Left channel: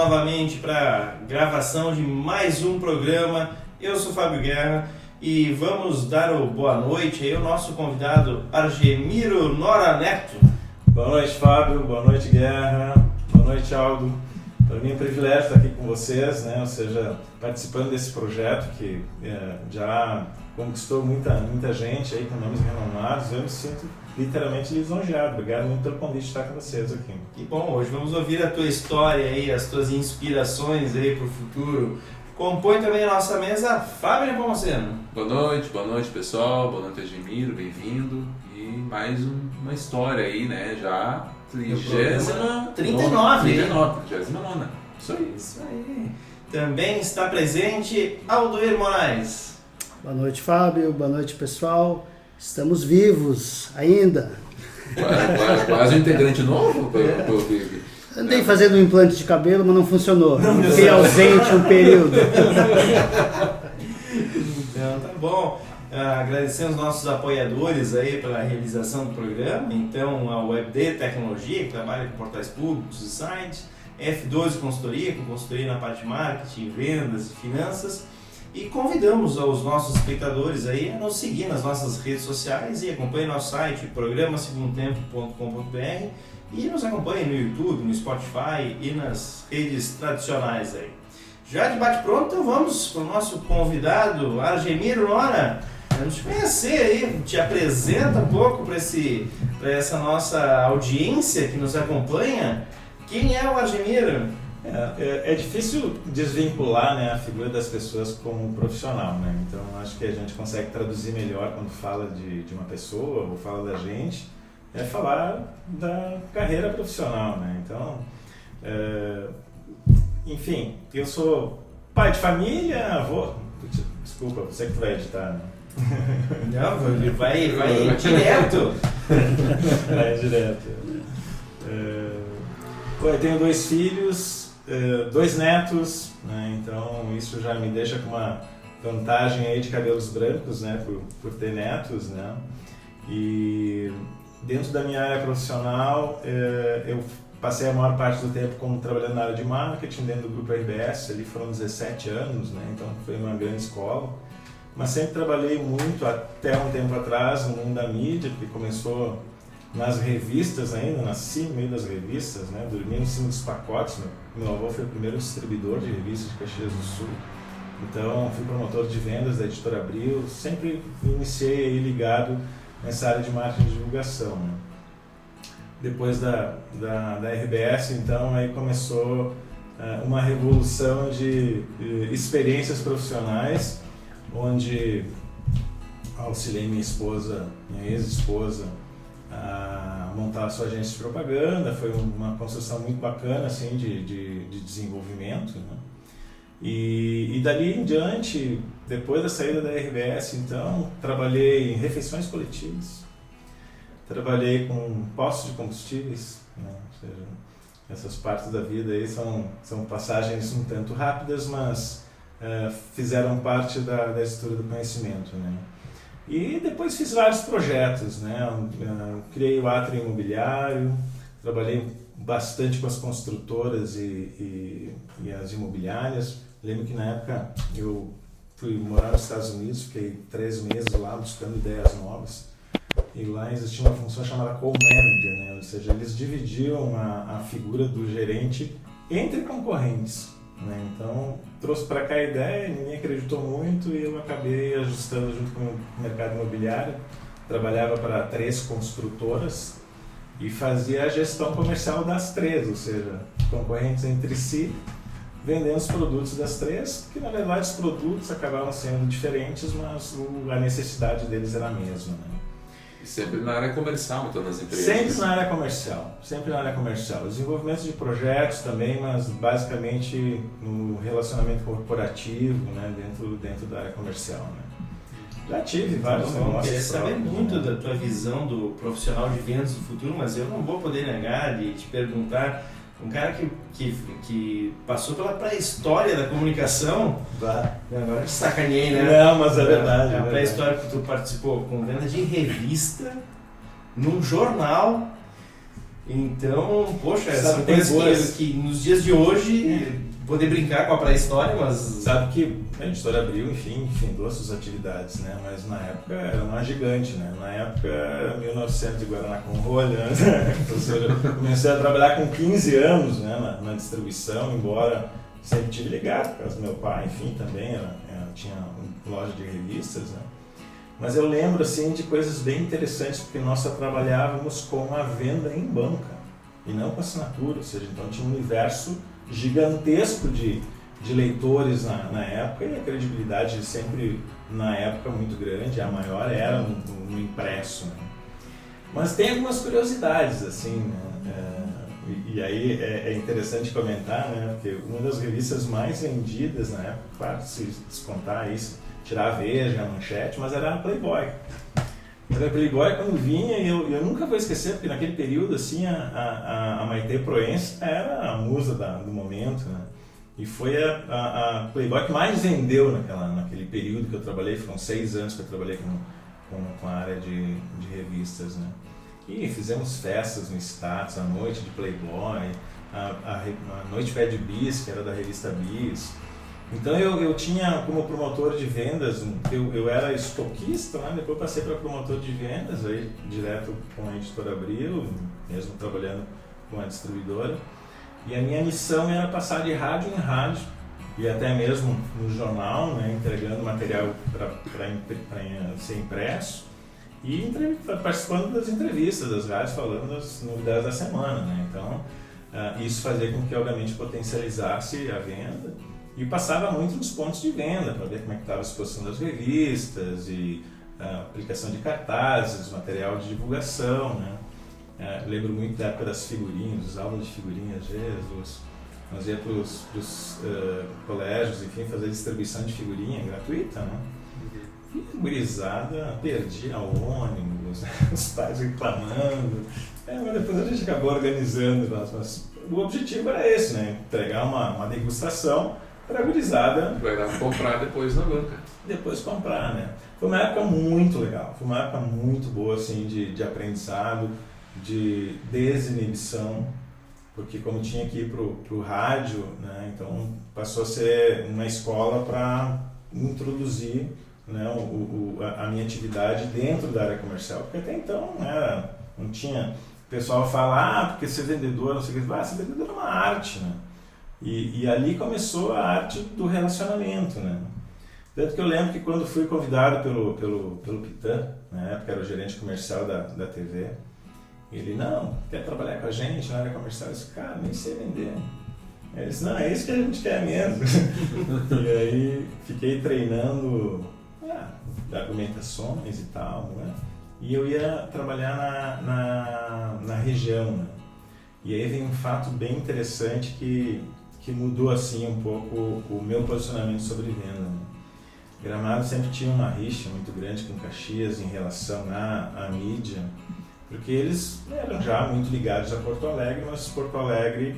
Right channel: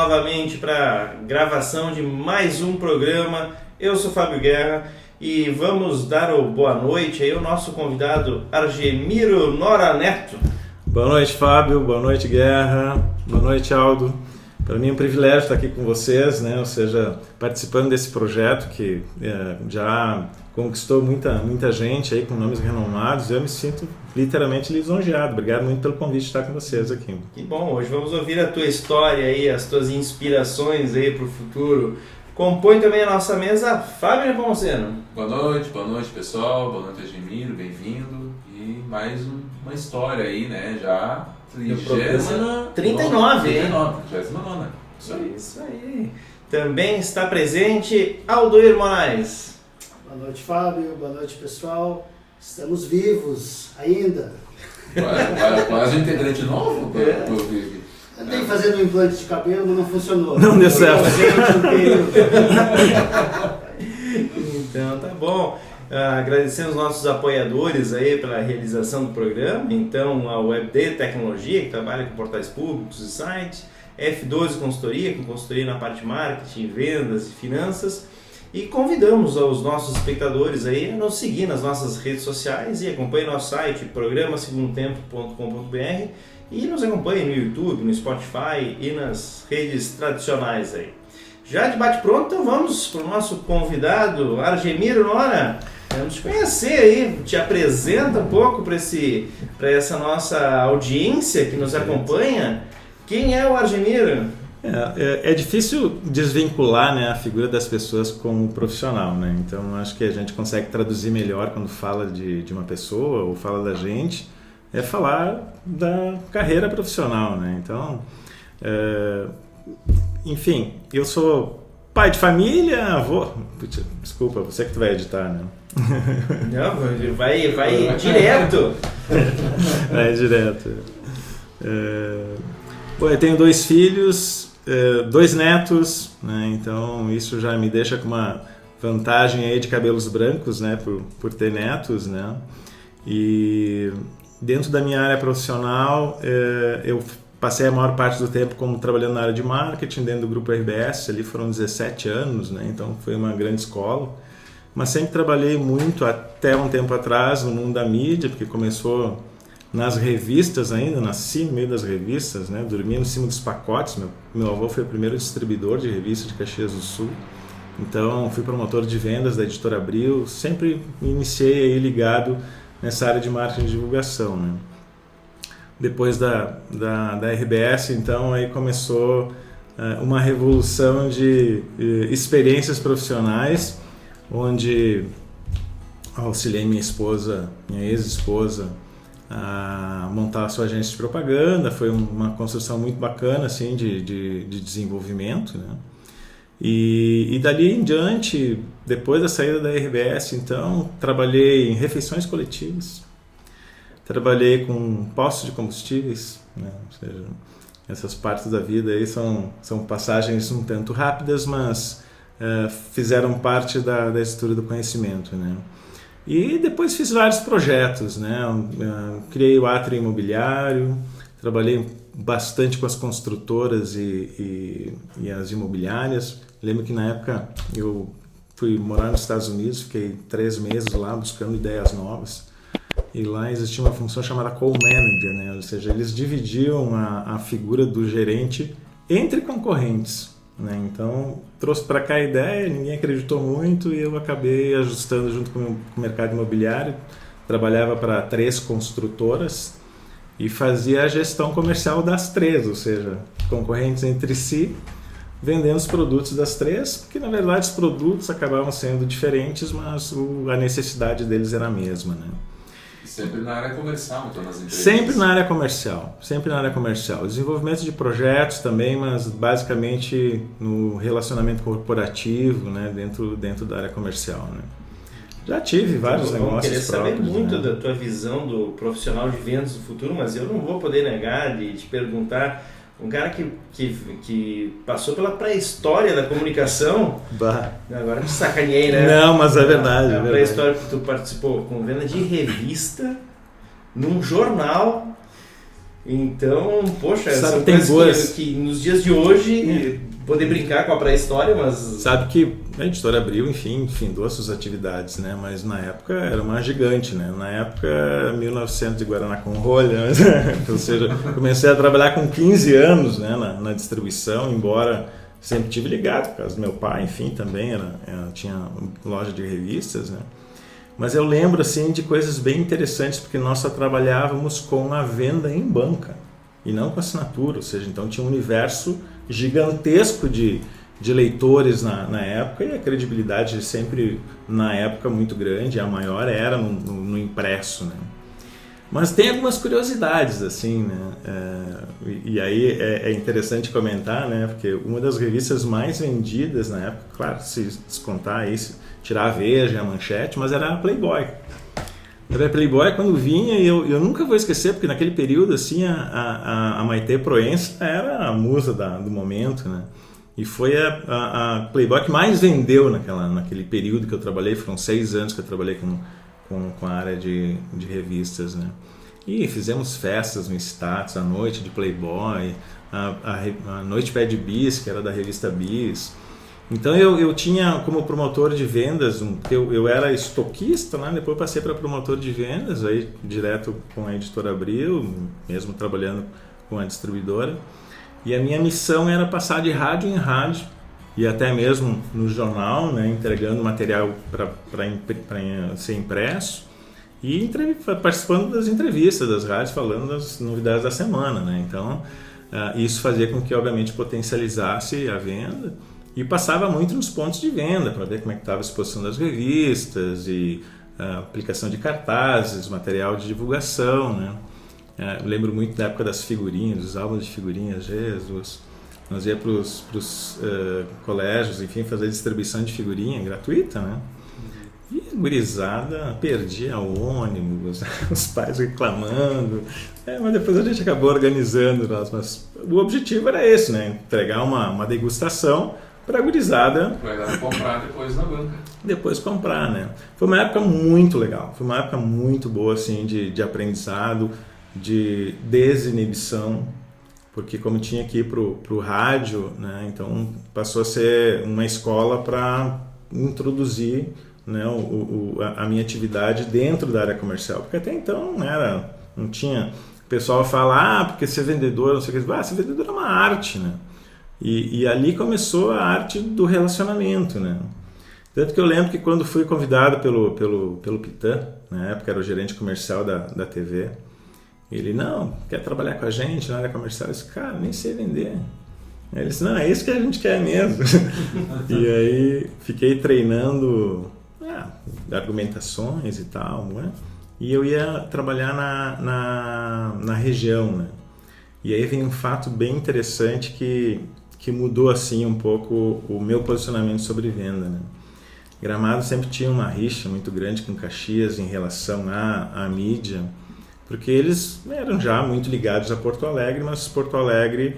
novamente para gravação de mais um programa. Eu sou Fábio Guerra e vamos dar o boa noite aí ao nosso convidado Argemiro Nora Neto. Boa noite, Fábio. Boa noite, Guerra. Boa noite, Aldo. Para mim é um privilégio estar aqui com vocês, né? Ou seja, participando desse projeto que já conquistou muita gente aí com nomes renomados. Eu me sinto literalmente lisonjeado. Obrigado muito pelo convite de estar com vocês aqui. Que bom, hoje vamos ouvir a tua história aí, as tuas inspirações aí para o futuro. Compõe também a nossa mesa Fábio Nepomuceno. Boa noite pessoal, boa noite Argemiro, bem-vindo. E mais uma história aí, né? Já 39. 39. Isso aí. Também está presente Aldoir Moraes. Boa noite, Fábio. Boa noite, pessoal. Estamos vivos ainda. Quase um integrante novo? Andei fazendo um implante de cabelo, mas não funcionou. Não deu Fui certo. ausente um período. Então, tá bom. Agradecemos aos nossos apoiadores aí pela realização do programa. Então, a WebD Tecnologia, que trabalha com portais públicos e sites. F12 Consultoria, com consultoria na parte de marketing, vendas e finanças. E convidamos os nossos espectadores aí a nos seguir nas nossas redes sociais e acompanhem nosso site, programasegundotempo.com.br, e nos acompanhem no YouTube, no Spotify e nas redes tradicionais aí. Já de bate-pronto, então vamos para o nosso convidado, Argemiro Nora. Vamos te conhecer aí, te apresenta um pouco para essa nossa audiência que nos acompanha. Quem é o Argemiro? É difícil desvincular, né, a figura das pessoas com o profissional, né? Então acho que a gente consegue traduzir melhor quando fala de uma pessoa ou fala da gente, é falar da carreira profissional, né? Então, enfim, eu sou pai de família, avô. Desculpa, você que tu vai editar, né? Não, vai direto. Vai direto. Eu tenho 2 filhos, 2 netos, né? Então isso já me deixa com uma vantagem aí de cabelos brancos, né? Por ter netos, né? E dentro da minha área profissional, eu passei a maior parte do tempo como trabalhando na área de marketing dentro do grupo RBS, ali foram 17 anos, né? Então foi uma grande escola, mas sempre trabalhei muito até um tempo atrás no mundo da mídia, porque começou nas revistas ainda, nasci no meio das revistas, né? Dormia em cima dos pacotes. Meu avô foi o primeiro distribuidor de revistas de Caxias do Sul, então fui promotor de vendas da Editora Abril, sempre me iniciei aí ligado nessa área de marketing e divulgação, né? Depois da RBS, então, aí começou uma revolução de experiências profissionais, onde auxiliei minha ex-esposa, a montar a sua agência de propaganda. Foi uma construção muito bacana assim, de desenvolvimento, né? E dali em diante, depois da saída da RBS, então, trabalhei em refeições coletivas, trabalhei com postos de combustíveis, né? Ou seja, essas partes da vida aí são passagens um tanto rápidas, mas fizeram parte da estrutura do conhecimento, né? E depois fiz vários projetos, né? Criei o Átrio Imobiliário, trabalhei bastante com as construtoras e as imobiliárias. Lembro que na época eu fui morar nos Estados Unidos, fiquei 3 meses lá buscando ideias novas. E lá existia uma função chamada co-manager, né? Ou seja, eles dividiam a figura do gerente entre concorrentes, né? Então trouxe para cá a ideia, ninguém acreditou muito e eu acabei ajustando junto com o mercado imobiliário. Trabalhava para 3 construtoras e fazia a gestão comercial das 3, ou seja, concorrentes entre si, vendendo os produtos das 3, porque na verdade os produtos acabavam sendo diferentes, mas a necessidade deles era a mesma, né? Sempre na área comercial, em todas as empresas. Sempre na área comercial. Desenvolvimento de projetos também, mas basicamente no relacionamento corporativo, né, dentro da área comercial, né. Já tive vários negócios. Eu queria saber próprios, muito né? da tua visão do profissional de vendas do futuro, mas eu não vou poder negar de te perguntar. Um cara que passou pela pré-história da comunicação. Bah. Agora te sacaneei, né? Não, mas é verdade. A pré-história que tu participou com venda de revista num jornal Então, poxa, Sabe, são tem coisas boas- que nos dias de hoje, poder brincar com a pré-história, mas... Sabe que a Editora Abril, enfim, findou as suas atividades, né? Mas na época era uma gigante, né? Na época, 1900 de Guaraná com rolha, ou seja, comecei a trabalhar com 15 anos, né, na distribuição, embora sempre tive ligado, por causa do meu pai, enfim, também tinha loja de revistas, né? Mas eu lembro, assim, de coisas bem interessantes, porque nós só trabalhávamos com a venda em banca e não com assinatura, ou seja, então tinha um universo gigantesco de leitores na época, e a credibilidade sempre, na época, muito grande, a maior era no impresso, né? Mas tem algumas curiosidades, assim, né? E aí é interessante comentar, né? Porque uma das revistas mais vendidas na época, claro, se descontar isso, tirar a Veja, a Manchete, mas era a Playboy. Era a Playboy quando vinha, e eu nunca vou esquecer, porque naquele período, assim, a Maitê Proença era a musa do momento, né? E foi a Playboy que mais vendeu naquele período que eu trabalhei, foram 6 anos que eu trabalhei com a área de revistas, né? E fizemos festas no status, a noite de Playboy, a noite Bad Bis, que era da revista Bis. Então eu tinha como promotor de vendas, eu era estoquista, né? Depois passei para promotor de vendas, aí direto com a Editora Abril, mesmo trabalhando com a distribuidora. E a minha missão era passar de rádio em rádio, e até mesmo no jornal, né? Entregando material para ser impresso, e participando das entrevistas das rádios, falando das novidades da semana, né? Então isso fazia com que, obviamente, potencializasse a venda. E passava muito nos pontos de venda para ver como é que estava a exposição das revistas e a aplicação de cartazes, material de divulgação, né? Eu lembro muito da época das figurinhas, dos álbuns de figurinhas, Jesus. Nós ia para os colégios, enfim, fazer distribuição de figurinha gratuita, né? E a gurizada perdia o ônibus, os pais reclamando. Mas depois a gente acabou organizando. Mas o objetivo era esse, né? Entregar uma degustação para a gurizada. Vai lá comprar depois na banca. Depois comprar, né? Foi uma época muito legal, foi uma época muito boa, assim, de aprendizado, de desinibição, porque como tinha que ir pro rádio, né? Então passou a ser uma escola para introduzir, né, a minha atividade dentro da área comercial, porque até então não tinha. O pessoal fala, porque ser vendedor, não sei o que, ser vendedor é uma arte, né? E ali começou a arte do relacionamento, né? Tanto que eu lembro que quando fui convidado pelo Pitã, na época era o gerente comercial da TV, ele, não, quer trabalhar com a gente na área comercial? Eu disse, cara, nem sei vender. Ele disse, não, é isso que a gente quer mesmo. E aí fiquei treinando argumentações e tal, né? E eu ia trabalhar na região, né? E aí vem um fato bem interessante que mudou assim um pouco o meu posicionamento sobre venda, né? Gramado sempre tinha uma rixa muito grande com Caxias em relação à mídia, porque eles eram já muito ligados a Porto Alegre, mas Porto Alegre,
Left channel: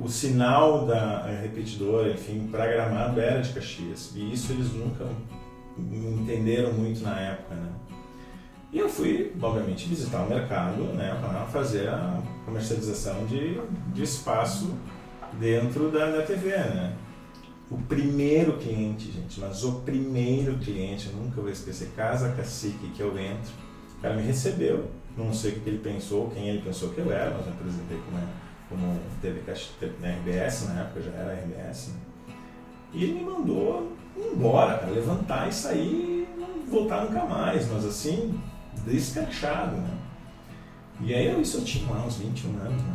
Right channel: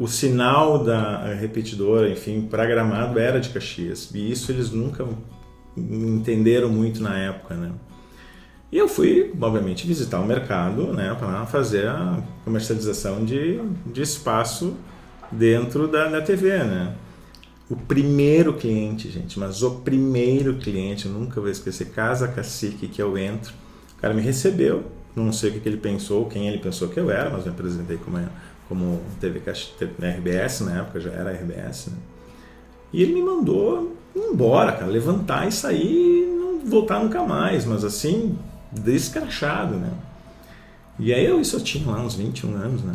o sinal da repetidora, enfim, para Gramado era de Caxias, e isso eles nunca entenderam muito na época, né? E eu fui, obviamente, visitar o mercado, né, para fazer a comercialização de espaço dentro da TV, né? O primeiro cliente, gente, mas o primeiro cliente, eu nunca vou esquecer, Casa Cacique, que eu entro, o cara me recebeu, não sei o que ele pensou, quem ele pensou que eu era, mas me apresentei como TV RBS, na época já era RBS, né? E ele me mandou embora, cara, levantar e sair e não voltar nunca mais, mas assim, descrachado, né? E aí eu tinha lá uns 21 anos, né?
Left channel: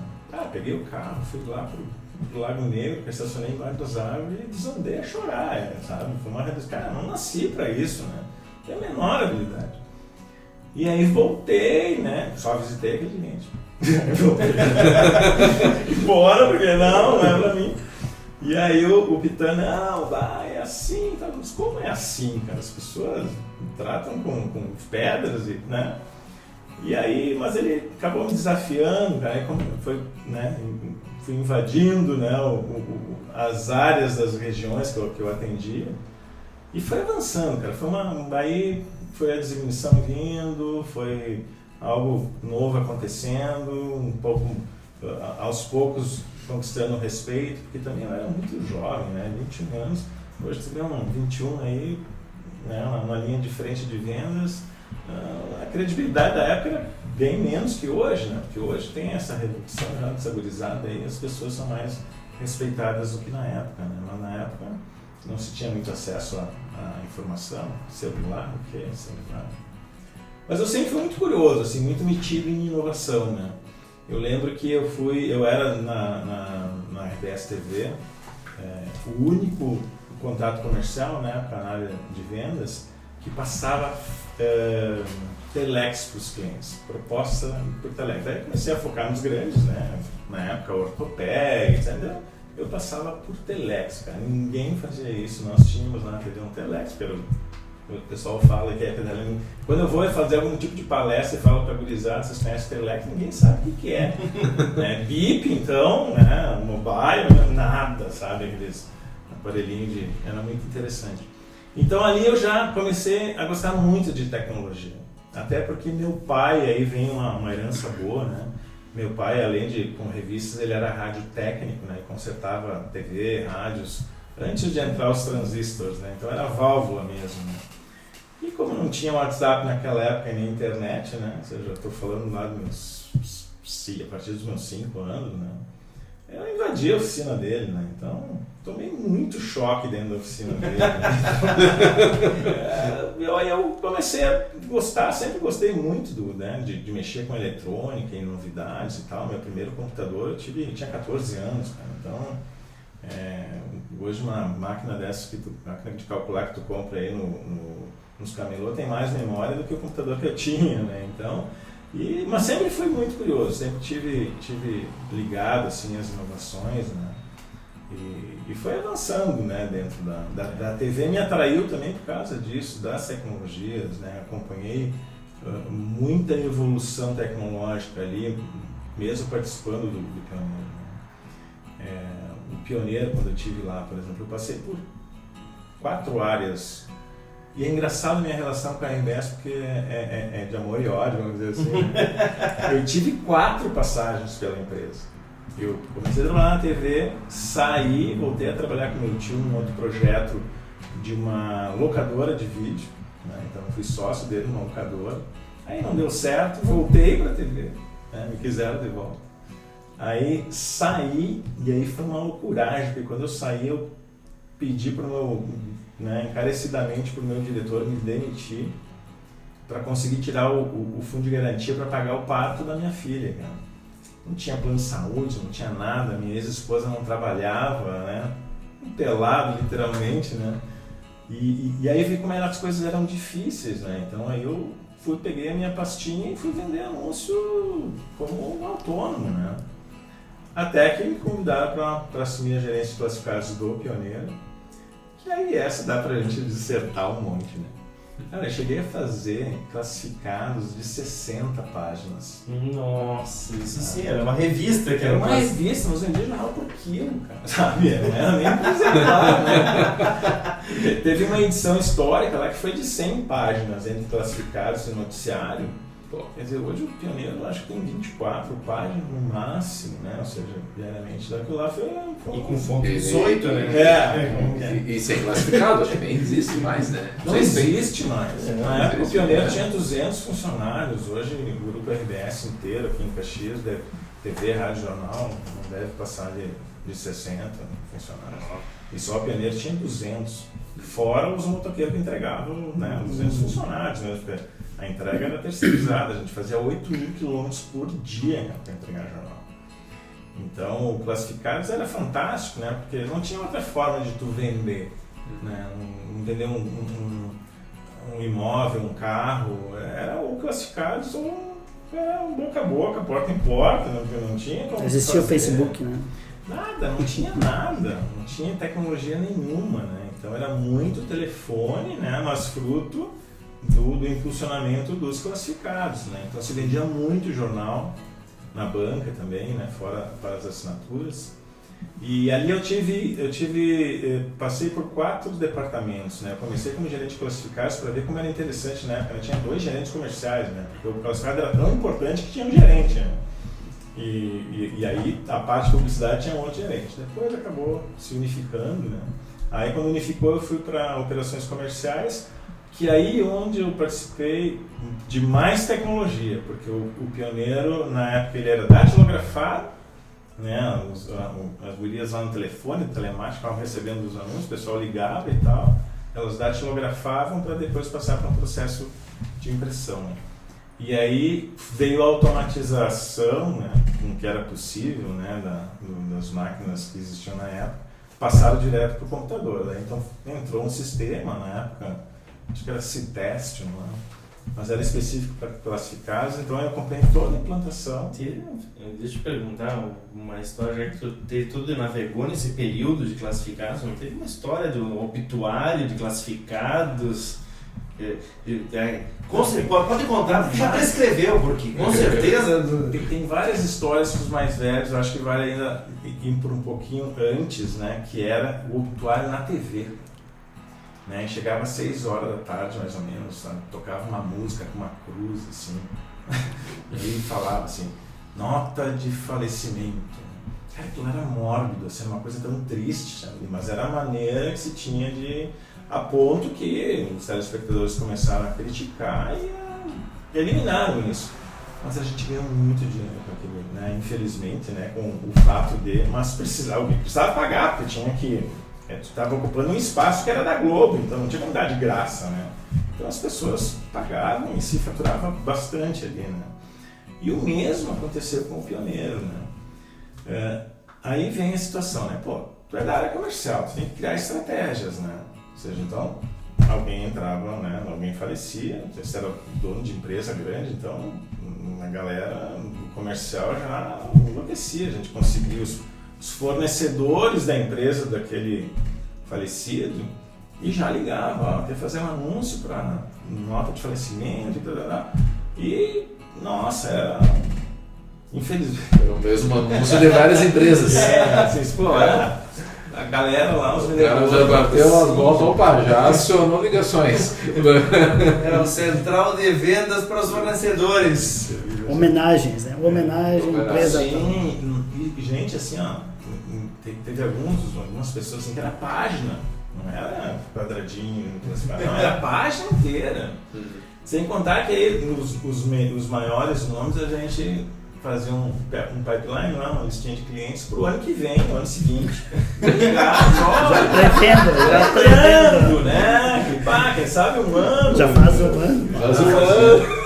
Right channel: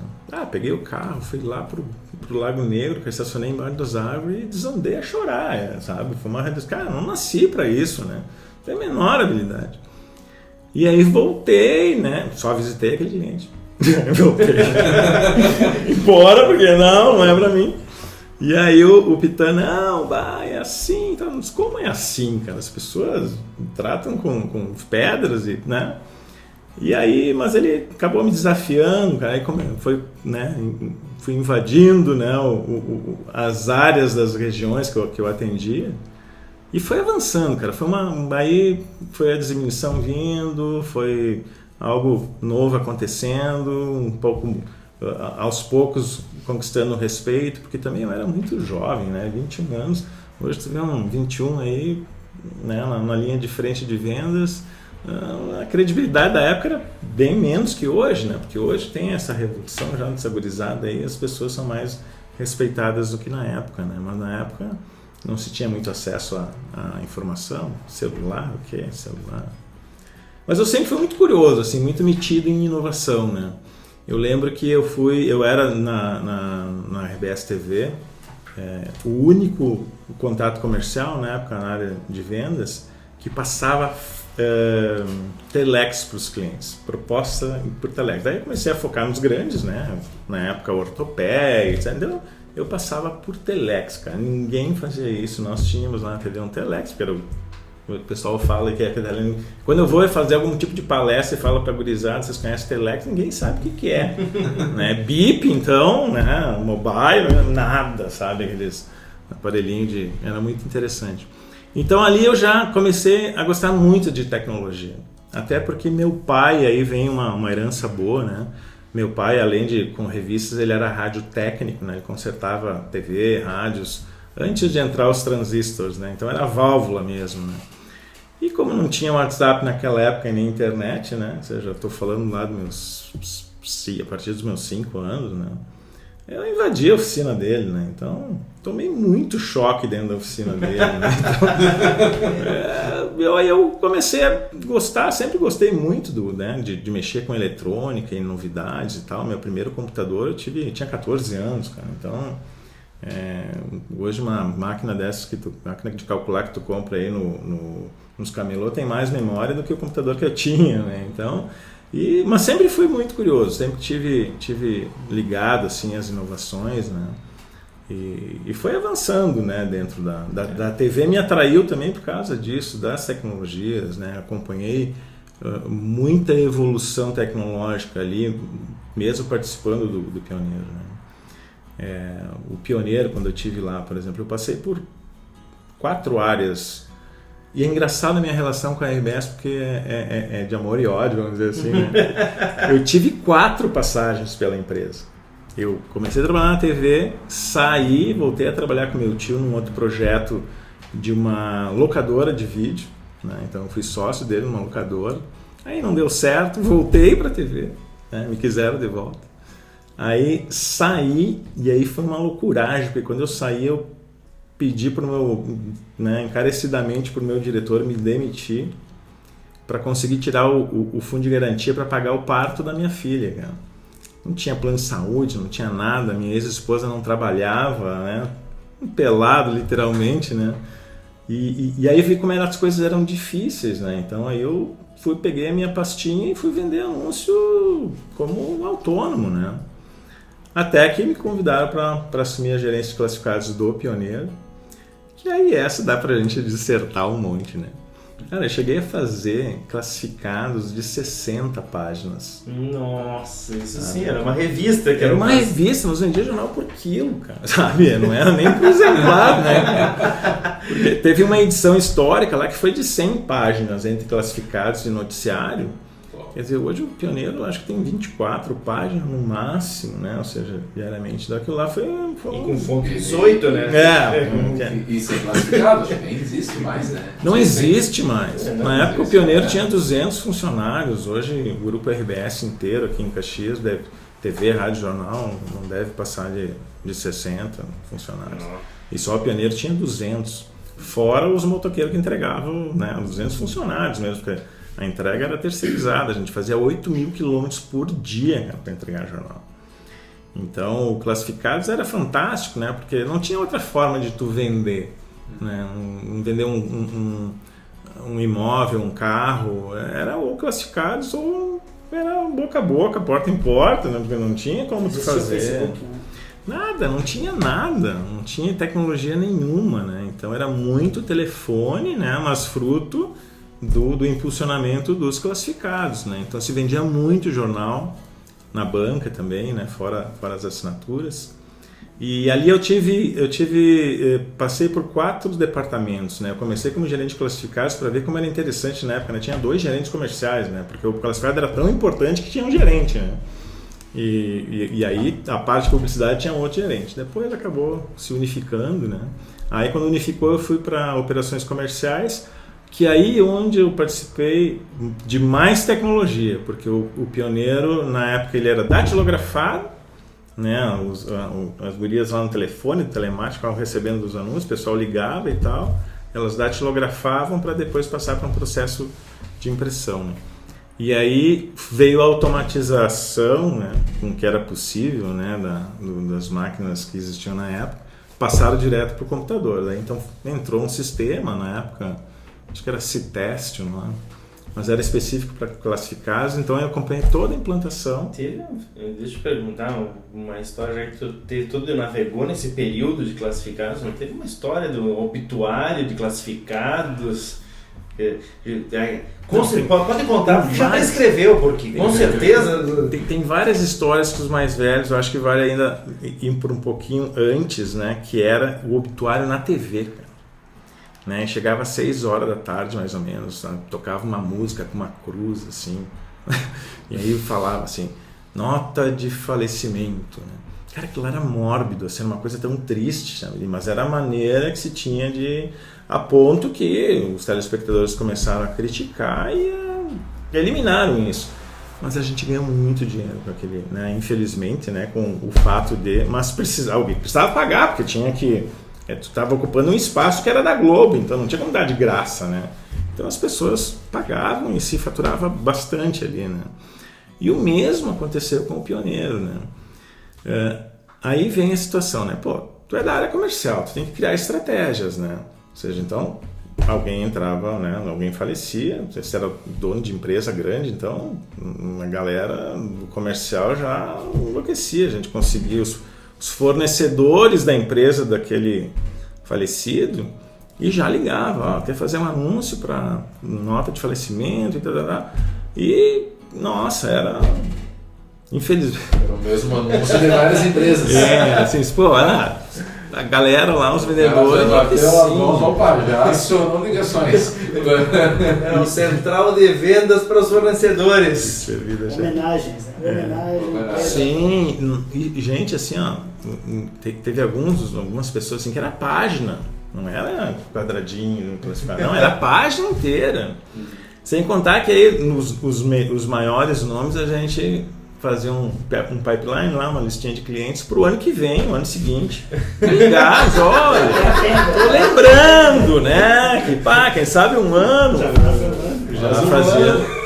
Peguei o carro, fui lá pro Lago Negro, que eu estacionei embaixo das árvores e desandei a chorar, sabe? Foi uma redução. Cara, eu não nasci pra isso, né? Não tenho a menor habilidade. E aí voltei, né? Só visitei aquele cliente. Voltei. Embora, porque não é pra mim. E aí o Pitã, não, vai, é assim, tá? Mas como é assim, cara? As pessoas tratam com pedras, né? E aí, mas ele acabou me desafiando, cara, aí como foi, né, fui invadindo, né, as áreas das regiões que eu atendia, e foi avançando, cara, aí foi a diminuição vindo, foi algo novo acontecendo, um pouco aos poucos conquistando o respeito, porque também eu era muito jovem, né? 21 anos, hoje tu vê um 21 aí, né? Na linha de frente de vendas, a credibilidade da época era bem menos que hoje, né? Porque hoje tem essa revolução já dessa gurizada aí, as pessoas são mais respeitadas do que na época, né? Mas na época não se tinha muito acesso à informação, celular, o que é celular? Mas eu sempre fui muito curioso, assim, muito metido em inovação, né? Eu lembro que eu era na RBS TV, o único contato comercial na época na área de vendas que passava telex para os clientes, proposta por telex. Daí comecei a focar nos grandes, né? Na época ortopédia, entendeu? Eu passava por telex, cara. Ninguém fazia isso. Nós tínhamos lá na TV um telex, porque o pessoal fala que é quando eu vou fazer algum tipo de palestra e falo para gurizada, vocês conhecem telex, ninguém sabe o que é. Né? Bip, então, né? Mobile, nada, sabe? Aqueles aparelhinhos era muito interessante. Então ali eu já comecei a gostar muito de tecnologia. Até porque meu pai, aí vem uma herança boa, né? Meu pai, além de com revistas, ele era rádio técnico, né? Ele consertava TV, rádios, antes de entrar os transistores, né? Então era válvula mesmo, né? E como não tinha WhatsApp naquela época e nem internet, né? Ou seja, eu estou falando lá a partir dos meus 5 anos, né? Eu invadi a oficina dele, né? Então, tomei muito choque dentro da oficina dele, né? Então, eu comecei a gostar, sempre gostei muito de mexer com eletrônica e novidades e tal. Meu primeiro computador eu tinha 14 anos, cara. Então, hoje uma máquina dessas, máquina de calcular que tu compra aí nos camelô tem mais memória do que o computador que eu tinha, né? Então, mas sempre fui muito curioso, sempre tive ligado assim às inovações, né? E foi avançando, né? Dentro da TV, me atraiu também por causa disso, das tecnologias, né? Acompanhei muita evolução tecnológica ali, mesmo participando do Pioneiro, né? O Pioneiro, quando eu estive lá, por exemplo, eu passei por 4 áreas. E é engraçado a minha relação com a RBS porque é de amor e ódio, vamos dizer assim. Eu tive 4 passagens pela empresa. Eu comecei a trabalhar na TV, saí, voltei a trabalhar com meu tio num outro projeto de uma locadora de vídeo, né? Então eu fui sócio dele numa locadora. Aí não deu certo, voltei para a TV, né? Me quiseram de volta. Aí saí e aí foi uma loucuragem, porque quando eu saí eu pedi para o meu, né, encarecidamente para o meu diretor me demitir para conseguir tirar o fundo de garantia para pagar o parto da minha filha, cara. Não tinha plano de saúde, não tinha nada, minha ex-esposa não trabalhava, né? Pelado literalmente, né? E aí eu vi como as coisas eram difíceis, né? Então aí eu peguei a minha pastinha e fui vender anúncio como autônomo, né? Até que me convidaram para assumir a gerência de classificados do Pioneiro. E aí essa dá pra gente dissertar um monte, né? Cara, eu cheguei a fazer classificados de 60 páginas. Nossa, isso sim, era uma revista que era uma revista, nós vendia jornal por quilo, cara, sabe? Não era nem por exemplar, né? Porque teve uma edição histórica lá que foi de 100 páginas entre classificados e noticiário. Quer dizer, hoje o Pioneiro eu acho que tem 24 páginas no máximo, né? Ou seja, diariamente. Daquilo lá foi e com fonte 18, né? E sem classificado, acho que nem existe mais, né? Não existe mais. Na época o Pioneiro tinha 200 funcionários. Hoje o grupo RBS inteiro aqui em Caxias, TV, rádio, jornal, não deve passar de 60 funcionários. E só o Pioneiro tinha 200. Fora os motoqueiros que entregavam, né? 200 funcionários mesmo, porque a entrega era terceirizada, a gente fazia 8.000 quilômetros por dia para entregar jornal. Então, o Classificados era fantástico, né? Porque não tinha outra forma de tu vender, né? Vender um imóvel, um carro, era ou Classificados ou era boca a boca, porta em porta, né? Porque não tinha como tu fazer. o Facebook, né? Nada, não tinha nada, não tinha tecnologia nenhuma, né? Então era muito telefone, né? Mas fruto do impulsionamento dos classificados, né? Então se vendia muito jornal na banca também, né? Fora as assinaturas. E ali passei por 4 departamentos, né? Eu comecei como gerente de classificados para ver como era interessante na época, né? Tinha 2 gerentes comerciais, né? Porque o classificado era tão importante que tinha um gerente, né? E aí a parte de publicidade tinha um outro gerente. Depois acabou se unificando, né? Aí quando unificou eu fui para operações comerciais, que aí onde eu participei de mais tecnologia, porque o pioneiro na época ele era datilografado, né? As gurias lá no telefone, telemático, ficavam recebendo os anúncios, o pessoal ligava e tal, elas datilografavam para depois passar para um processo de impressão, né? E aí veio a automatização, né, com o que era possível, né, das máquinas que existiam na época, passaram direto para o computador. Daí, então entrou um sistema na época, acho que era Citest, mas era específico para classificados, então eu acompanhei toda a implantação. Deixa eu te perguntar uma história, já que tu navegou nesse período de classificados, não teve uma história do obituário de classificados? Pode contar, já prescreveu, porque com certeza... Tem várias histórias que os mais velhos, eu acho que vale ainda ir por um pouquinho antes, né, que era o obituário na TV, né? Chegava às 6 horas da tarde, mais ou menos, sabe? Tocava uma música com uma cruz, assim, e aí falava assim, nota de falecimento. Cara, aquilo era mórbido, assim, uma coisa tão triste, sabe? Mas era a maneira que se tinha a ponto que os telespectadores começaram a criticar e eliminaram isso. Mas a gente ganhou muito dinheiro com aquele, né? Infelizmente, né? Com o fato mas alguém precisava pagar, porque tinha que... tu estava ocupando um espaço que era da Globo, então não tinha como dar de graça, né? Então as pessoas pagavam e se faturava bastante ali, né? E o mesmo aconteceu com o pioneiro, né? Aí vem a situação, né? Pô, tu é da área comercial, tu tem que criar estratégias, né? Ou seja, então alguém entrava, né? Alguém falecia, você era dono de empresa grande, então a galera do comercial já enlouquecia, a gente conseguia os fornecedores da empresa daquele falecido e já ligava, quer fazer um anúncio para nota de falecimento e tal. E nossa, era infelizmente. Era o mesmo anúncio de várias empresas. Assim, pô, a galera lá, os vendedores. Já bateu as mãos, opa, já acionou ligações. É o central de vendas para os fornecedores. Homenagens, né? Homenagem, empresa. Sim, e gente, assim, ó, teve algumas pessoas assim que era página, não era quadradinho, não, era a página inteira. Sem contar que aí os maiores nomes a gente fazia um pipeline lá, uma listinha de clientes para o ano que vem, o ano seguinte. Ligar, lembrando, né? Que quem sabe um ano. Já faz um ano. Já se fazia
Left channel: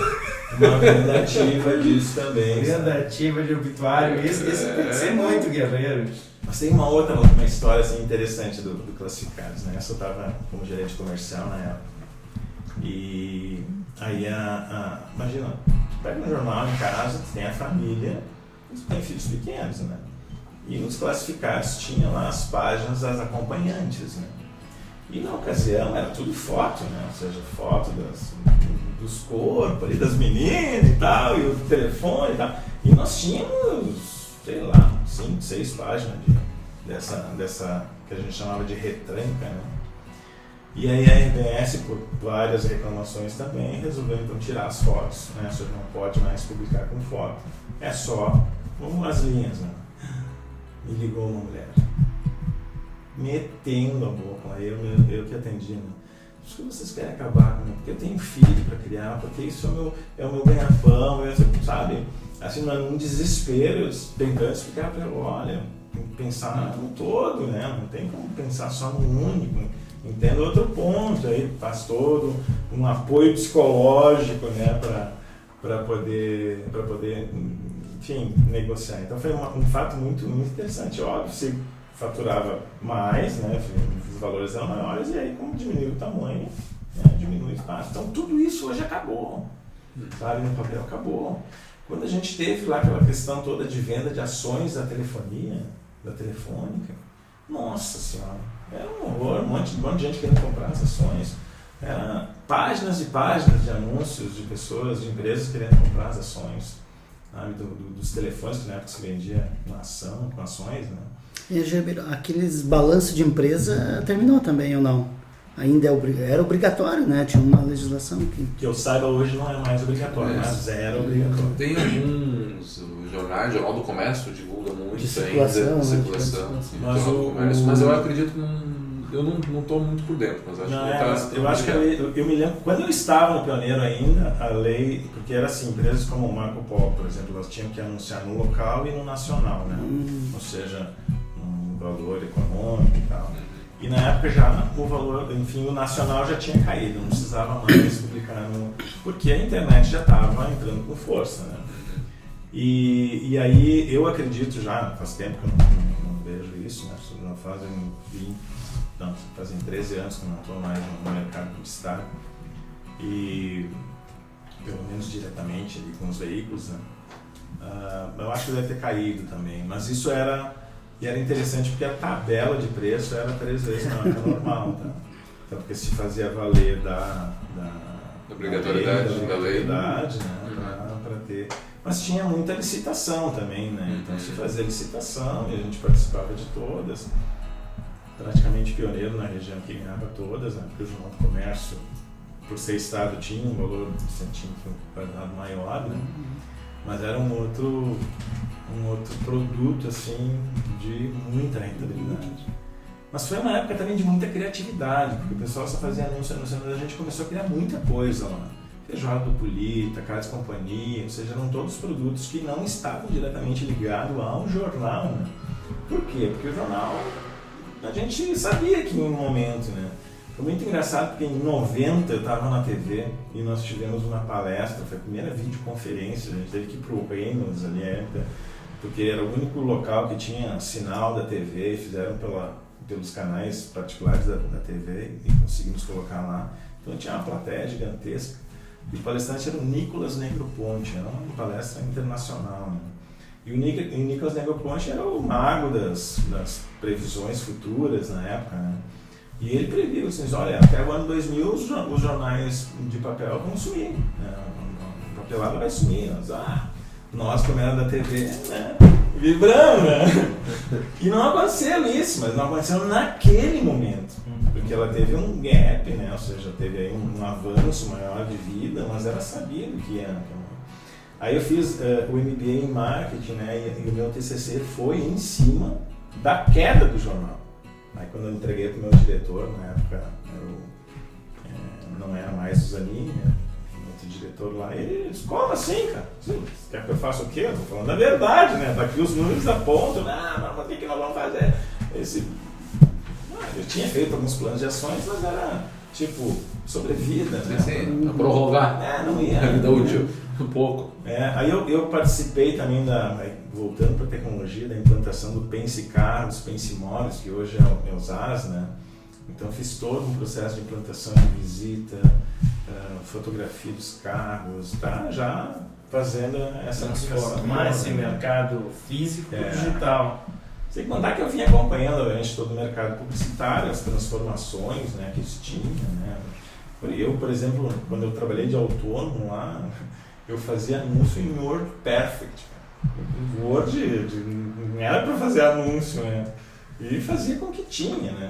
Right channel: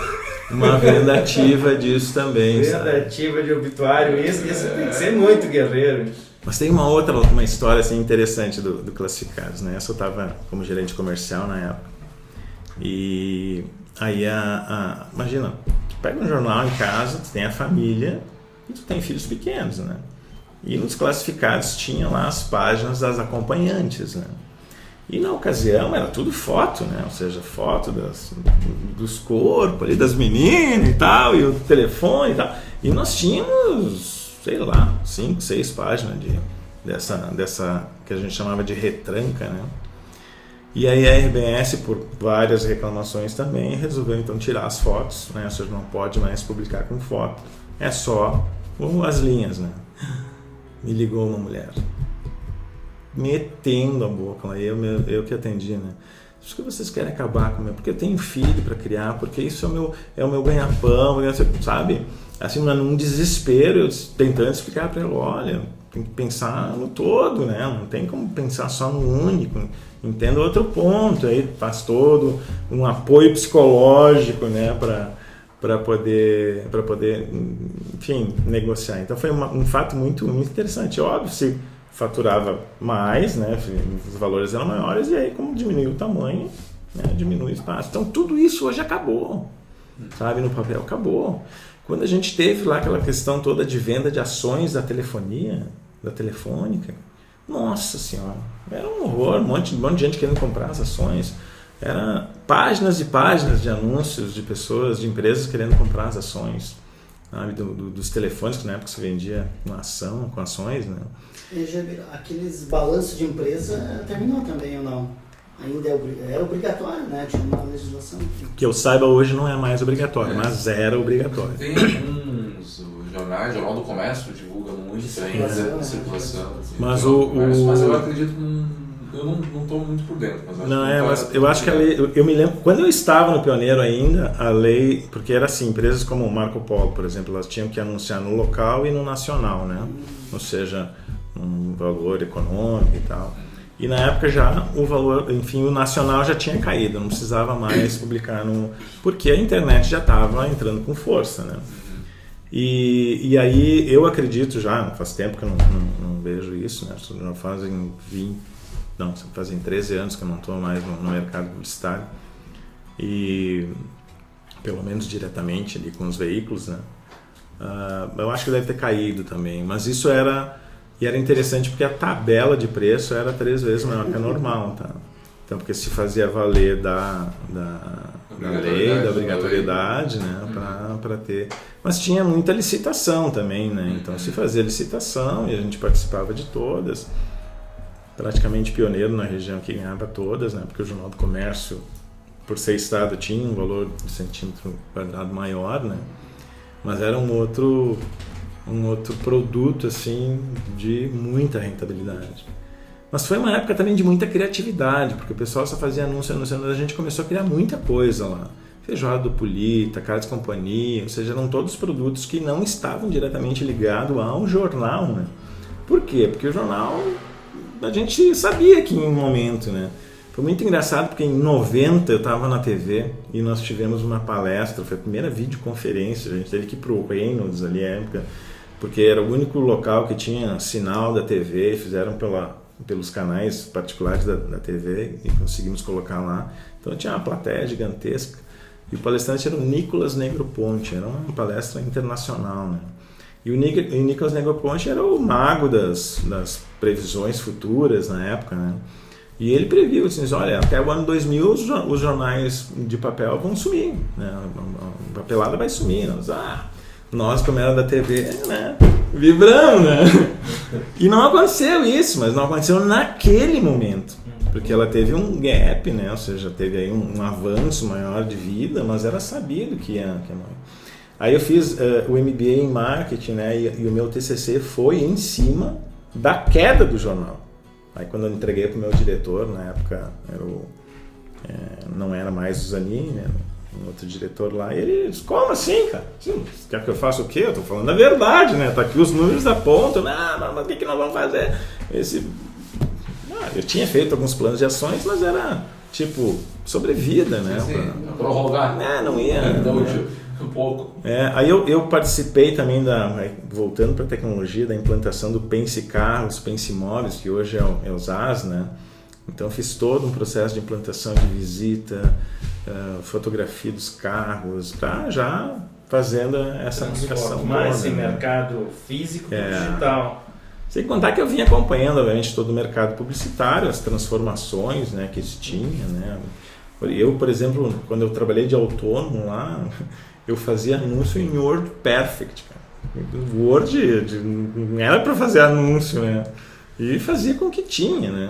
uma vendativa disso também. Vendativa de obituário, isso tem que ser muito guerreiro. Mas tem uma história assim, interessante do Classificados, né? Eu estava como gerente comercial na época. E aí, imagina, tu pega um jornal em casa, tu tem a família, tu tem filhos pequenos, né? E nos Classificados tinha lá as páginas das acompanhantes, né? E na ocasião era tudo foto, né? Ou seja, foto dos corpos ali, das meninas e tal, e o telefone e tal. E nós tínhamos, sei lá, 5, 6 páginas dessa que a gente chamava de retranca, né? E aí a RBS, por várias reclamações também, resolveu então tirar as fotos, né? Ou seja, não pode mais publicar com foto. É só as linhas, né? Me ligou uma mulher, metendo a boca lá, eu que atendi, né? Acho que vocês querem acabar comigo, porque eu tenho filho para criar, porque isso é o meu ganha-pão, sabe? Assim, num desespero, eu tentando explicar para ela, olha, tem que pensar no todo, né? Não tem como pensar só no único. Entendo outro ponto, aí faz todo um apoio psicológico, né, para poder, enfim, negociar. Então foi um fato muito, muito interessante. Óbvio, se faturava mais, né, os valores eram maiores, e aí como diminuiu o tamanho, né, diminui o espaço. Então tudo isso hoje acabou, sabe, no papel acabou. Quando a gente teve lá aquela questão toda de venda de ações da telefonia, da telefônica, nossa senhora, era um horror, um monte de gente querendo comprar as ações. Era páginas e páginas de anúncios de pessoas, de empresas querendo comprar as ações, sabe? Dos telefones que na época se vendia com ações, né? Aqueles balanços de empresa terminou também ou não? Ainda era obrigatório, né? Tinha uma legislação Que eu saiba hoje não é mais obrigatório, mas era obrigatório. Tem alguns jornais, Jornal do Comércio divulga muito ainda, circulação. Mas mas eu acredito eu não estou muito por dentro. Mas eu acho que a lei, eu me lembro, quando eu estava no Pioneiro ainda, a lei, porque era assim, empresas como o Marco Polo, por exemplo, elas tinham que anunciar no local e no nacional, né? Ou seja, um valor econômico e tal. E na época já o valor, enfim, o nacional já tinha caído, não precisava mais publicar porque a internet já estava entrando com força, né? E aí eu acredito já, faz tempo que eu não vejo isso, né? Fazem 13 anos que eu não estou mais no mercado publicitário e pelo menos diretamente ali com os veículos, né? Eu acho que deve ter caído também, mas isso era interessante porque a tabela de preço era 3 vezes maior que a normal, tá? Então, porque se fazia valer da obrigatoriedade, né? Para ter. Mas tinha muita licitação também, né? Então se fazia licitação e a gente participava de todas. Praticamente pioneiro na região que ganhava todas, né? Porque o Jornal do Comércio, por ser estado, tinha um valor de centímetro quadrado maior, né? Mas era um outro produto assim de muita rentabilidade. Mas foi uma época também de muita criatividade, porque o pessoal só fazia anúncio, a gente começou a criar muita coisa lá. Feijoada do Polita, Carnes Companhia, ou seja, eram todos produtos que não estavam diretamente ligados ao jornal, né? Por quê? Porque o jornal, a gente sabia que em um momento, né? Foi muito engraçado porque em 90 eu estava na TV e nós tivemos uma palestra, foi a primeira videoconferência, a gente teve que ir para o Reynolds ali, porque era o único local que tinha sinal da TV, fizeram pelos canais particulares da TV e conseguimos colocar lá. Então tinha uma plateia gigantesca e o palestrante era o Nicolas Negroponte, era uma palestra internacional, né? E o Nicolas Negroponte era o mago das previsões futuras na época, né? E ele previu, assim, olha, até o ano 2000 os jornais de papel vão sumir, né? A papelada vai sumir. Nós, como era da TV, né? Vibramos, né? E não aconteceu isso, mas não aconteceu naquele momento, porque ela teve um gap, né? Ou seja, teve aí um avanço maior de vida, mas era sabido que ia. Aí eu fiz o MBA em marketing, né? E o meu TCC foi em cima da queda do jornal. Aí quando eu entreguei para o meu diretor, na época não era mais o Zanin, né? Outro diretor lá, e ele disse, como assim, cara? Você quer que eu faça o quê? Eu tô falando a verdade, né? Tá aqui os números apontam, mas o que nós vamos fazer? Eu tinha feito alguns planos de ações, mas era tipo sobrevida, né? Pra prorrogar. Não ia. Um pouco. Aí eu participei também voltando para a tecnologia, da implantação do Pense Carros, Pense Imóveis, que hoje é o ZAS, né? Então fiz todo um processo de implantação de visita, fotografia dos carros, já fazendo essa aplicação. Mais em mercado físico e digital. Sem contar que eu vinha acompanhando, obviamente, todo o mercado publicitário, as transformações, né, que isso tinha, né? Eu, por exemplo, quando eu trabalhei de autônomo lá, eu fazia anúncio em Word Perfect. Word não era para fazer anúncio, né? E fazia com o que tinha, né?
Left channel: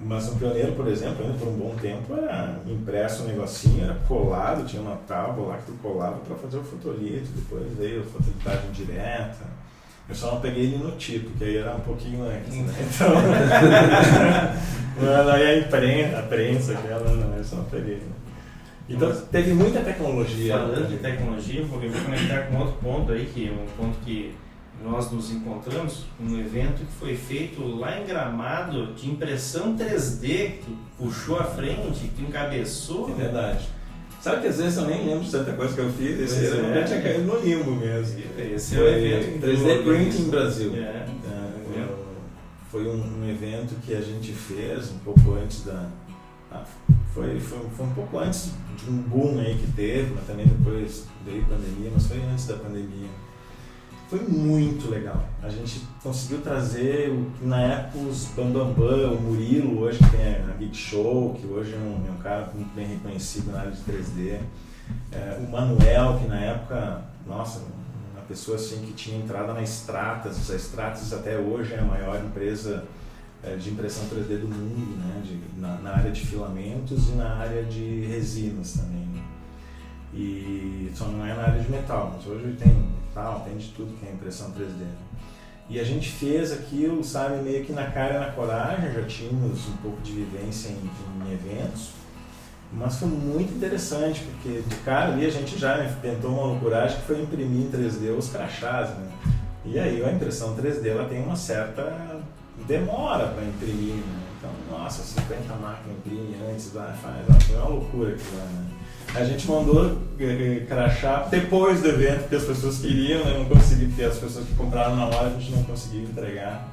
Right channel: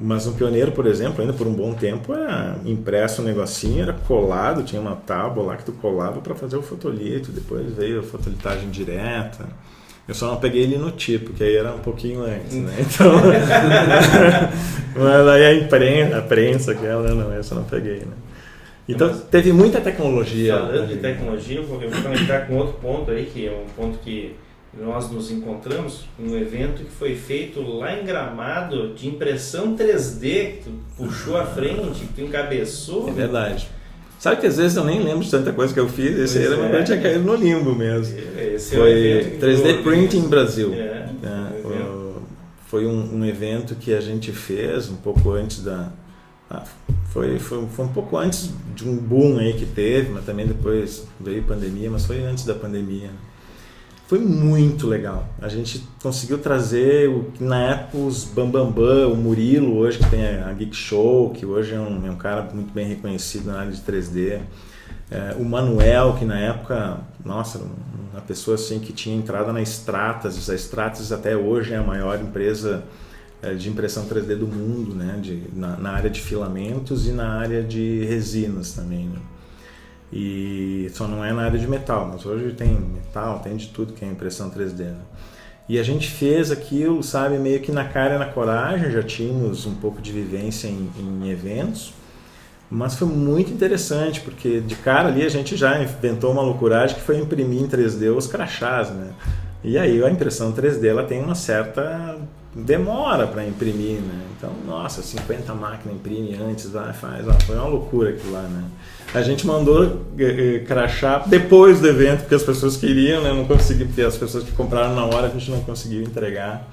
Mas no Pioneiro, por exemplo, ainda por um bom tempo era impresso um negocinho, era colado, tinha uma tábua lá que tu colava para fazer o fotolito, depois veio a fotolitagem direta. Eu só não peguei ele no tipo, porque aí era um pouquinho antes, né? Então, mas aí a prensa aquela, não, eu só não peguei, né? Então teve muita tecnologia. Falando de tecnologia, eu vou conectar com outro ponto aí, que é um ponto que nós nos encontramos num evento que foi feito lá em Gramado de impressão 3D, que tu puxou à frente, que tu encabeçou. É verdade. Sabe que às vezes eu nem lembro de tanta coisa que eu fiz, esse aí eu tinha caído no limbo mesmo. Esse foi 3D Printing Brasil. Foi um evento que a gente fez um pouco antes foi um pouco antes de um boom aí que teve, mas também depois veio pandemia, mas foi antes da pandemia. Foi muito legal. A gente conseguiu trazer na época os Bambambam, o Murilo hoje que tem a Geek Show, que hoje é um cara muito bem reconhecido na área de 3D. O Manuel, que na época, nossa, uma pessoa assim que tinha entrado na Stratasys. A Stratasys até hoje é a maior empresa de impressão 3D do mundo, né? Na área de filamentos e na área de resinas também, né? E só não é na área de metal, mas hoje tem metal, tem de tudo que é impressão 3D, né? E a gente fez aquilo, sabe, meio que na cara e na coragem, já tínhamos um pouco de vivência em eventos, mas foi muito interessante, porque de cara ali a gente já inventou uma loucuragem que foi imprimir em 3D os crachás, né? E aí a impressão 3D ela tem uma certa demora para imprimir, né? Então, nossa, 50 máquinas imprime antes, vai, faz, foi uma loucura aquilo lá, né? A gente mandou crachá depois do evento, porque as pessoas queriam, né? Não consegui, porque as pessoas que compraram na hora a gente não conseguiu entregar.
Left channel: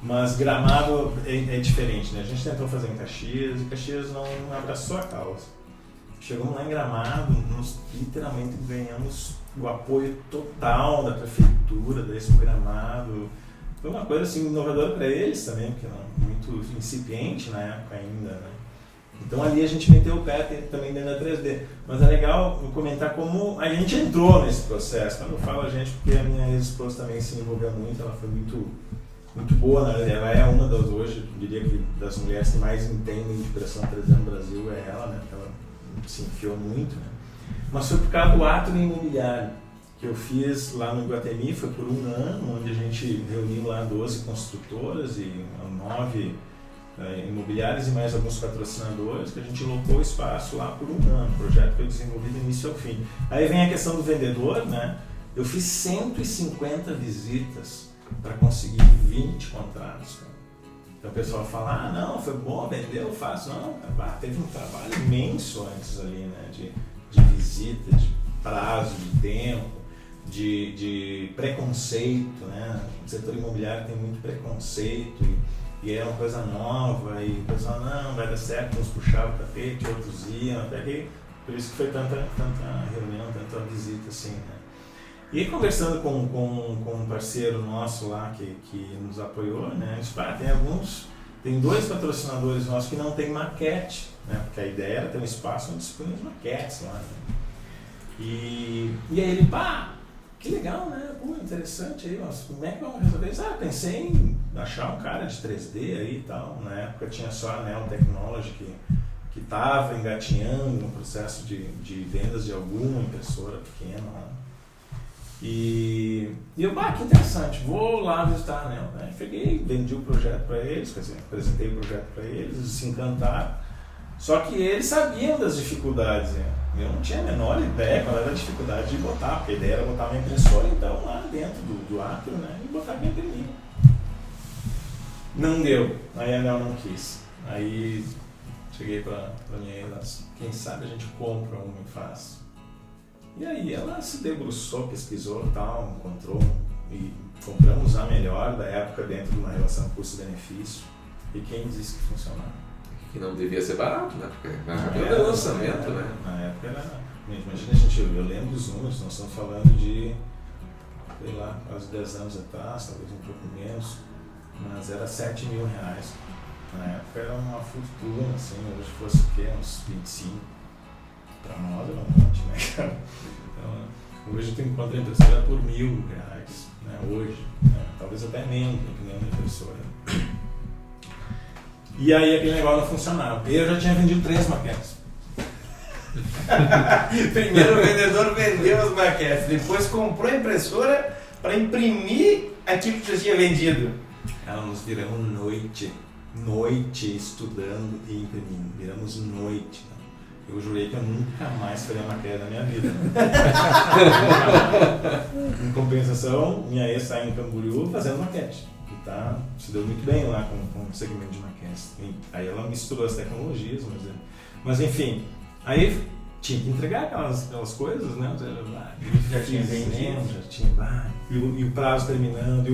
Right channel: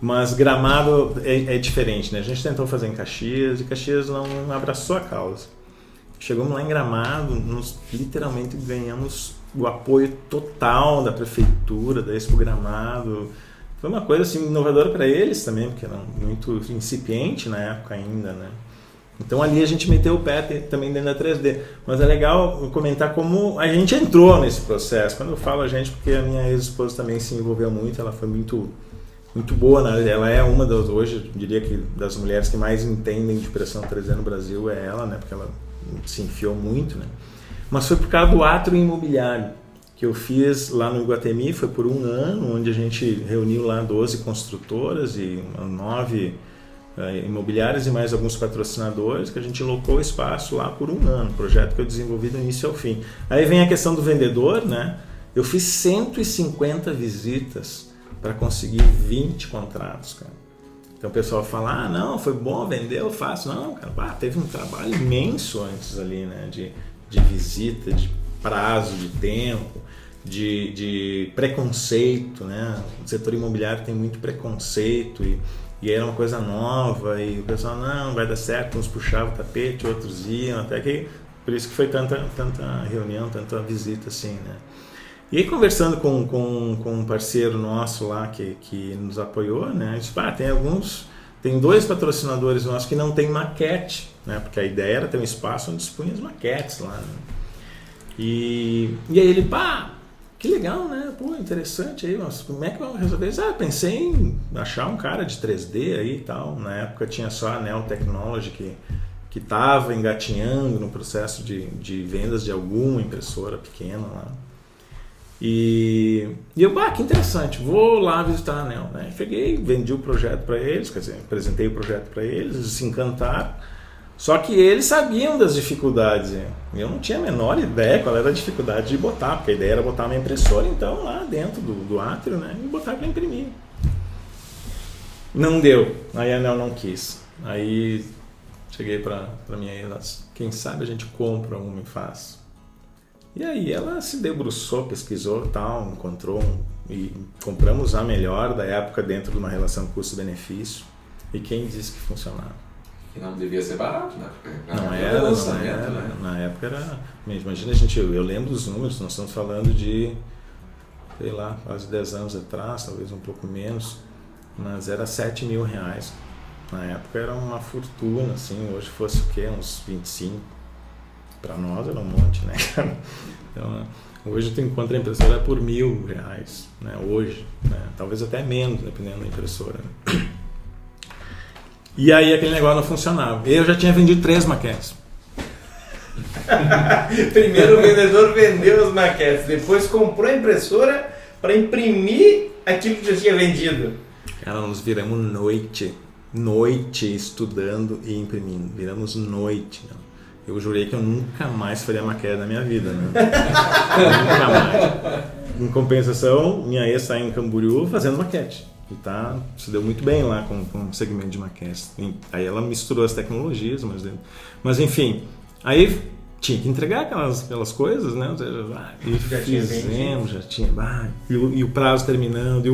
Mas Gramado é diferente, né? A gente tentou fazer em Caxias e Caxias não abraçou a causa. Chegamos lá em Gramado, nós literalmente ganhamos o apoio total da prefeitura, da Expo Gramado. Foi uma coisa assim inovadora para eles também, porque era muito incipiente na época ainda, né? Então ali a gente meteu o pé também dentro da 3D. Mas é legal comentar como a gente entrou nesse processo. Quando eu falo a gente, porque a minha ex-esposa também se envolveu muito, ela foi muito boa, né? Ela é uma das, hoje, eu diria que das mulheres que mais entendem de impressão 3D no Brasil é ela, né? Porque ela se enfiou muito, né? Mas foi por causa do átrio imobiliário que eu fiz lá no Iguatemi, foi por um ano, onde a gente reuniu lá 12 construtoras e 9 imobiliárias e mais alguns patrocinadores, que a gente locou o espaço lá por um ano, projeto que eu desenvolvi do início ao fim. Aí vem a questão do vendedor, né? Eu fiz 150 visitas para conseguir 20 contratos, cara. Então o pessoal fala, não, foi bom, vendeu, fácil. Não, cara, teve um trabalho imenso antes ali, né? De visita, de prazo, de tempo, de preconceito, né? O setor imobiliário tem muito preconceito e era uma coisa nova e o pessoal, não, vai dar certo, uns puxavam o tapete, outros iam, até que, por isso que foi tanta reunião, tanta visita assim, né? E aí, conversando com um parceiro nosso lá que nos apoiou, né? Disse, tem 2 patrocinadores nossos que não tem maquete, né? Porque a ideia era ter um espaço onde se punha as maquetes lá, né? E aí ele, que legal, né? Pô, interessante aí, mas como é que vamos resolver isso? Pensei em achar um cara de 3D aí e tal. Na época tinha só a Neo Technology que estava engatinhando no processo de vendas de alguma impressora pequena lá. E eu, que interessante, vou lá visitar a Neo, né? Cheguei, vendi o projeto para eles, quer dizer, apresentei o projeto para eles, eles se encantaram. Só que eles sabiam das dificuldades, né? Eu não tinha a menor ideia qual era a dificuldade de botar, porque a ideia era botar uma impressora então lá dentro do átrio, né? E botar para imprimir. Não deu, aí a Neo não quis. Aí cheguei para minha ex, quem sabe a gente compra uma e faz. E aí ela se debruçou, pesquisou e tal, encontrou e compramos a melhor da época dentro de uma relação custo-benefício. E quem disse que funcionava? E não devia ser barato, né? Porque não era, né? Na época era... Imagina, eu lembro dos números, nós estamos falando de, sei lá, quase 10 anos atrás, talvez um pouco menos, mas era R$7.000. Na época era uma fortuna, assim, hoje fosse o quê? Uns 25. Para nós era um monte, né, cara? Então, hoje tu encontra a impressora por R$1.000, né? Hoje, né? Talvez até menos, dependendo da impressora. E aí aquele negócio não funcionava. Eu já tinha vendido 3 maquetes. Primeiro o vendedor vendeu as maquetes, depois comprou a impressora para imprimir aquilo que já tinha vendido. Cara, nós viramos noite estudando e imprimindo. Viramos noite, né? Eu jurei que eu nunca mais faria maquete na minha vida, né? Nunca mais. Em compensação, minha ex está em Camboriú fazendo maquete. E se deu muito bem lá com o segmento de maquete. Aí ela misturou as tecnologias, mas enfim, aí tinha que entregar aquelas coisas, né? Já tinha. E o prazo terminando.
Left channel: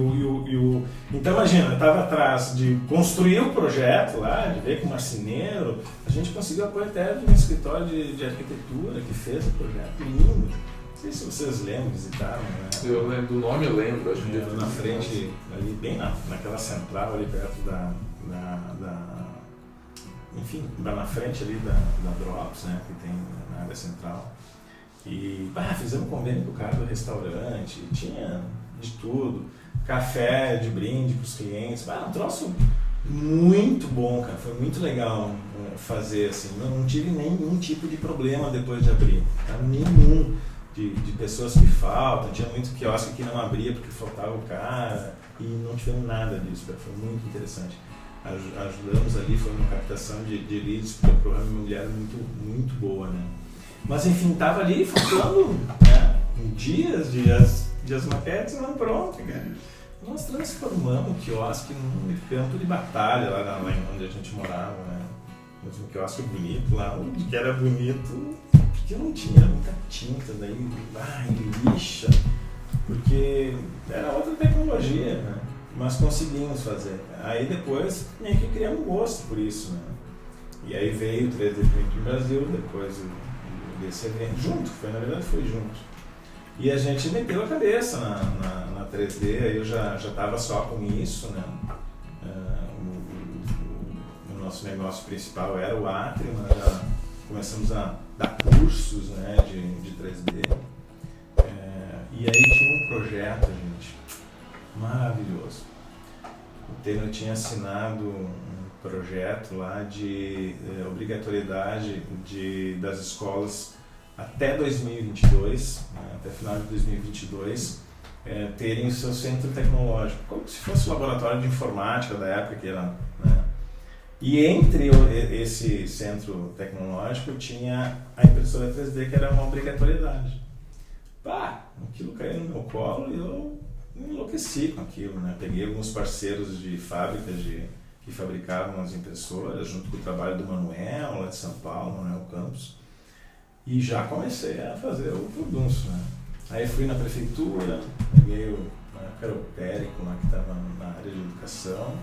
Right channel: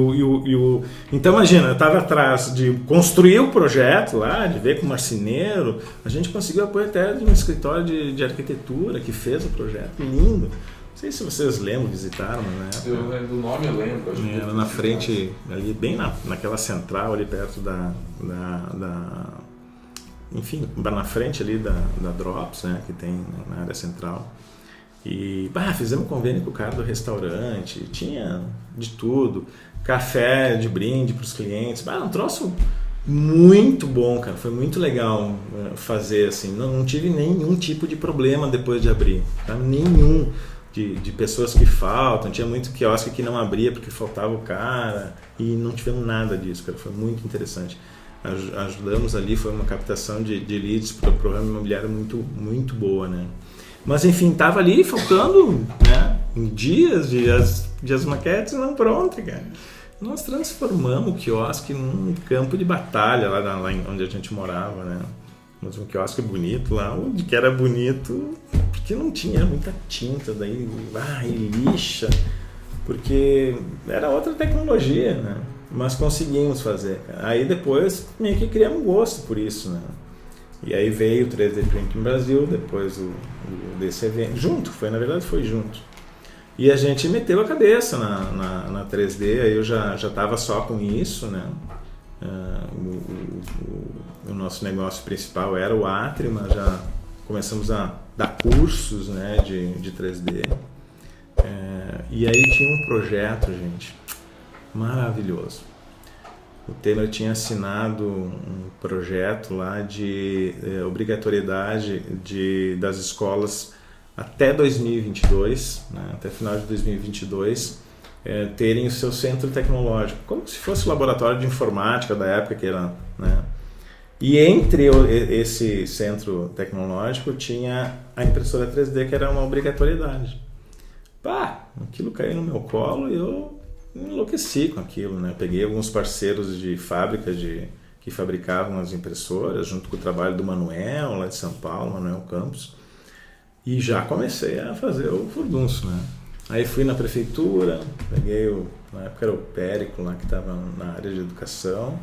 Então imagina, eu estava atrás de construir o projeto lá, de ver com o marceneiro. A gente conseguiu apoio até de um escritório de arquitetura que fez o projeto. Lindo. Não sei se vocês lembram, visitaram, né? Eu lembro do nome, eu lembro. Era na frente, ali bem naquela central, ali perto enfim, na frente ali da Drops, né, que tem na área central. E fizemos convênio com o cara do restaurante, tinha de tudo, café de brinde para os clientes, um troço muito bom, cara, foi muito legal fazer assim, não tive nenhum tipo de problema depois de abrir, tá? Nenhum de pessoas que faltam, tinha muito quiosque que não abria porque faltava o cara e não tivemos nada disso, cara, foi muito interessante. Ajudamos ali, foi uma captação de leads para o programa imobiliário muito boa, né? Mas enfim, tava ali faltando, né, dias de as maquetes não prontas, cara. Nós transformamos o quiosque num campo de batalha lá onde a gente morava, né? Mas um quiosque bonito lá, onde que era bonito, porque não tinha muita tinta, daí lixa, porque era outra tecnologia, né? Mas conseguimos fazer, cara. Aí depois meio que criamos gosto por isso, né? E aí veio o 3D Printing Brasil, depois desse evento, na verdade foi junto. E a gente meteu a cabeça na 3D, aí eu já estava só com isso, né? O nosso negócio principal era o Atrima, já começamos a dar cursos, né, de 3D. E aí tinha um projeto, gente, maravilhoso. O Temer tinha assinado um projeto lá de obrigatoriedade das escolas até 2022, né, até final de 2022, terem o seu centro tecnológico, como se fosse o laboratório de informática da época que era, né? E entre esse centro tecnológico tinha a impressora 3D, que era uma obrigatoriedade. Aquilo caiu no meu colo e eu enlouqueci com aquilo, né? Peguei alguns parceiros de fábrica que fabricavam as impressoras, junto com o trabalho do Manuel, lá de São Paulo, Manuel Campos, e já comecei a fazer o furdunço, né? Aí fui na prefeitura, peguei na época era o Périco lá que estava na área de educação,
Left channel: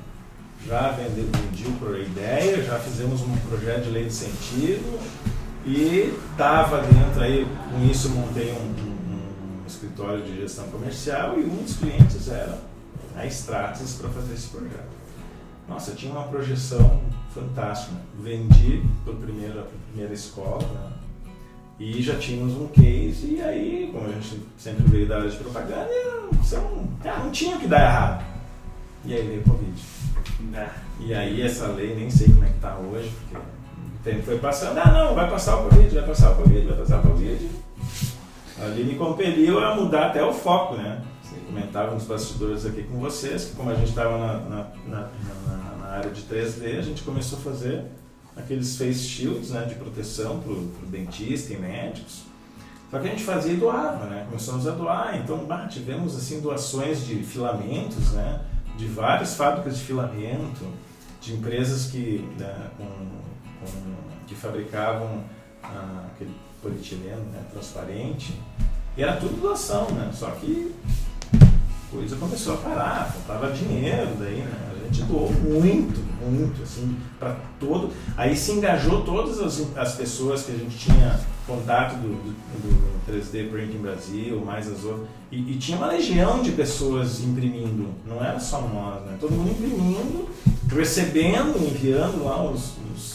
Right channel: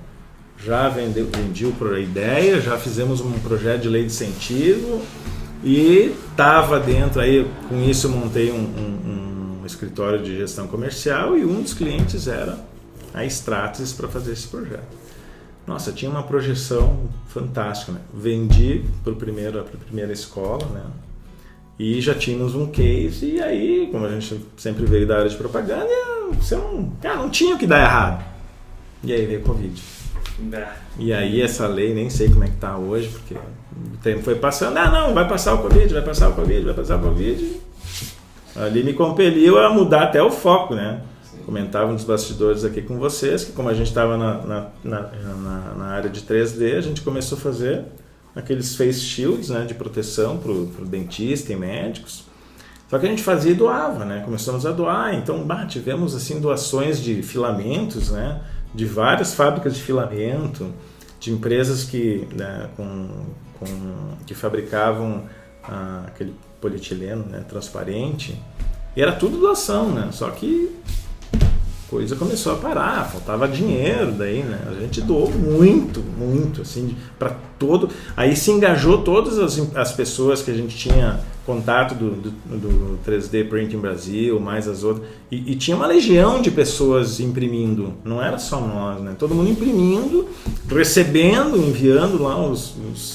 já vendi a ideia, já fizemos um projeto de lei de incentivo e estava dentro, aí com isso eu montei um escritório de gestão comercial e um dos clientes era a Stratasys para fazer esse projeto. Nossa, tinha uma projeção fantástica, né? Vendi para a primeira escola, né? E já tínhamos um case, e aí, como a gente sempre veio da área de propaganda, não tinha o que dar errado. E aí veio o Covid. E aí essa lei, nem sei como é que está hoje, porque o tempo foi passando, vai passar o Covid. Ali me compeliu a mudar até o foco, né? Comentava nos bastidores aqui com vocês, que como a gente estava na área de 3D, a gente começou a fazer aqueles face shields, né, de proteção para o dentista e médicos. Só que a gente fazia e doava, né? Começamos a doar, então tivemos assim doações de filamentos, né, de várias fábricas de filamento, de empresas que, né, que fabricavam aquele polietileno, né, transparente, e era tudo doação, né? Só que a coisa começou a parar, faltava dinheiro daí, né? A gente doou muito, assim, para todo. Aí se engajou todas as pessoas que a gente tinha contato do 3D Printing Brasil, mais as outras, e tinha uma legião de pessoas imprimindo, não era só nós, né? Todo mundo imprimindo, recebendo, enviando lá os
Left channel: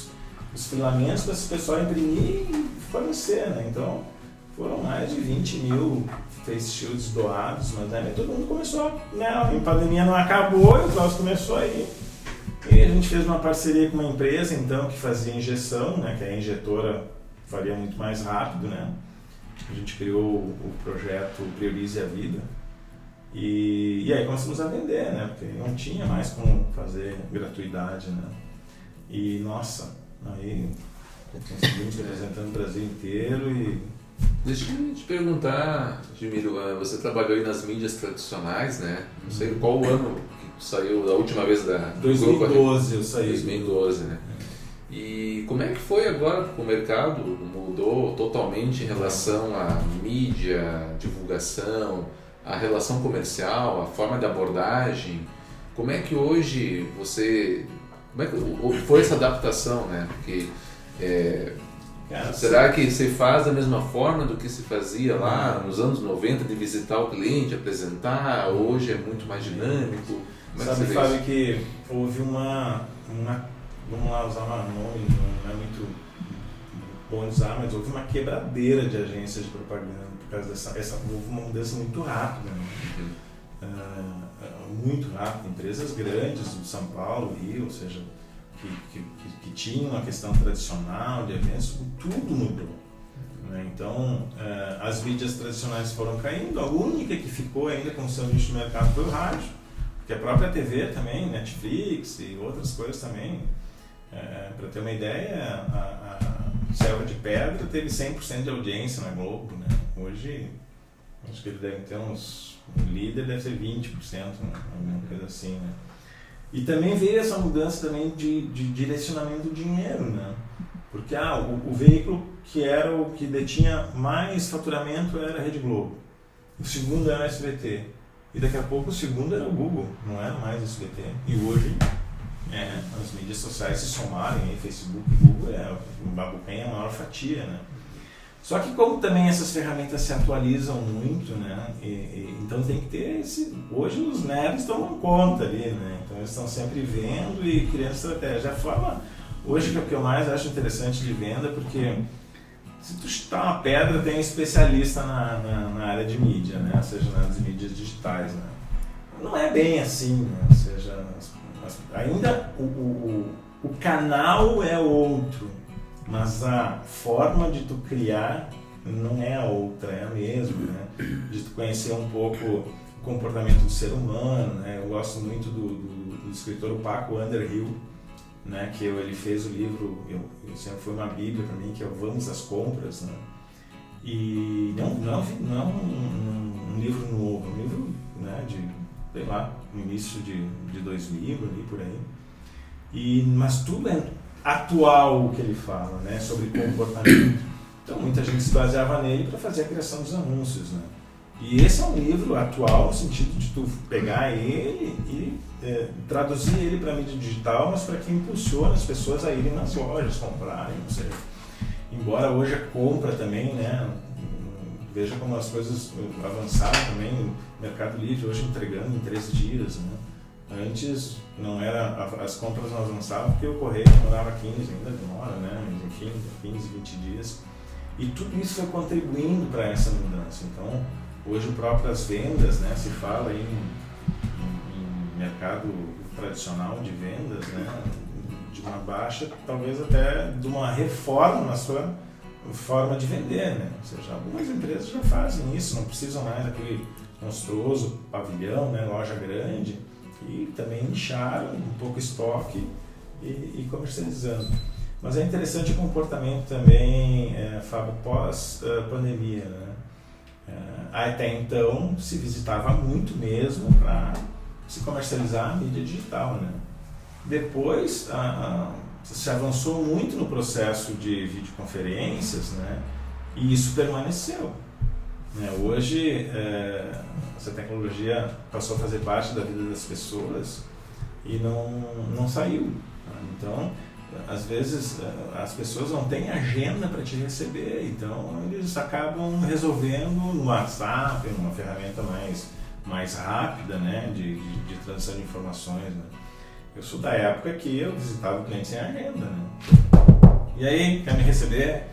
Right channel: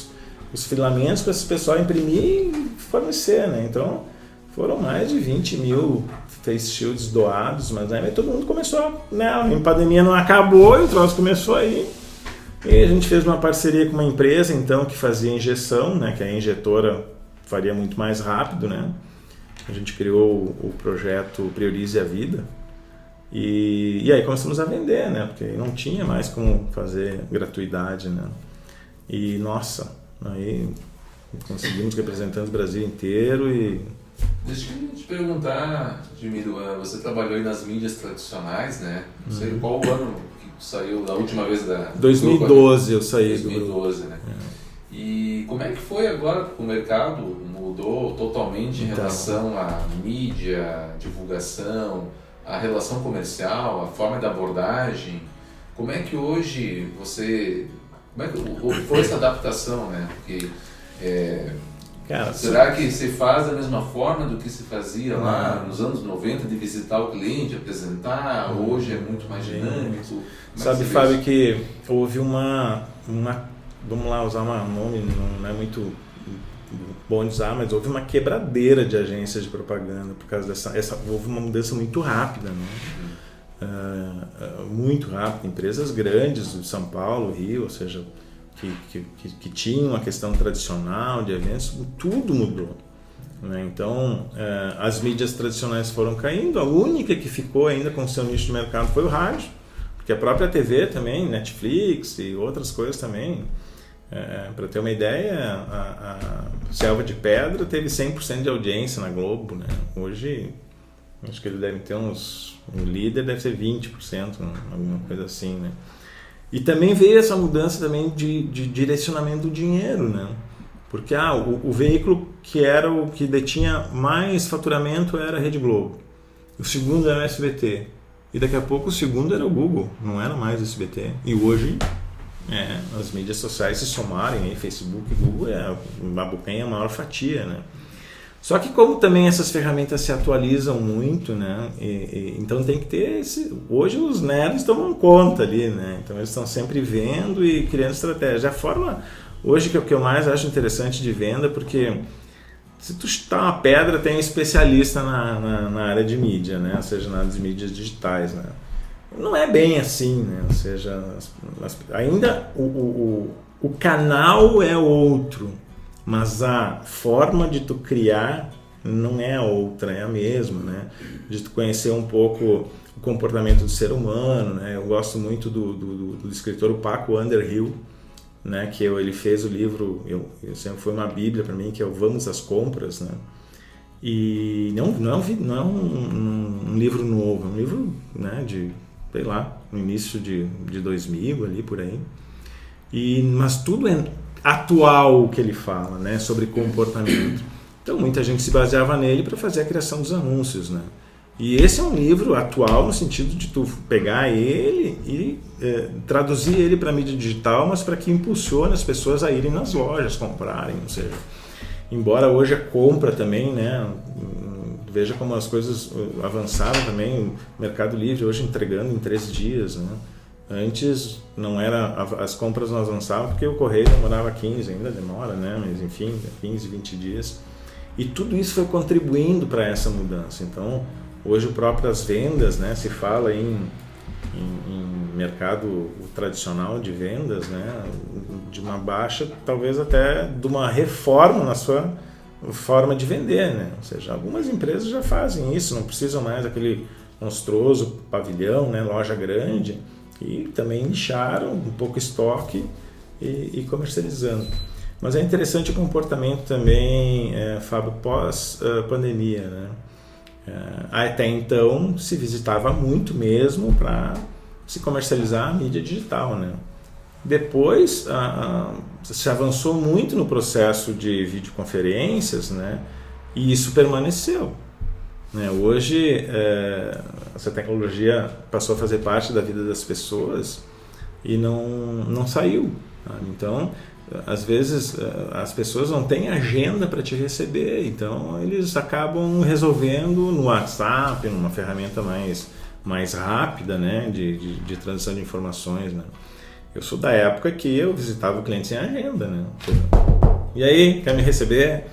filamentos para esse pessoal imprimir e fornecer, né? Então foram mais de 20 mil face shields doados, mas aí todo mundo começou, né? A pandemia não acabou e o troço começou aí. E a gente fez uma parceria com uma empresa, então, que fazia injeção, né? Que a injetora faria muito mais rápido, né? A gente criou o projeto Priorize a Vida. E aí começamos a vender, né? Porque não tinha mais como fazer gratuidade, né? E, nossa, aí conseguimos representar o Brasil inteiro e... Deixa eu te perguntar, Admiro, você trabalhou aí nas mídias tradicionais, né? Não sei qual o ano que saiu da última vez da... 2012 eu saí. 2012, né? E como é que foi agora que o mercado mudou totalmente em relação à mídia, divulgação, a relação comercial, a forma de abordagem? Como é que hoje como é que foi essa adaptação, né? Porque... Cara, será que se faz da mesma forma do que se fazia lá nos anos 90, de visitar o cliente, apresentar? Hoje é muito mais dinâmico? Sabe, Fábio, que houve uma vamos lá usar um nome, não é muito bom de usar, mas houve uma quebradeira de agências de propaganda por causa houve uma mudança muito rápida, né? Muito rápida. Empresas grandes de São Paulo, Rio, ou seja, que tinham uma questão tradicional de eventos, tudo mudou, né? Então, as mídias tradicionais foram caindo, a única que ficou ainda com o seu nicho de mercado foi o rádio, porque a própria TV também, Netflix e outras coisas também. Para ter uma ideia, a Selva de Pedra teve 100% de audiência na Globo, né? Hoje, acho que ele deve ter o líder deve ser 20%, alguma coisa assim, né? E também veio essa mudança também de direcionamento do dinheiro, né? Porque o veículo que era o que detinha mais faturamento era a Rede Globo. O segundo era o SBT. E daqui a pouco o segundo era o Google, não era mais o SBT. E hoje as mídias sociais se somarem, Facebook e Google abocanha a maior fatia, né? Só que como também essas ferramentas se atualizam muito, né? Então tem que ter hoje os nerds tomam conta ali, né? Então eles estão sempre vendo e criando estratégia. A forma hoje que é o que eu mais acho interessante de venda, porque se tu chutar uma pedra, tem um especialista na área de mídia, né? Ou seja, nas mídias digitais, né? Não é bem assim, né? Ou seja, ainda o canal é outro, mas a forma de tu criar não é a outra, é a mesma, né? De tu conhecer um pouco o comportamento do ser humano, né? Eu gosto muito do escritor Paco Underhill, né? Que ele fez o livro, eu sempre foi uma bíblia para mim, que é o Vamos às Compras, né? E não é um livro novo, é um livro, né, de, sei lá, no início de 2000, ali por aí. Mas tudo é atual o que ele fala, né, sobre comportamento. Então muita gente se baseava nele para fazer a criação dos anúncios, né? E esse é um livro atual no sentido de tu pegar ele e traduzir ele para mídia digital, mas para que impulsione as pessoas a irem nas lojas, comprarem, ou seja, embora hoje a compra também, né, veja como as coisas avançaram também, o Mercado Livre hoje entregando em 3 dias, né? Antes não era, as compras não avançavam porque o correio demorava 15, ainda demora, né? Mas enfim, 15, 20 dias. E tudo isso foi contribuindo para essa mudança. Então, hoje o próprio as vendas, né? Se fala em mercado tradicional de vendas, né? De uma baixa, talvez até de uma reforma na sua forma de vender, né? Ou seja, algumas empresas já fazem isso, não precisam mais daquele monstruoso pavilhão, né? Loja grande. E também nicharam um pouco estoque e comercializando. Mas é interessante o comportamento também, Fábio, pós-pandemia, né? Até então se visitava muito mesmo para se comercializar a mídia digital, né? Depois se avançou muito no processo de videoconferências, né? E isso permaneceu. Hoje essa tecnologia passou a fazer parte da vida das pessoas e não saiu. Então, às vezes as pessoas não têm agenda para te receber, então eles acabam resolvendo no WhatsApp, numa ferramenta mais rápida, né, de transição de informações, né? Eu sou da época que eu visitava o cliente sem agenda, né? E aí, quer me receber?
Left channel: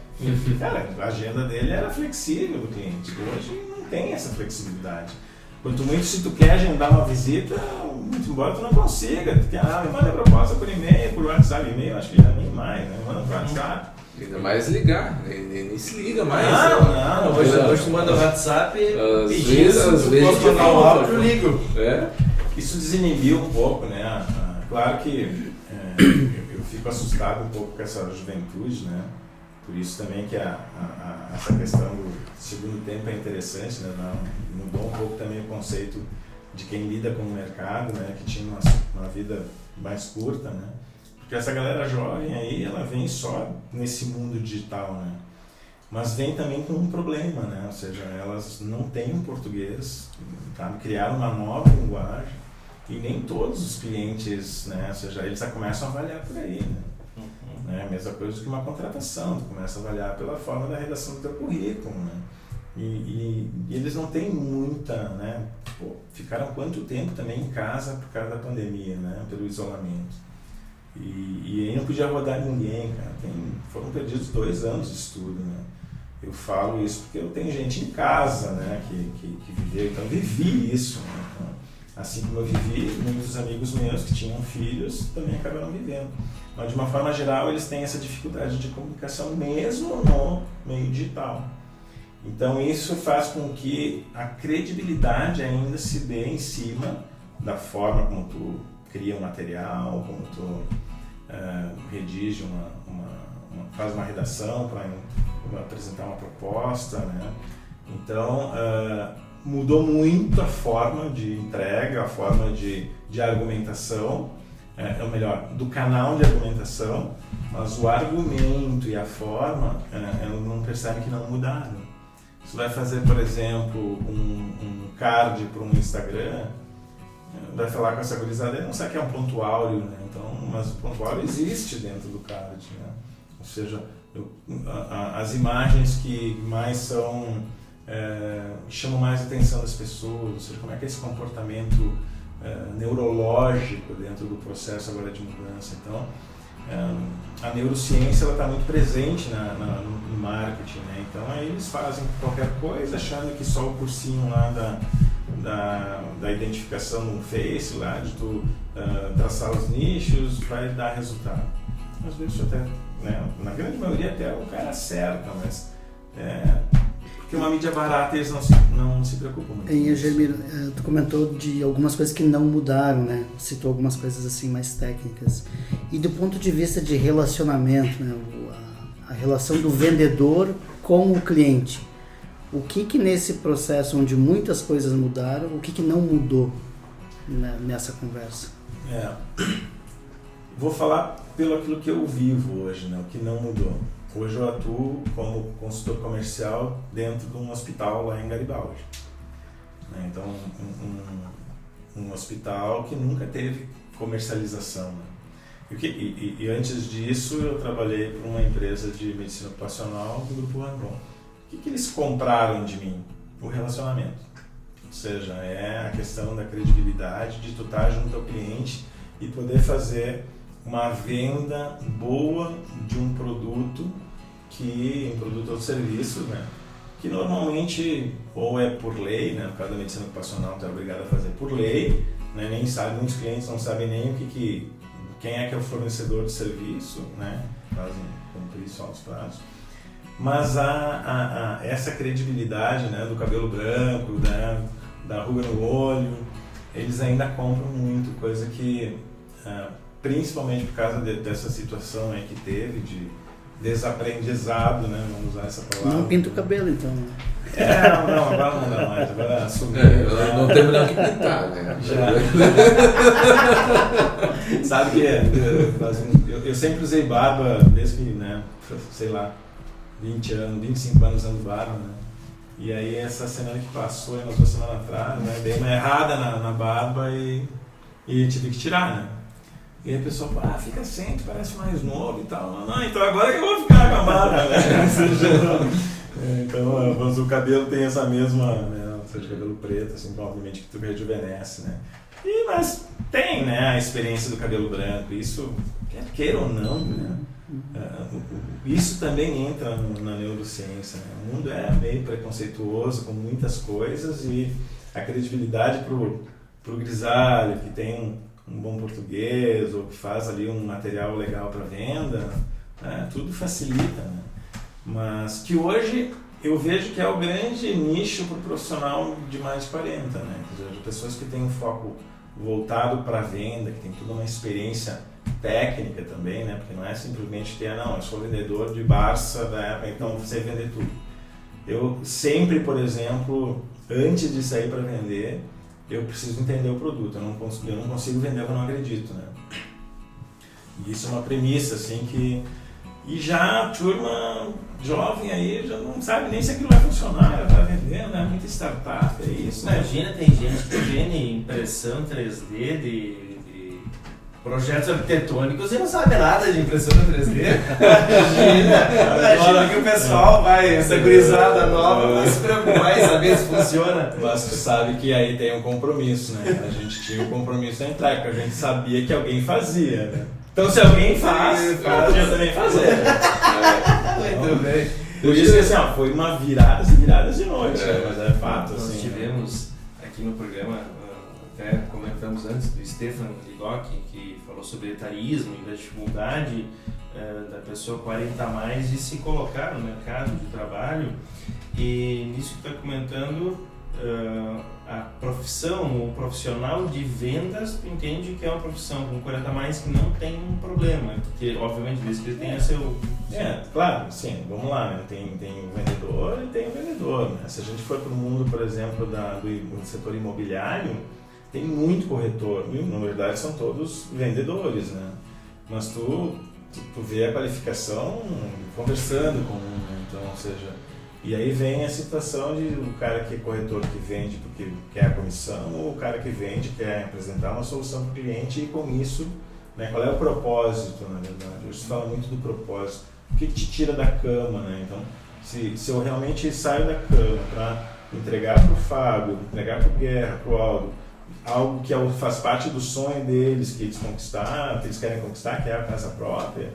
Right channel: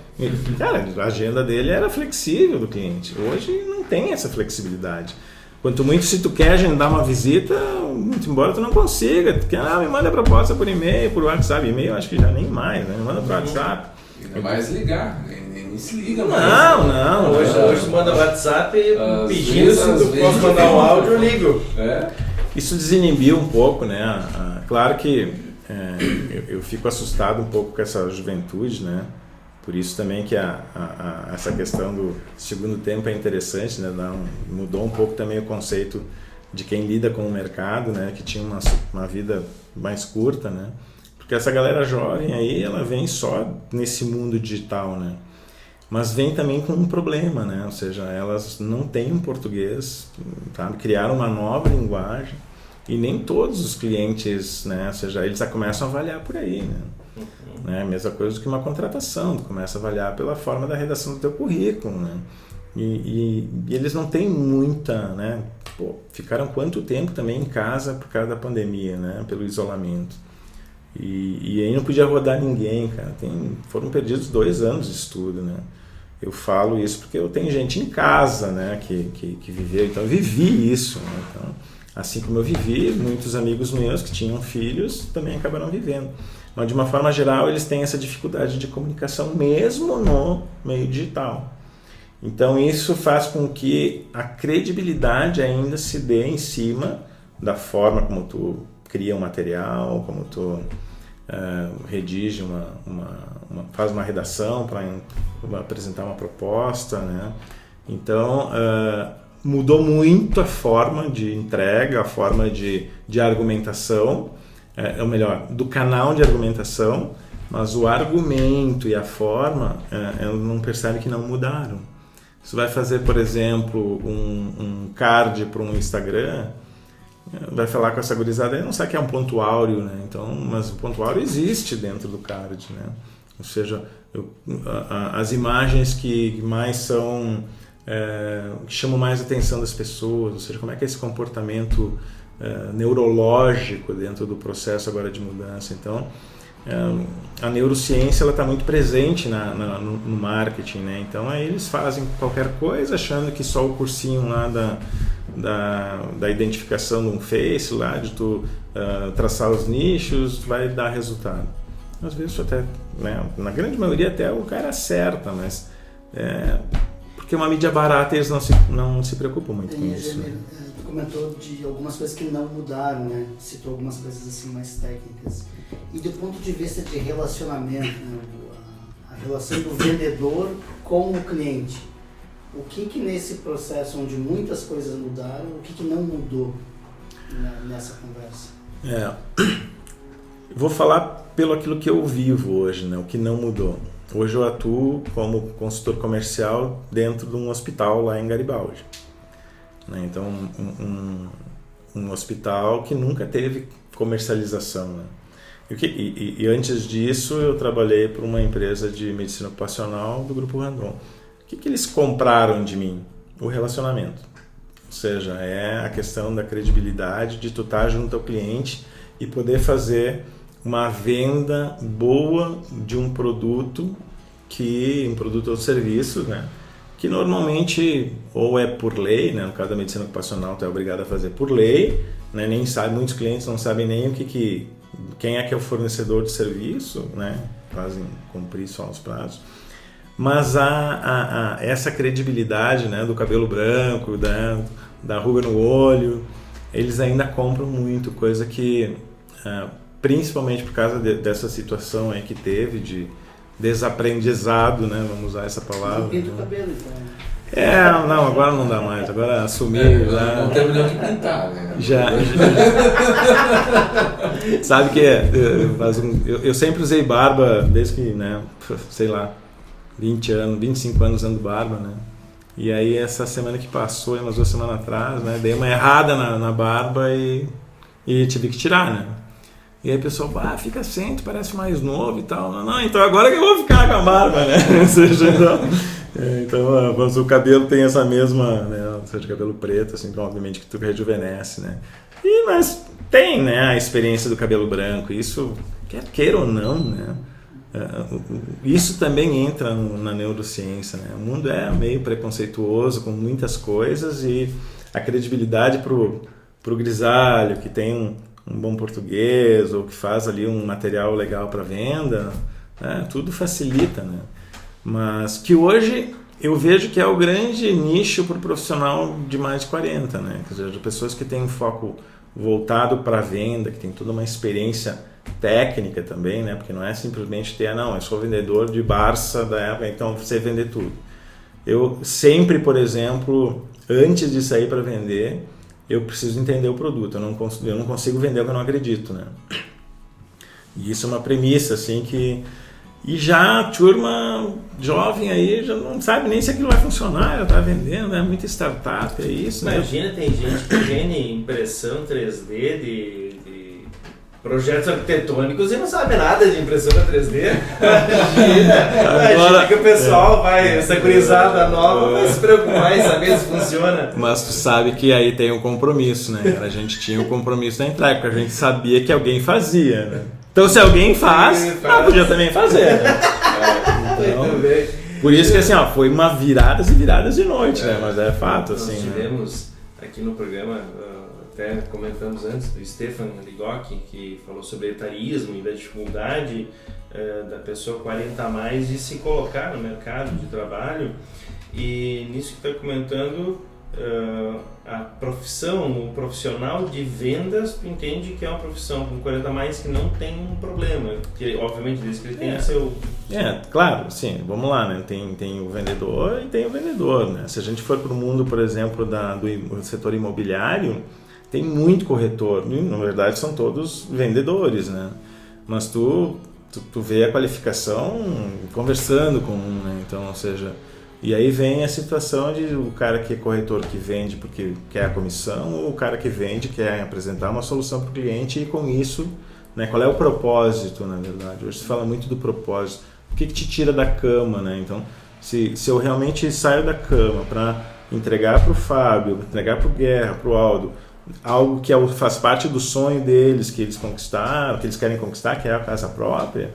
Cara, a agenda dele era flexível do cliente. Hoje não tem essa flexibilidade. Quanto muito, se tu quer agendar uma visita, muito embora tu não consiga. Tu quer, me manda a proposta por e-mail, por WhatsApp. E-mail acho que já nem mais, né? Me manda por WhatsApp. É mais ligar, nem se liga mais. Não. Hoje tu manda o WhatsApp pedindo se tu posso mandar um áudio, eu ligo. Isso desinibiu um pouco, né? Claro que eu fico assustado um pouco com essa juventude, né? Por isso também que essa questão do segundo tempo é interessante, né? Mudou um pouco também o conceito de quem lida com o mercado, né? Que tinha uma vida mais curta, né? Porque essa galera jovem aí, ela vem só nesse mundo digital, né? Mas vem também com um problema, né? Ou seja, elas não têm um português, sabe? Criaram uma nova linguagem e nem todos os clientes, né? Ou seja, eles já começam a avaliar por aí, né? Mesma coisa do que uma contratação, tu começa a avaliar pela forma da redação do teu currículo, né? E eles não têm muita, né? Ficaram quanto tempo também em casa por causa da pandemia, né? Pelo isolamento. E aí podia rodar ninguém, cara. Foram perdidos 2 anos de estudo, né? Eu falo isso porque eu tenho gente em casa, né, que viveu, então eu vivi isso, né? Então, assim como eu vivi, muitos amigos meus que tinham filhos também acabaram vivendo. Mas de uma forma geral eles têm essa dificuldade de comunicação mesmo no meio digital. Então isso faz com que a credibilidade ainda se dê em cima da forma como tu cria um material, como tu redige faz uma redação para apresentar uma proposta, né? Então mudou muito a forma de entrega, a forma de argumentação, ou melhor, do canal de argumentação, mas o argumento e a forma não percebe que não mudaram. Você vai fazer, por exemplo, um card para um Instagram, vai falar com essa gurizada e não sabe que é um ponto áureo, né? Então, mas o ponto áureo existe dentro do card, né? Ou seja, as imagens que mais são que chamam mais a atenção das pessoas, ou seja, como é que é esse comportamento neurológico dentro do processo agora de mudança. Então, a neurociência ela está muito presente no marketing, né? Então aí eles fazem qualquer coisa achando que só o cursinho lá da identificação no Face, lá de tu traçar os nichos, vai dar resultado. Às vezes até, né, na grande maioria até o cara acerta, mas porque uma mídia barata eles não se preocupam muito com isso. Tu comentou de algumas coisas que não mudaram, né? Citou algumas coisas assim mais técnicas. E do ponto de vista de relacionamento, né? A relação do vendedor com o cliente. O que nesse processo onde muitas coisas mudaram, o que não mudou nessa conversa? Vou falar pelo aquilo que eu vivo hoje, né? O que não mudou. Hoje eu atuo como consultor comercial dentro de um hospital lá em Garibaldi. Então, um hospital que nunca teve comercialização, né? E antes disso eu trabalhei para uma empresa de medicina ocupacional do Grupo Randon. O que eles compraram de mim? O relacionamento. Ou seja, é a questão da credibilidade, de tu estar junto ao cliente e poder fazer uma venda boa de um produto ou serviço, né? Que normalmente ou é por lei, né? No caso da medicina ocupacional tu é obrigado a fazer por lei, né? Muitos clientes não sabem nem quem é que é o fornecedor de serviço, né? Fazem cumprir só os prazos. Mas essa credibilidade, né? Do cabelo branco, da ruga no olho, eles ainda compram muito, coisa que principalmente por causa dessa situação aí que teve de desaprendizado, né? Vamos usar essa palavra. Não pinta o cabelo, então. Não, agora não dá mais. Agora assumi. Não tem branco que pintar, né? Já. Sabe que eu sempre usei barba desde que, né? Sei lá, 20 anos, 25 anos usando barba, né? E aí essa semana que passou, umas 2 semanas atrás, né? Dei uma errada na barba e tive que tirar, né? E aí o pessoal fala, fica sem, tu parece mais novo e tal. Não, então agora que eu vou ficar com a barba, né? Ou seja, então, mas o cabelo tem essa mesma, né? Ou seja, cabelo preto, assim, então, obviamente que tu rejuvenesce, né? Mas tem, né, a experiência do cabelo branco, isso, quer queira ou não, né? Isso também entra na neurociência, né? O mundo é meio preconceituoso com muitas coisas e a credibilidade pro grisalho, que tem um bom português ou que faz ali um material legal para venda, né? Tudo facilita, né? Mas que hoje eu vejo que é o grande nicho para o profissional de mais de 40, né? Quer dizer, de pessoas que têm um foco voltado para a venda, que tem toda uma experiência técnica também, né? Porque não é simplesmente eu sou vendedor de Barça da época, então você vender tudo. Eu sempre, por exemplo, antes de sair para vender, eu preciso entender o produto, eu não consigo vender o que eu não acredito, né? E isso é uma premissa, assim, que... E já a turma jovem aí já não sabe nem se aquilo vai funcionar, já está vendendo, é muita startup, é isso, né? Imagina, tem gente que vende impressão 3D de projetos arquitetônicos e não sabe nada de impressão 3D. Imagina que o pessoal essa gurizada nova vai se preocupar em saber se funciona. Mas tu sabe que aí tem um compromisso, né? A gente tinha um compromisso na entrega, porque a gente sabia que alguém fazia, né? Então se alguém faz, podia também fazer, né? Muito bem. Por isso que assim, ó, foi uma viradas e viradas de noite, né? Mas é fato, Nós assim. tivemos aqui no programa, até comentamos antes, do Stefan Ligock, que falou sobre etarismo e da dificuldade da pessoa 40 a mais de se colocar no mercado de trabalho. E nisso que está comentando, a profissão, o profissional de vendas, tu entende que é uma profissão com 40 a mais que não tem um problema, porque obviamente desde que ele tenha seu... Claro, sim, vamos lá, né? Tem o vendedor e tem o vendedor, né? Se a gente for para o mundo, por exemplo, do setor imobiliário, tem muito corretor, na verdade são todos vendedores, né? Mas tu vê a qualificação conversando com um, né? Então, ou seja, e aí vem a situação de o cara que é corretor que vende porque quer a comissão, ou o cara que vende quer apresentar uma solução para o cliente e com isso, né? Qual é o propósito, na verdade? Hoje se fala muito do propósito. O que te tira da cama, né? Então, se eu realmente saio da cama para entregar para o Fábio, entregar para o Guerra, para o Aldo, algo que faz parte do sonho deles, que eles conquistaram, que eles querem conquistar, que é a casa própria,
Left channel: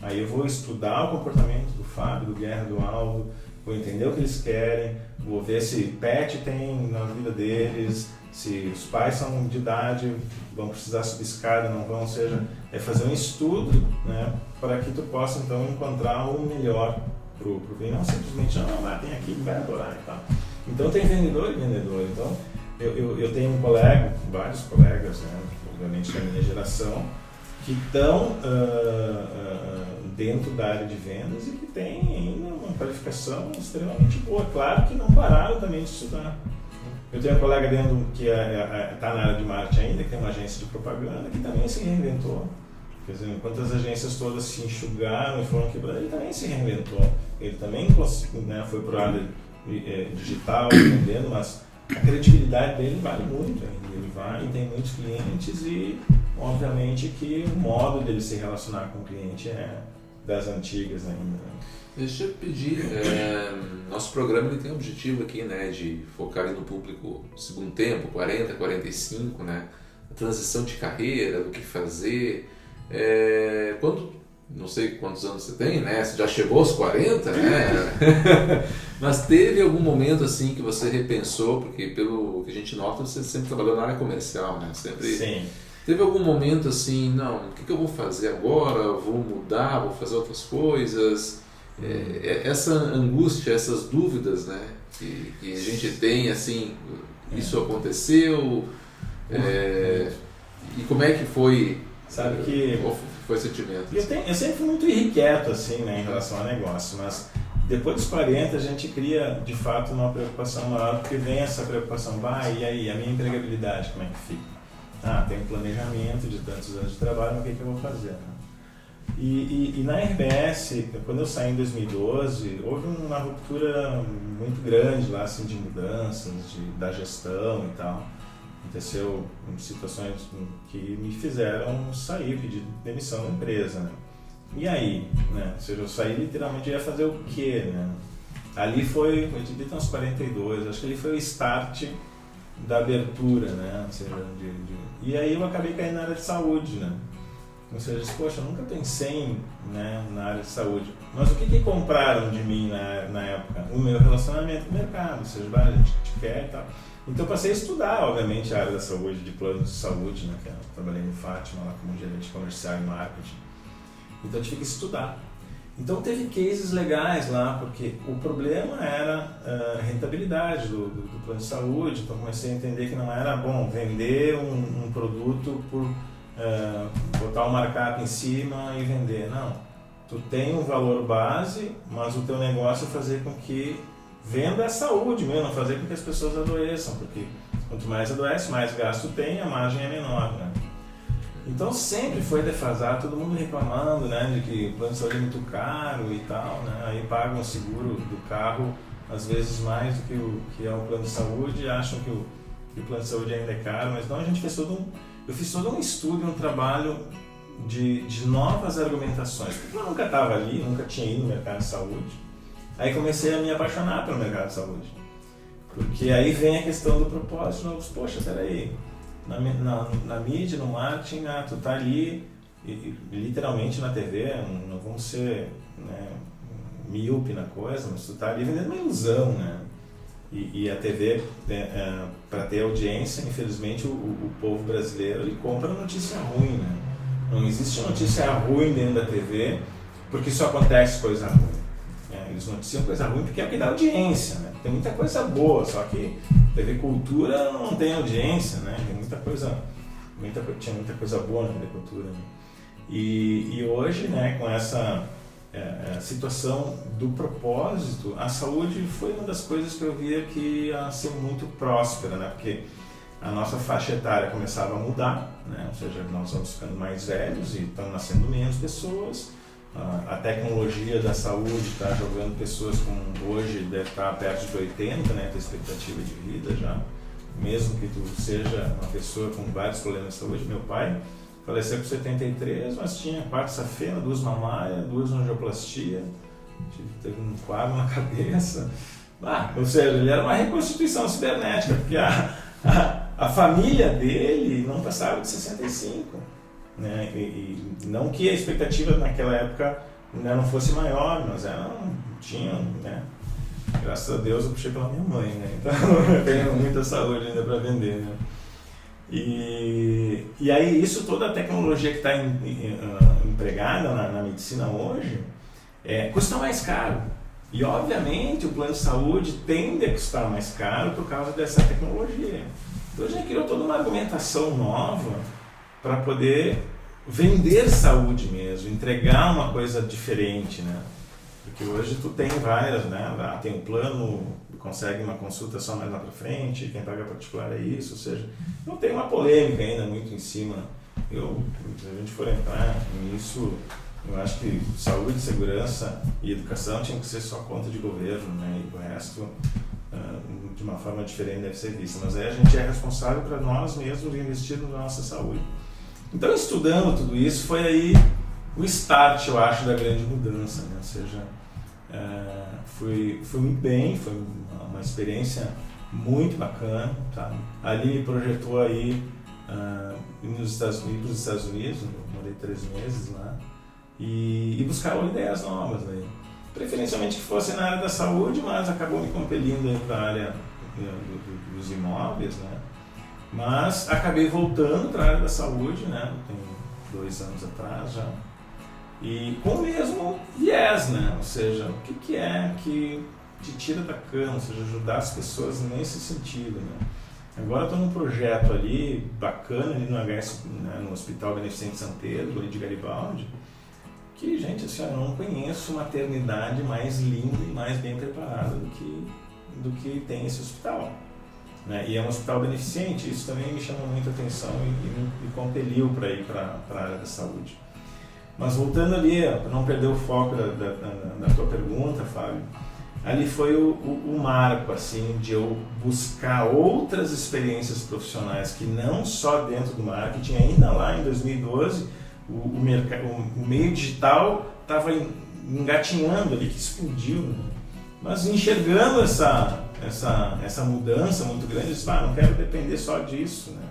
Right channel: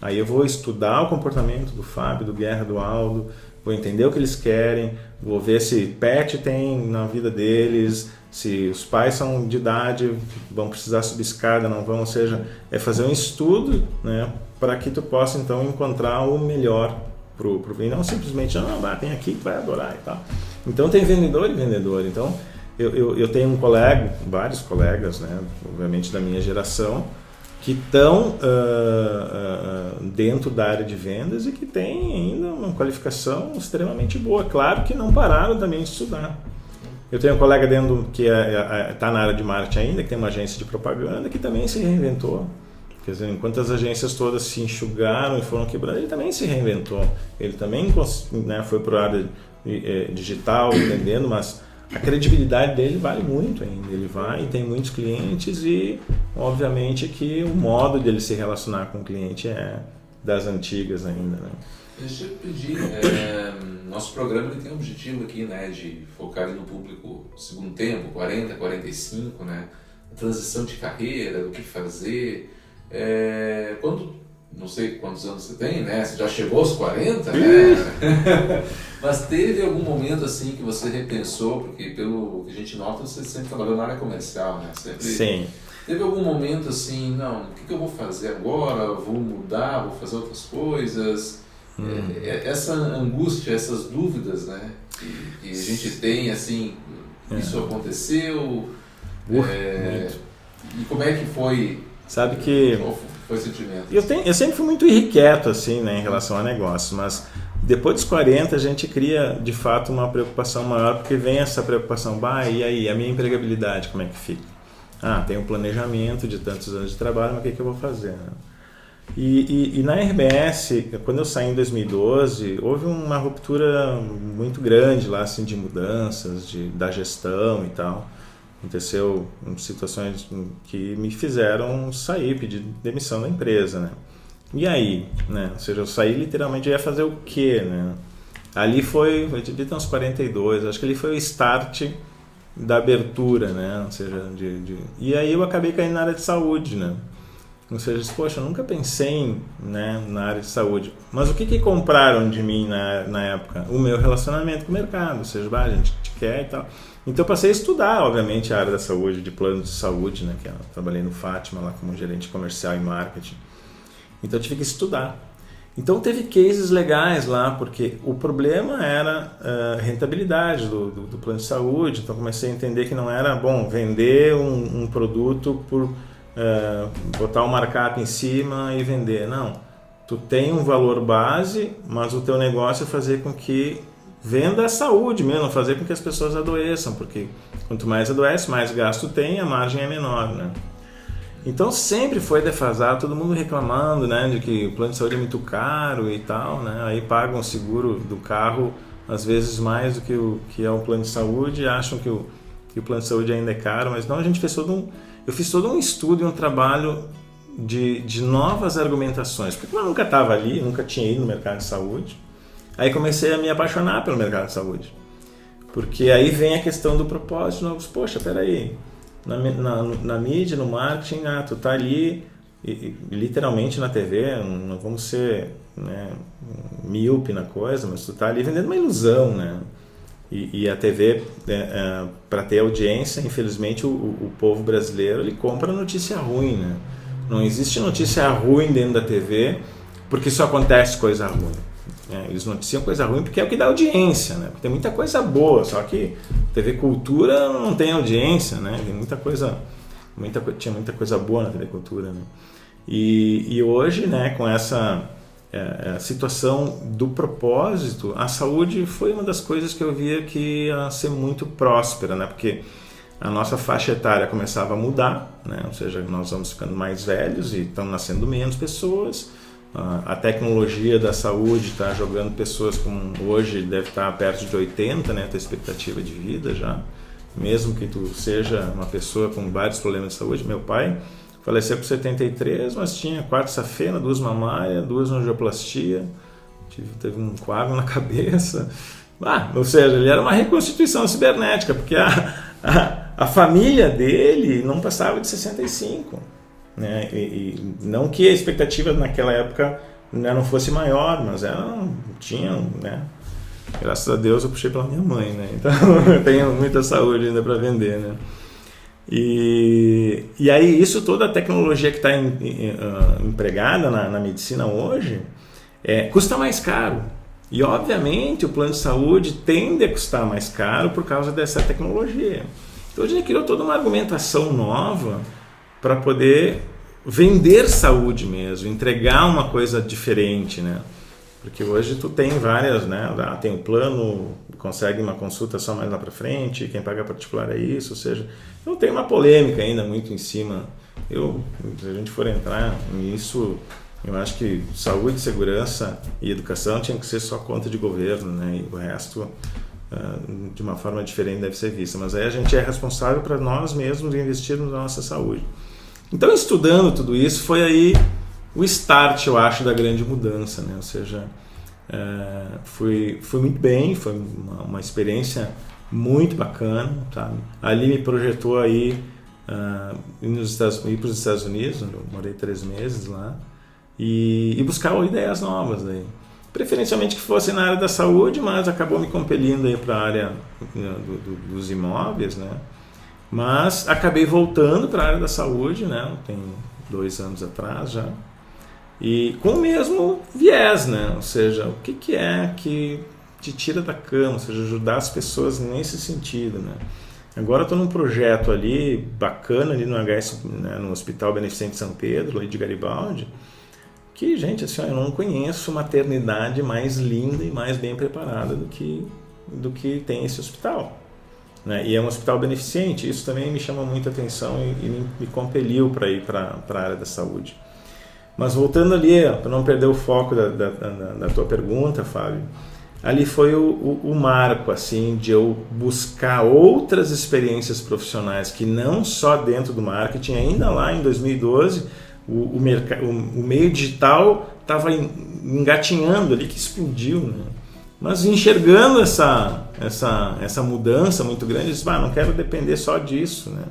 aí eu vou estudar o comportamento do Fábio, do Guerra, do Aldo, vou entender o que eles querem, vou ver se pet tem na vida deles, se os pais são de idade, vão precisar subir escada, não vão, ou seja, é fazer um estudo, né, para que tu possa então encontrar o melhor pro e não simplesmente, vem aqui, vai adorar e tal. Então tem vendedor e vendedor, então eu tenho vários colegas, né, obviamente da minha geração, que estão dentro da área de vendas e que têm ainda uma qualificação extremamente boa. Claro que não pararam também de estudar. Eu tenho um colega dentro que está na área de marketing ainda, que tem uma agência de propaganda, que também se reinventou. Quer dizer, enquanto as agências todas se enxugaram e foram quebrando, ele também se reinventou. Ele também, né, foi para a área digital, vendendo, mas a credibilidade dele vale muito ainda. Ele vai e tem muitos clientes e, obviamente, que o modo de ele se relacionar com o cliente é das antigas ainda, né? Deixa eu pedir, nosso programa ele tem um objetivo aqui, né, de focar no público segundo tempo, 40, 45, né, a transição de carreira, do que fazer, não sei quantos anos você tem, né, você já chegou aos 40, né, mas teve algum momento assim que você repensou, porque pelo que a gente nota, você sempre trabalhou na área comercial, né, sempre... Sim. Teve algum momento assim, não, o que eu vou fazer agora, vou mudar, vou fazer outras coisas... Essa angústia, essas dúvidas, né, que a gente tem, assim, isso aconteceu, e como é que foi? Sabe que qual foi o sentimento? Eu sempre fui muito irrequieto, assim, né, em relação a negócio, mas depois dos 40 a gente cria, de fato, uma preocupação maior, porque vem essa preocupação, e aí, a minha empregabilidade, como é que fica? Tem um planejamento de tantos anos de trabalho, mas o que eu vou fazer, né? E na RBS, quando eu saí em 2012, houve uma ruptura muito grande lá, assim, de mudanças, da gestão e tal. Aconteceu situações que me fizeram sair, pedir demissão da empresa, né? E aí, né? Ou seja, eu saí literalmente, eu ia fazer o quê, né? Ali eu devia ter uns 42, acho que ali foi o start da abertura, né? Ou seja, e aí eu acabei caindo na área de saúde, né? Ou seja, poxa, eu nunca pensei na área de saúde. Mas o que compraram de mim na época? O meu relacionamento com o mercado. Ou seja, a gente te quer e tal. Então eu passei a estudar, obviamente, a área da saúde, de plano de saúde, né? Que eu trabalhei no Fátima, lá como gerente comercial e marketing. Então eu tive que estudar. Então teve cases legais lá, porque o problema era a rentabilidade do plano de saúde. Então comecei a entender que não era bom vender um produto por... botar um markup em cima e vender. Não, tu tem um valor base, mas o teu negócio é fazer com que venda a saúde mesmo, fazer com que as pessoas adoeçam, porque quanto mais adoece, mais gasto tem, a margem é menor, né? Então sempre foi defasado, todo mundo reclamando, né, de que o plano de saúde é muito caro e tal, né? Aí pagam o seguro do carro às vezes mais do que o que é o plano de saúde, acham que o plano de saúde ainda é caro, mas não, a gente fez eu fiz todo um estudo e um trabalho de novas argumentações, porque eu nunca estava ali, nunca tinha ido no mercado de saúde. Aí comecei a me apaixonar pelo mercado de saúde, porque aí vem a questão do propósito. Poxa, peraí, na mídia, no marketing, tu tá ali literalmente na TV, não vamos ser, né, míope na coisa, mas tu tá ali vendendo uma ilusão, né? E a TV, para ter audiência, infelizmente o povo brasileiro ele compra notícia ruim, né? Não existe notícia ruim dentro da TV porque só acontece coisa ruim. Eles noticiam coisa ruim porque é o que dá audiência, né? Tem muita coisa boa, só que TV Cultura não tem audiência, né? Tem tinha muita coisa boa na TV Cultura, né? E hoje, né, com essa situação do propósito, a saúde foi uma das coisas que eu via que ia ser muito próspera, né? Porque a nossa faixa etária começava a mudar, né? Ou seja, nós vamos ficando mais velhos e estão nascendo menos pessoas. A tecnologia da saúde está jogando pessoas com hoje deve estar perto de 80, né? A tua expectativa de vida já, mesmo que tu seja uma pessoa com vários problemas de saúde. Meu pai faleceu com 73, mas tinha 4 safena, 2 mamárias, 2 angioplastia, teve um coágulo na cabeça. Ou seja, ele era uma reconstituição cibernética, porque a família dele não passava de 65. Né? E não que a expectativa naquela época, né, não fosse maior, mas tinham, né? Graças a Deus eu puxei pela minha mãe, né? Então eu tenho muita saúde ainda para vender, né? E aí isso, toda a tecnologia que está empregada na medicina hoje custa mais caro. E obviamente o plano de saúde tende a custar mais caro por causa dessa tecnologia. Então a gente criou toda uma argumentação nova para poder vender saúde mesmo, entregar uma coisa diferente, né? Porque hoje tu tem várias, né? Tem um plano, consegue uma consulta só mais lá para frente, quem paga particular é isso, ou seja, não tem uma polêmica ainda muito em cima. Se a gente for entrar nisso, eu acho que saúde, segurança e educação tinha que ser só conta de governo, né? E o resto, de uma forma diferente, deve ser vista. Mas aí a gente é responsável para nós mesmos investirmos na nossa saúde. Então, estudando tudo isso, foi aí o start, eu acho, da grande mudança, né? Ou seja, fui muito bem, foi uma experiência muito bacana, tá? Ali me projetou aí ir para os Estados Unidos, onde eu morei 3 meses lá, e buscar ideias novas aí. Preferencialmente que fosse na área da saúde, mas acabou me compelindo aí para a área dos imóveis, né? Mas acabei voltando para a área da saúde, né? Tem 2 anos atrás já. E com o mesmo viés, né? Ou seja, o que é que te tira da cama, ou seja, ajudar as pessoas nesse sentido, né? Agora estou num projeto ali bacana ali no né, no Hospital Beneficente São Pedro, ali de Garibaldi, que, gente, assim, eu não conheço maternidade mais linda e mais bem preparada do que tem esse hospital. Né? E é um hospital beneficente, isso também me chamou muita atenção e me compeliu para ir para a área da saúde. Mas voltando ali, para não perder o foco da tua pergunta, Fábio, ali foi o marco, assim, de eu buscar outras experiências profissionais que não só dentro do marketing, ainda lá em 2012, o meio digital estava engatinhando ali, que explodiu, né? Mas enxergando essa mudança muito grande, eu disse, não quero depender só disso, né?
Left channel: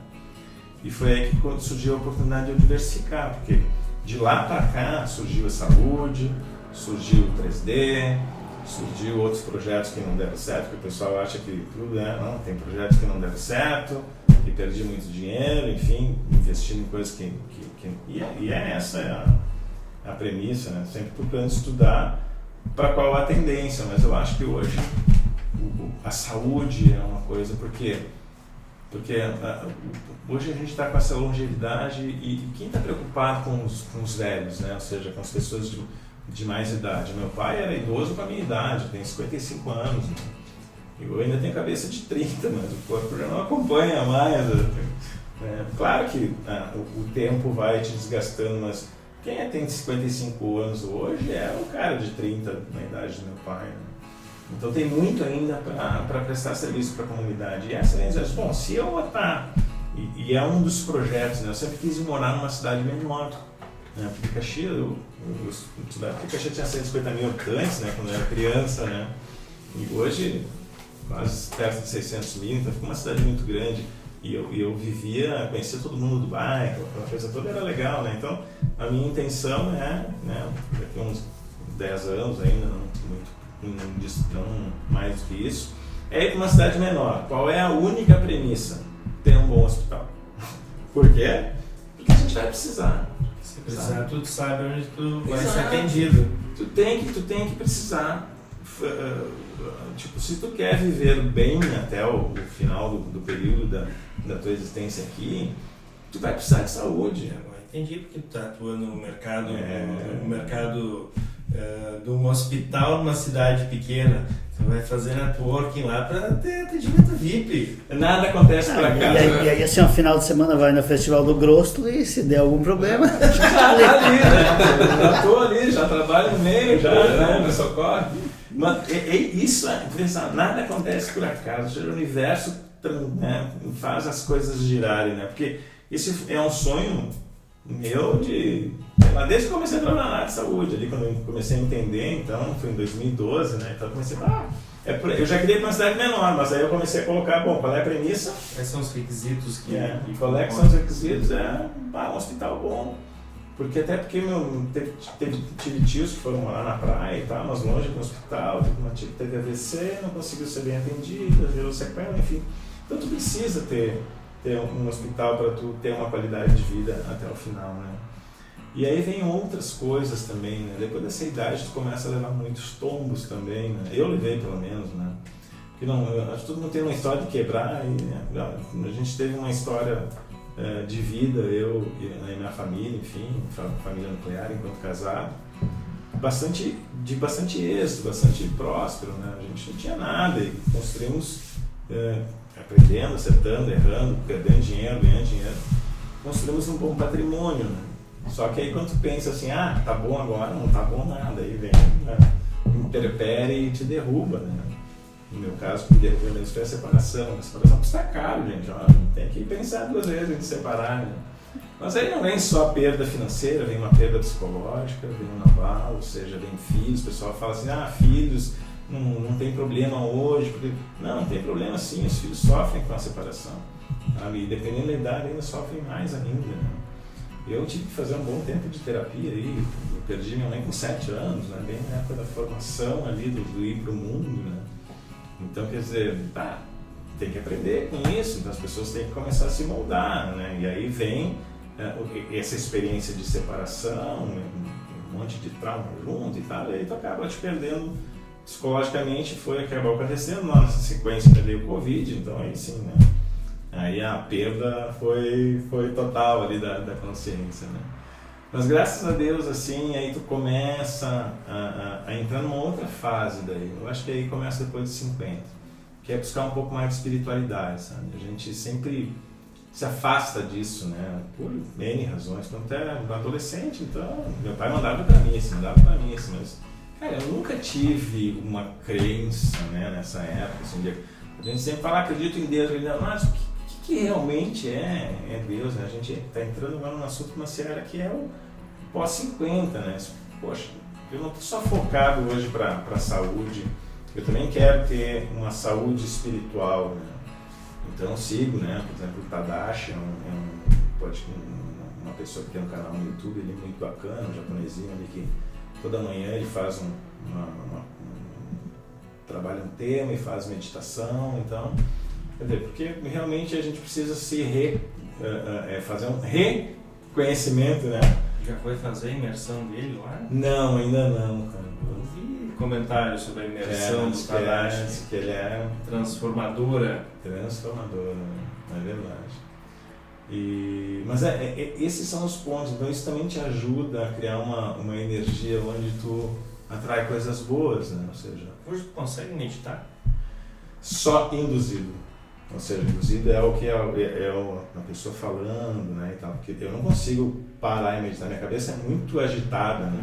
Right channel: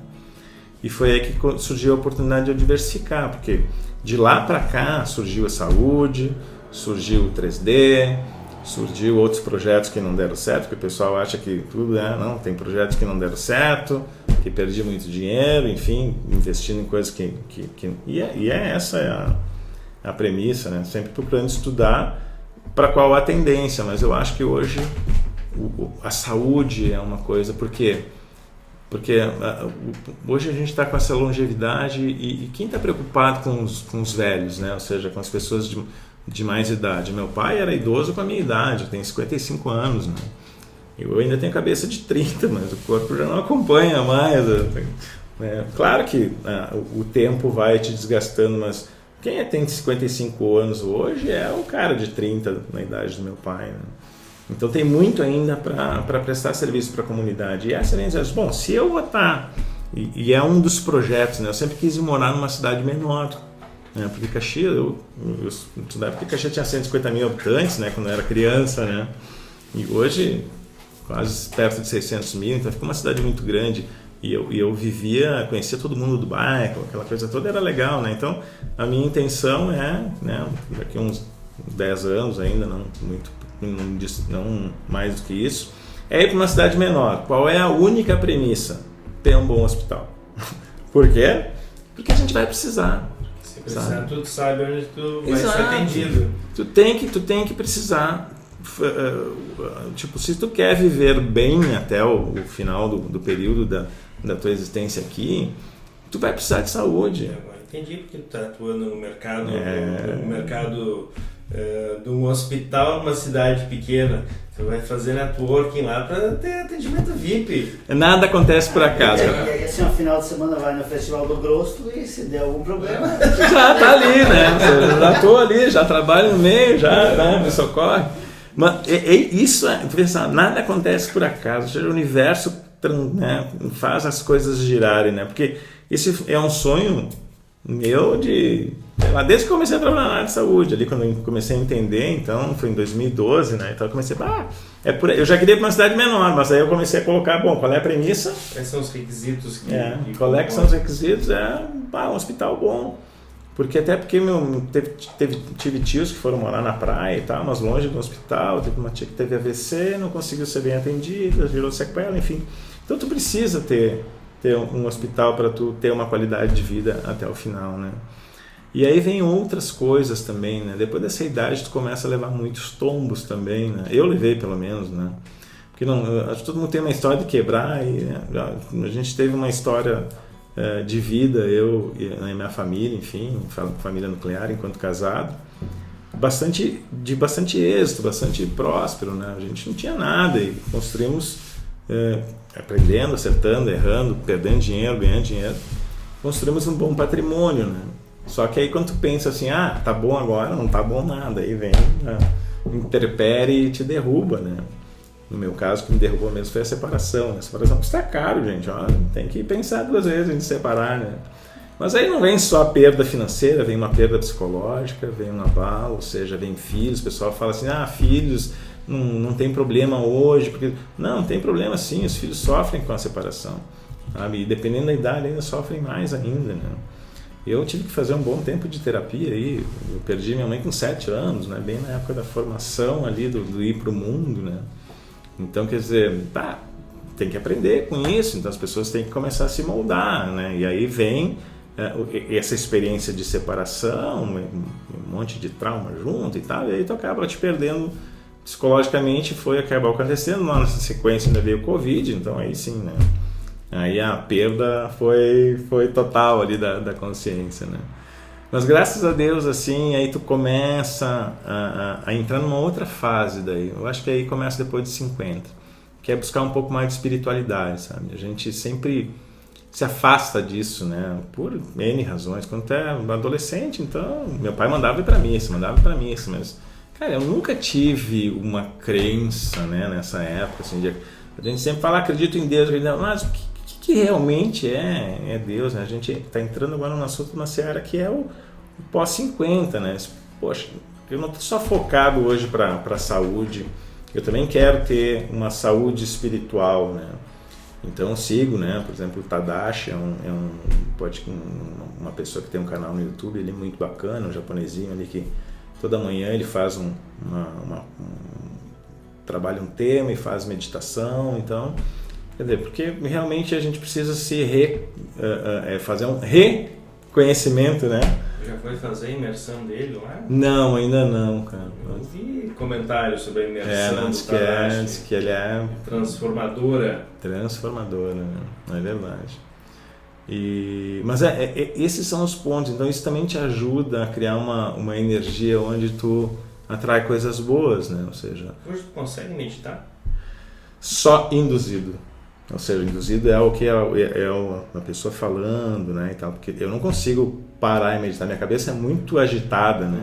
E foi aí que surgiu a oportunidade de eu diversificar, porque de lá para cá surgiu a saúde, surgiu o 3D, surgiu outros projetos que não deram certo, porque o pessoal acha que tudo não, tem projetos que não deram certo, que perdi muito dinheiro, enfim, investindo em coisas e essa a premissa, né? Sempre procurando estudar para qual a tendência, mas eu acho que hoje a saúde é uma coisa, porque hoje a gente está com essa longevidade e quem está preocupado com os velhos, né? Ou seja, com as pessoas de mais idade. Meu pai era idoso com a minha idade, eu tenho 55 anos, né? Eu ainda tenho cabeça de 30, mas o corpo já não acompanha mais. Né? Claro que o tempo vai te desgastando, mas quem tem 55 anos hoje é um cara de 30 na idade do meu pai, né? Então tem muito ainda para prestar serviço para a comunidade. E essa é a excelência. Bom, se eu vou estar, e é um dos projetos, né? Eu sempre quis morar numa cidade menor, né? Porque Caxias, eu estudava porque Caxias tinha 150 mil habitantes, né? Quando eu era criança, né? E hoje quase perto de 600 mil, então fica uma cidade muito grande. E eu conhecia todo mundo do bairro, aquela coisa toda era legal, né? Então, a minha intenção é, né, daqui a uns 10 anos ainda, não mais do que isso, é ir para uma cidade menor. Qual é a única premissa? Ter um bom hospital. Por quê? Porque a gente vai precisar. Se precisar, tu sabe onde tu vai ser atendido. Tu tem que precisar. Tipo, se tu quer viver bem até o final do período da tua existência aqui, tu vai precisar de saúde. Agora entendi porque tu tá atuando no mercado, de um hospital numa cidade pequena. Tu vai fazer networking lá para ter atendimento VIP. Nada acontece por acaso. E aí, assim, no final de semana vai no Festival do Grosso e se der algum problema... Já tá ali, né? Já tô ali, já trabalho no meio, né? Me socorre. Mas isso nada acontece por acaso. Ou seja, o universo, né, faz as coisas girarem, né? Porque esse é um sonho meu desde que eu comecei a trabalhar na área de saúde, ali quando eu comecei a entender, então foi em 2012, né? Então eu comecei, eu já queria ir para uma cidade menor, mas aí eu comecei a colocar, qual é a premissa? Quais são os requisitos qual é que são os requisitos? Um hospital bom. Porque tive tios que foram morar na praia e tal, mas longe do hospital, teve uma tia que teve AVC, não conseguiu ser bem atendida, virou sequela, enfim. Então tu precisa ter um hospital para tu ter uma qualidade de vida até o final, né? E aí vem outras coisas também, né? Depois dessa idade tu começa a levar muitos tombos também, né? Eu levei pelo menos, né? Porque acho que todo mundo tem uma história de quebrar e a gente teve uma história de vida, eu e a minha família, enfim, família nuclear enquanto casado, de bastante êxito, bastante próspero, né? A gente não tinha nada e construímos, aprendendo, acertando, errando, perdendo dinheiro, ganhando dinheiro, construímos um bom patrimônio, né? Só que aí quando tu pensa assim, tá bom agora, não tá bom nada, aí vem interpere e te derruba, né? No meu caso, o que me derrubou mesmo foi a separação. A separação custa caro, gente. Tem que pensar 2 vezes em separar, né? Mas aí não vem só a perda financeira, vem uma perda psicológica, vem um abalo, ou seja, vem filhos. O pessoal fala assim, filhos, não tem problema hoje. Porque... Não tem problema sim, os filhos sofrem com a separação. Sabe? E dependendo da idade, ainda sofrem mais ainda, né? Eu tive que fazer um bom tempo de terapia aí. Eu perdi minha mãe com 7 anos, né? Bem na época da formação ali, do ir para o mundo, né? Então, quer dizer, tem que aprender com isso, então as pessoas têm que começar a se moldar, né? E aí vem essa experiência de separação, um monte de trauma junto e tal, e aí tu acaba te perdendo psicologicamente, acabou acontecendo, nessa sequência ainda veio o Covid, então aí sim, né? Aí a perda foi total ali da consciência, né? Mas graças a Deus, assim, aí tu começa a entrar numa outra fase daí. Eu acho que aí começa depois de 50, que é buscar um pouco mais de espiritualidade, sabe? A gente sempre se afasta disso, né? Por N razões. Quando tu é adolescente, então, meu pai mandava para mim, mas, cara, eu nunca tive uma crença, né, nessa época, assim, a gente sempre fala, acredito em Deus, mas o que realmente é Deus, né? A gente está entrando agora no assunto, uma seara que é o pós-50, né? Poxa, eu não estou só focado hoje para a saúde, eu também quero ter uma saúde espiritual, né? Então eu sigo, né? Por exemplo, o Tadashi uma pessoa que tem um canal no YouTube, ele é muito bacana, um japonesinho ali que toda manhã ele faz trabalha um tema e faz meditação, então... Quer dizer, porque realmente a gente precisa fazer um reconhecimento, né? Já foi fazer a imersão dele lá? Não, ainda não, cara. Eu vi comentários sobre a imersão do Tadashi. Diz que ele é... Transformadora, né? É verdade. Mas esses são os pontos, então isso também te ajuda a criar uma energia onde tu atrai coisas boas, né? Ou seja... Hoje tu consegue meditar? Só induzido. Ou seja, induzido é o que é a pessoa falando, né, e tal, porque eu não consigo parar e meditar, minha cabeça é muito agitada, né,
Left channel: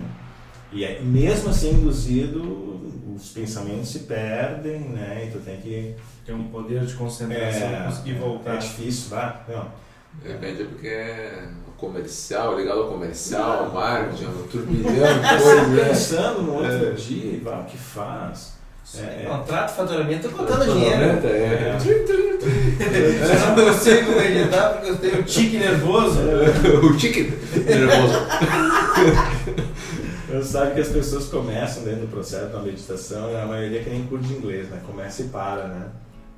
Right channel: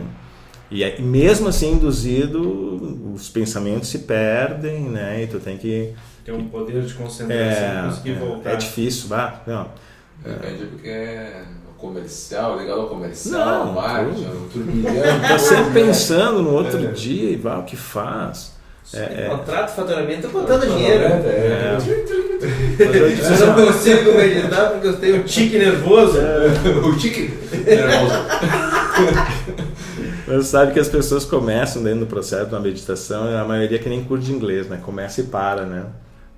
e mesmo assim induzido, os pensamentos se perdem, né, e tu tem que... Tem um poder de concentração, conseguir voltar. É difícil, não. Porque é comercial, ligado ao comercial, marketing, turbilhão. Tá sempre pensando no outro dia, o que faz? Contrato, faturamento, botando dinheiro. Eu Eu não consigo meditar porque eu tenho tique nervoso. O tique nervoso. Mas sabe que as pessoas começam dentro do processo da meditação, a maioria que nem curso de inglês, né? Começa e para, né?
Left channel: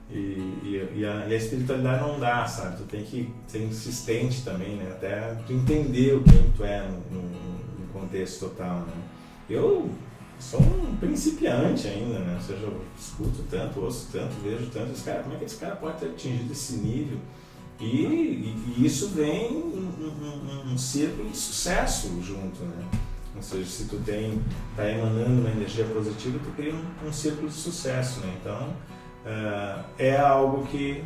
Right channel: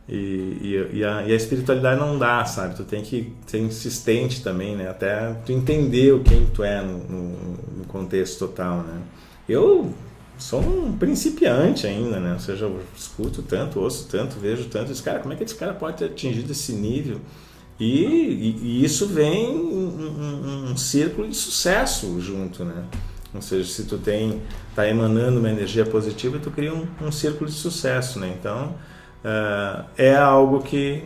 E a espiritualidade não dá, sabe? Tu tem que ser insistente também, né? Até tu entender o quem tu é no contexto total, né? Eu sou um principiante ainda, né? Ou seja, eu escuto tanto, ouço tanto, vejo tanto. Como é que esse cara pode ter atingido esse nível? E isso vem um círculo de sucesso junto, né? Ou seja, se tu tá emanando uma energia positiva, tu cria um círculo de sucesso, né? Então, é algo que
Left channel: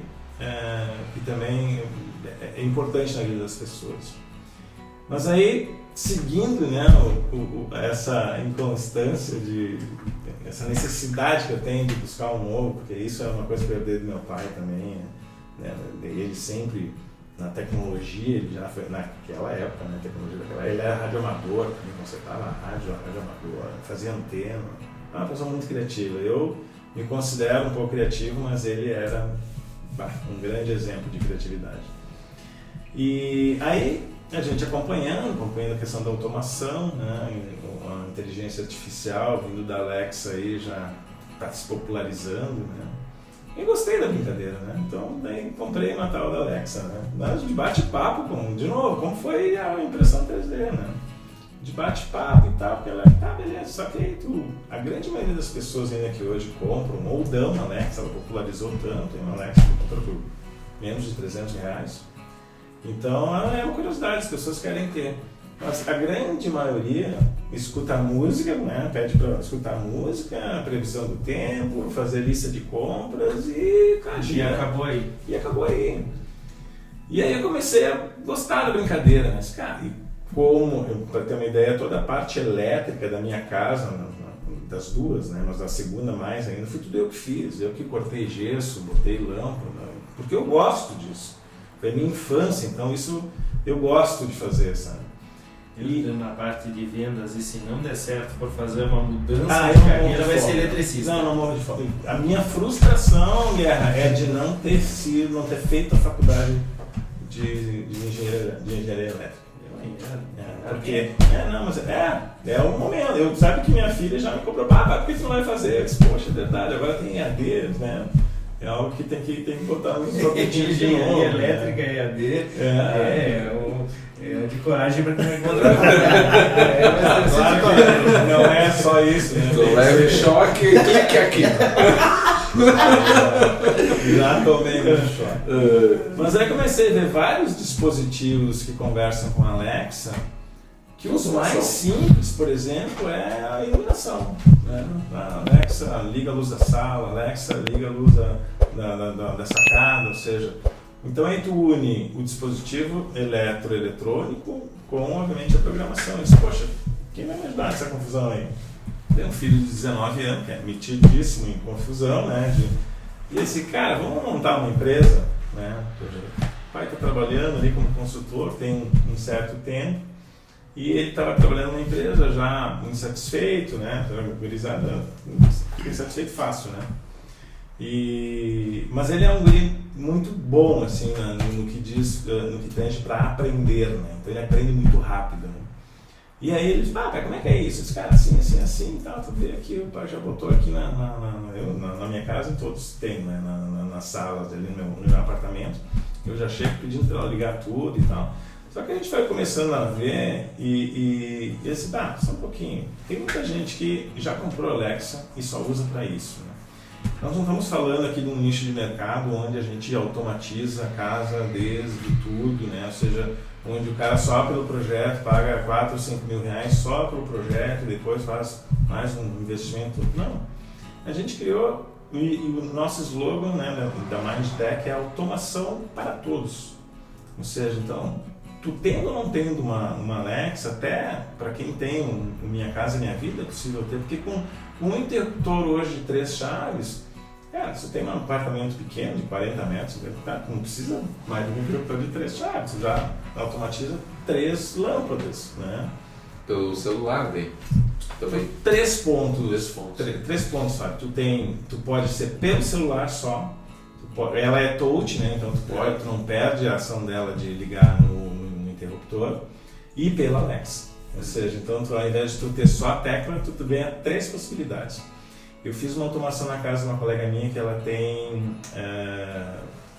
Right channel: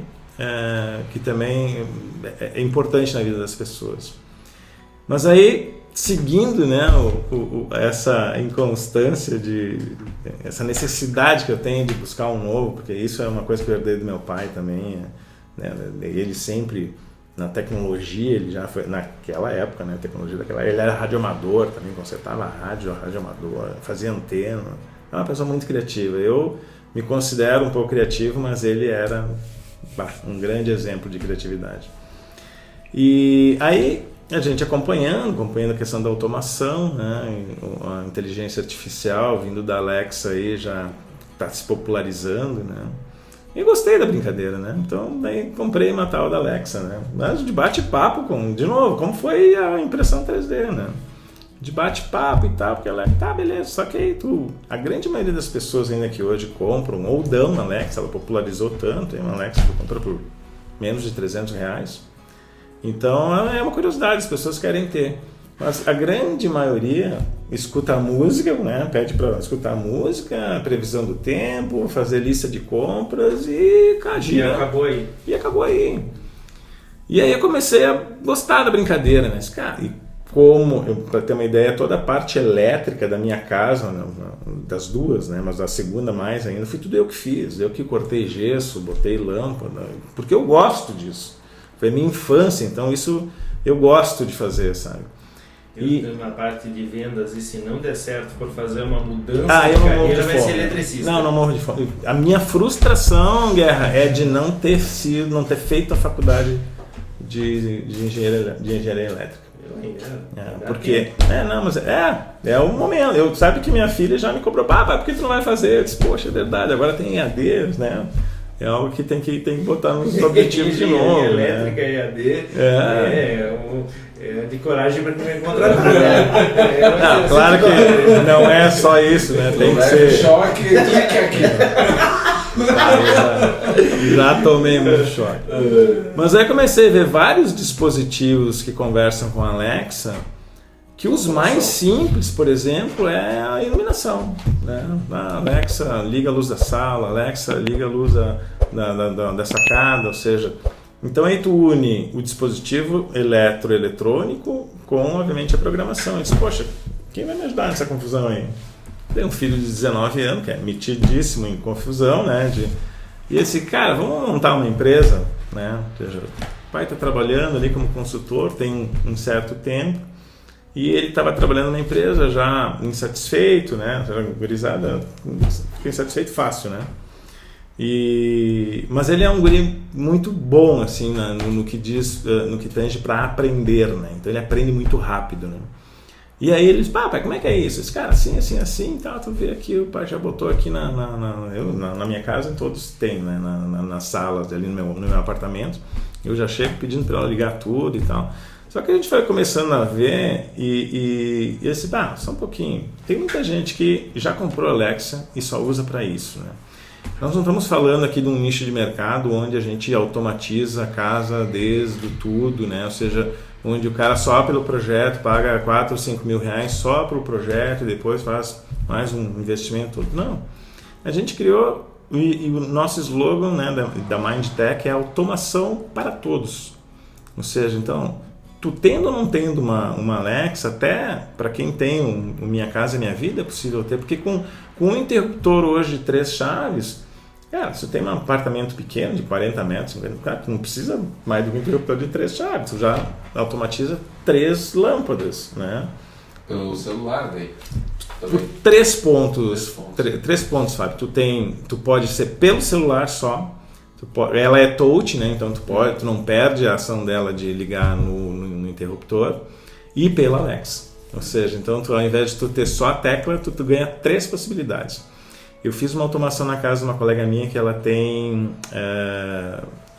também é importante na vida das pessoas. Mas aí, seguindo, né, essa inconstância, essa necessidade que eu tenho de buscar um novo, porque isso é uma coisa que eu herdei do meu pai também, né? Ele sempre, na tecnologia, ele já foi, naquela época, né, tecnologia daquela, ele era radioamador também, consertava radioamador, fazia antena, é uma pessoa muito criativa. Eu me considero um pouco criativo, mas ele era um grande exemplo de criatividade. E aí, a gente acompanhando a questão da automação, né, a inteligência artificial vindo da Alexa aí já está se popularizando, né? E gostei da brincadeira, né? Então, daí comprei uma tal da Alexa, né? Mas de bate-papo, de novo, como foi a impressão 3D, né? De bate-papo e tal, porque ela tá, beleza, só que aí a grande maioria das pessoas ainda que hoje compram ou dão uma Alexa, ela popularizou tanto, tem uma Alexa que compra por menos de R$300. Então, é uma curiosidade, as pessoas querem ter. Mas a grande maioria escuta a música, né? Pede para escutar a música, a previsão do tempo, fazer lista de compras e acabou aí. E aí eu comecei a gostar da brincadeira, né? Cara, para ter uma ideia, toda a parte elétrica da minha casa, das duas, né? Mas a segunda mais ainda, foi tudo eu que fiz. Eu que cortei gesso, botei lâmpada, porque eu gosto disso. Foi minha infância, então isso eu gosto de fazer, sabe? E na parte de vendas, e se não der certo por fazer uma mudança de carreira, vai ser eletricista. Não morro de fome. A minha frustração, Guerra, é de não ter feito a faculdade de engenharia elétrica. Porque é o momento. Sabe que minha filha já me cobrou, por que tu não vai fazer? Eu disse, poxa, é verdade, agora tem EAD, né? É algo que tem que botar no objetivo de novo. Elétrica, né? EAD, é de coragem para me contratar. Não, claro que não é só isso, né? Tem que ser choque, clique aqui. Já tomei muito choque. Mas aí comecei a ver vários dispositivos que conversam com a Alexa, que os mais simples, por exemplo, é a iluminação, né? A Alexa liga a luz da sala, a Alexa liga a luz da sacada, ou seja, então aí tu une o dispositivo eletrônico com, obviamente, a programação. Eu disse, poxa, quem vai me ajudar nessa confusão aí? Tem um filho de 19 anos, que é metidíssimo em confusão, né? E esse cara, vamos montar uma empresa, né? Ou seja, o pai está trabalhando ali como consultor, tem um certo tempo, e ele estava trabalhando numa empresa já insatisfeito, né? Gurizada, fica insatisfeito fácil, né? Mas ele é um guri muito bom, assim, no que tange para aprender, né? Então ele aprende muito rápido, né? E aí ele diz, pai, como é que é isso? Esse cara, assim, e tal, tu vê aqui, o pai já botou aqui na minha casa, todos têm, né? Nas salas ali no meu apartamento, eu já chego pedindo para ela ligar tudo e tal. Só que a gente foi começando a ver e assim, só um pouquinho. Tem muita gente que já comprou Alexa e só usa para isso, né? Nós não estamos falando aqui de um nicho de mercado onde a gente automatiza a casa desde tudo, né? Ou seja, onde o cara só pelo projeto paga 4 ou 5 mil reais só pelo projeto e depois faz mais um investimento. Não. A gente criou, e o nosso slogan, né, da Mindtech é automação para todos. Ou seja, então, tu tendo ou não tendo uma Alexa, até para quem tem o Minha Casa Minha Vida é possível ter, porque com um interruptor hoje de 3 chaves, se tem um apartamento pequeno de 40 metros, 50 metros, tu não precisa mais de um interruptor de 3 chaves, tu já automatiza 3 lâmpadas, né? Pelo celular daí. também. Três pontos, Fábio. Tu pode ser pelo celular só. Ela é touch, né? Então tu não perde a ação dela de ligar no interruptor. E pela Alexa. Ou seja, então ao invés de tu ter só a tecla, tu ganha 3 possibilidades. Eu fiz uma automação na casa de uma colega minha que ela tem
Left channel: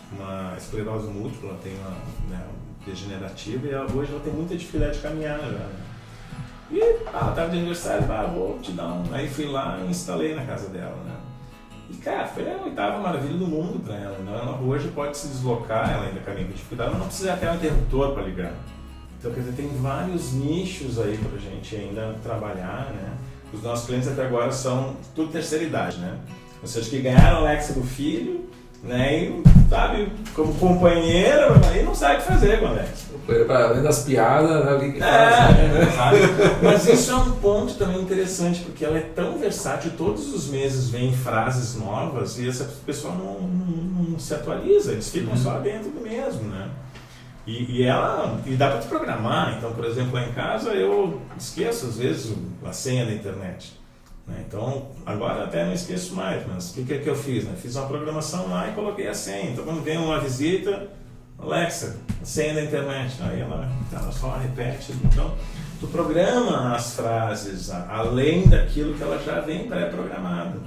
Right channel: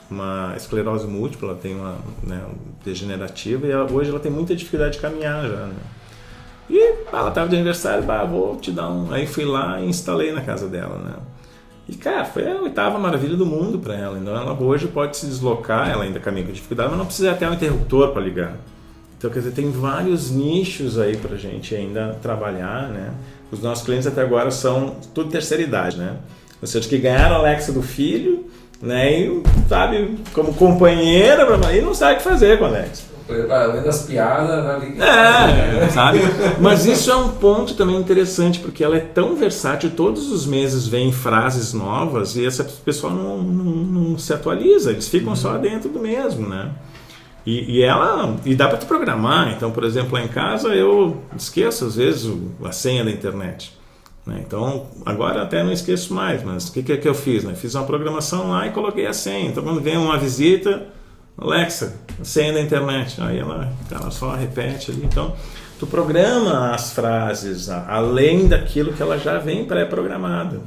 uma esclerose múltipla, ela tem uma degenerativa e hoje ela tem muita dificuldade de caminhar já. Né? E ela estava de aniversário, vou te dar um... Aí fui lá e instalei na casa dela, né? E cara, foi a 8ª maravilha do mundo para ela. Então ela hoje pode se deslocar, ela ainda caminha com dificuldade, mas não precisa até um interruptor para ligar. Então, quer dizer, tem vários nichos aí pra gente ainda trabalhar, né? Os nossos clientes até agora são tudo terceira idade, né? Ou seja, que ganharam a Alexa do filho, né? E, sabe, como companheira, e não sabe o que fazer com a Alexa. Além das piadas, Sabe? Mas isso é um ponto também interessante, porque ela é tão versátil, todos os meses vem frases novas e essa pessoa não se atualiza, eles ficam só dentro do mesmo, né? E dá para te programar. Então, por exemplo, lá em casa eu esqueço às vezes a senha da internet, né? Então agora até não esqueço mais, mas o que eu fiz, né? Fiz uma programação lá e coloquei a senha. Então quando vem uma visita, Alexa, a senha da internet, aí ela só repete ali. Então tu programa as frases além daquilo que ela já vem pré-programada.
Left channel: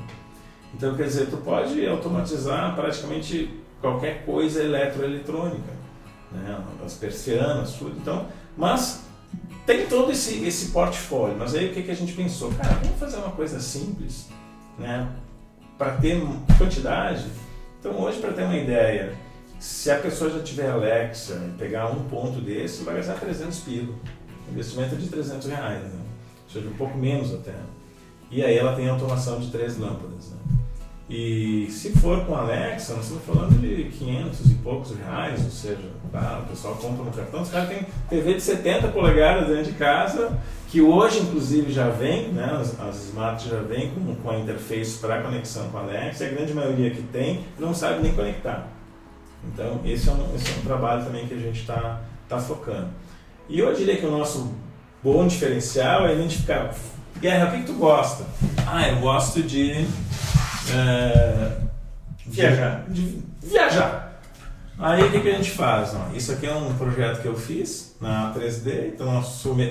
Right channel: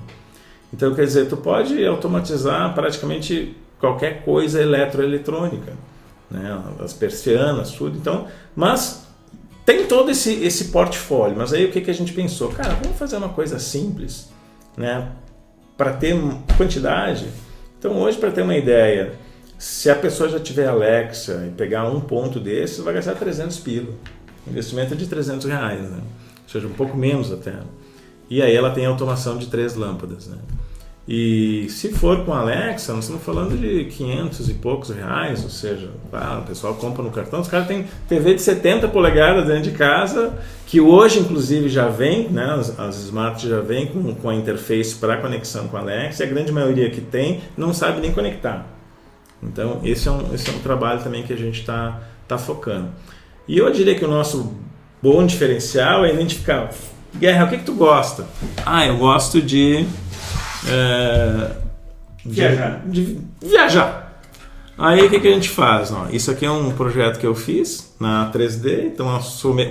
Então quer dizer, tu pode automatizar praticamente qualquer coisa eletroeletrônica, né? As persianas, tudo. Então, mas tem todo esse portfólio. Mas aí o que a gente pensou? Cara, vamos fazer uma coisa simples, né? Para ter quantidade. Então hoje, para ter uma ideia, se a pessoa já tiver Alexa e pegar um ponto desse, vai gastar 300 pila. Investimento de R$300, né? Ou seja, um pouco menos até. E aí ela tem automação de 3 lâmpadas, né? E se for com a Alexa, nós estamos falando de 500 e poucos reais, ou seja, o pessoal compra no cartão. Os caras têm TV de 70 polegadas dentro de casa, que hoje inclusive já vem, né, as Smart já vêm com a interface para conexão com a Alexa, e a grande maioria que tem não sabe nem conectar. Então esse é um trabalho também que a gente está focando. E eu diria que o nosso bom diferencial é identificar: Guerra, o que tu gosta? Eu gosto de viajar. Aí o que a gente faz? Isso aqui é um projeto que eu fiz na 3D, então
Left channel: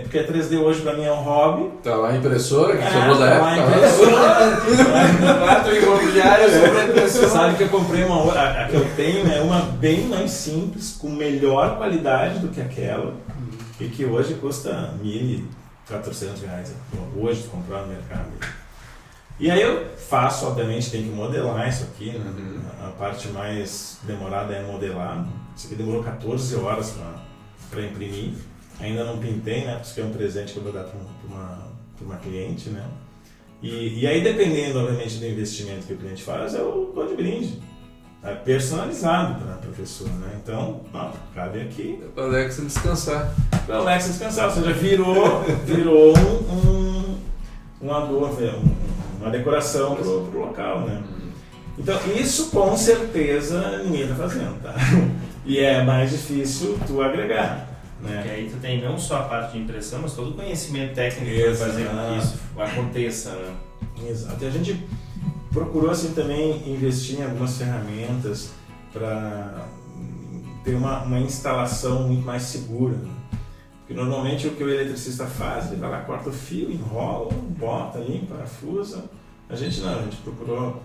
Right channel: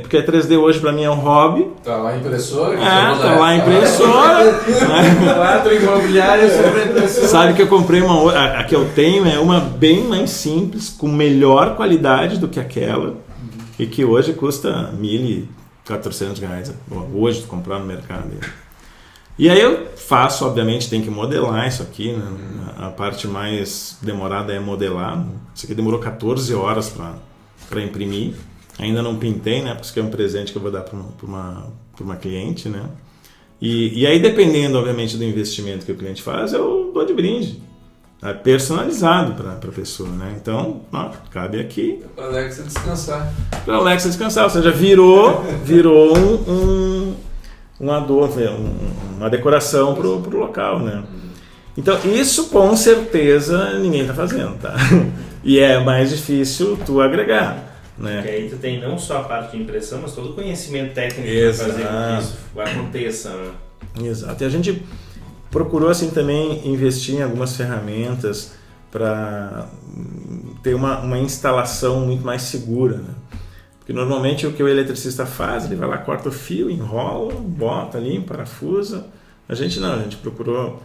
porque a 3D hoje para mim é um hobby. Tá lá a impressora? Tá lá a impressora. Sabe que eu comprei a que eu tenho é uma bem mais simples, com melhor qualidade do que aquela, e que hoje custa R$1.400 hoje de comprar no mercado. E aí eu faço, obviamente, tem que modelar isso aqui, né? A parte mais demorada é modelar. Isso aqui demorou 14 horas para imprimir. Ainda não pintei, né? Porque isso aqui é um presente que eu vou dar para uma cliente, né? E aí, dependendo, obviamente, do investimento que o cliente faz, eu dou de brinde. Tá? Personalizado para a pessoa, né? Então, cabe aqui. Para a Alexa descansar. Para a Alexa descansar, ou seja, virou uma decoração pro local, né? Então isso com certeza ninguém está fazendo, tá? E é mais difícil tu agregar, né? Porque aí tu tem não só a parte de impressão, mas todo o conhecimento técnico para fazer com que isso aconteça, né? Exato. E a gente procurou assim também investir em algumas ferramentas para ter uma instalação muito mais segura, né? Porque normalmente o que o eletricista faz, ele vai lá, corta o fio, enrola, bota ali, parafusa. A gente não, a gente procurou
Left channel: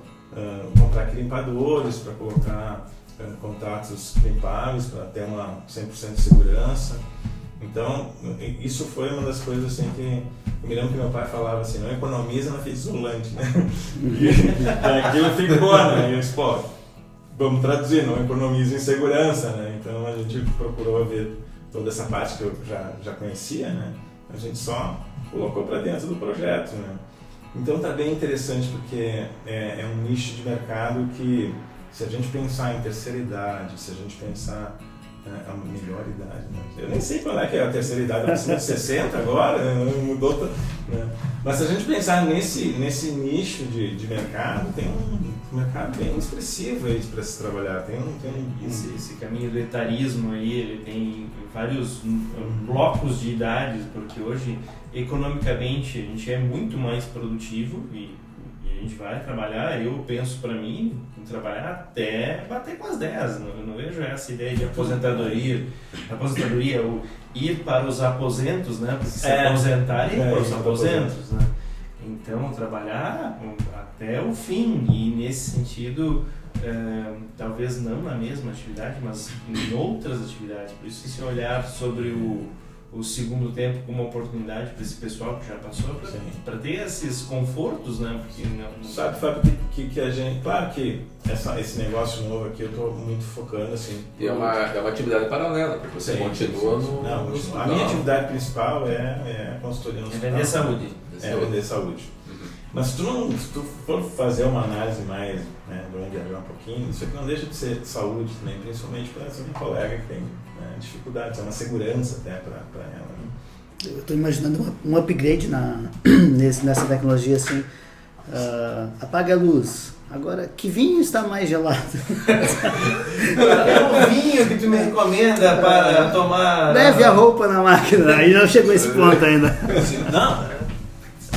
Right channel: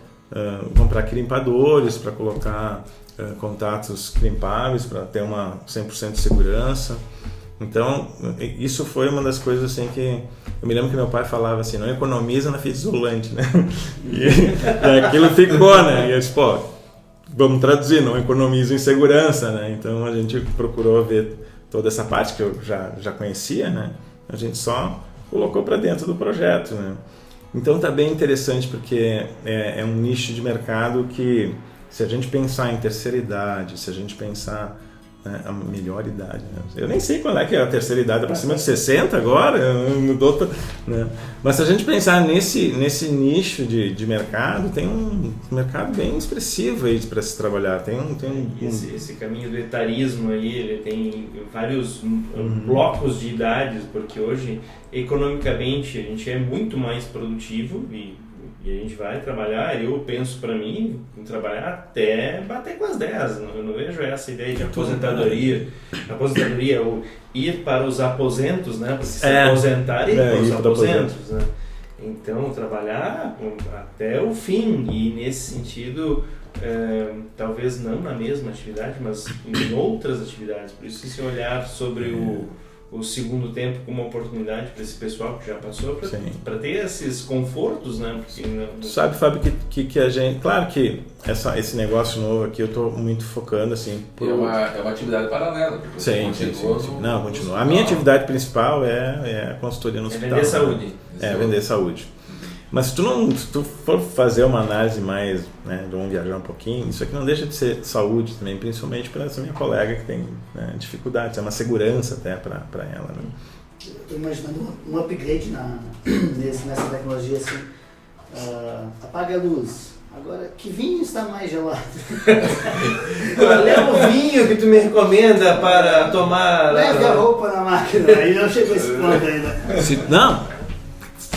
comprar crimpadores para colocar contatos crimpáveis para ter uma 100% de segurança. Então, isso foi uma das coisas assim que eu me lembro que meu pai falava assim: não economiza na fita isolante, né? E aquilo ficou, né? E eu disse, vamos traduzir, não economiza em segurança, né? Então a gente procurou ver toda essa parte que eu já conhecia, né? A gente só colocou para dentro do projeto, né? Então está bem interessante, porque é um nicho de mercado que, se a gente pensar em terceira idade, se a gente pensar A melhor idade, né? Eu nem sei qual é que é a terceira idade, acima de 60 agora, mudou, né? Mas se a gente pensar nesse nicho de mercado, tem um mercado bem expressivo aí para se trabalhar. Esse caminho do etarismo ali, ele tem vários blocos de idades, porque hoje, economicamente, a gente é muito mais produtivo e a gente vai trabalhar, eu penso para mim, em trabalhar até bater com as 10, eu não vejo essa ideia de aposentadoria, ou ir para os aposentos, né, se aposentar e ir para os aposentos, né? Então, trabalhar até o fim, e nesse sentido, talvez não na mesma atividade, mas em outras atividades, por isso que se olhar sobre o segundo tempo como uma oportunidade para esse pessoal que já passou, para ter esses confortos, né? Porque Sabe, Fábio, que a gente... Claro que esse negócio novo aqui eu estou muito focando, assim... É uma atividade paralela, porque você continua... Não, continua. A minha atividade principal é a consultoria no hospital. Vender saúde. Vender saúde. Mas se tu for fazer uma análise mais, né, vamos viajar um pouquinho, isso aqui não deixa de ser saúde também, principalmente para essa minha colega que tem, né, dificuldades, é uma segurança até para ela. Né? Eu estou imaginando um upgrade nessa tecnologia assim, apaga a luz, agora que vinho está mais gelado? Qual é o vinho que tu me recomenda para tomar? Leve a roupa na máquina, aí não chegou esse ponto ainda. Não,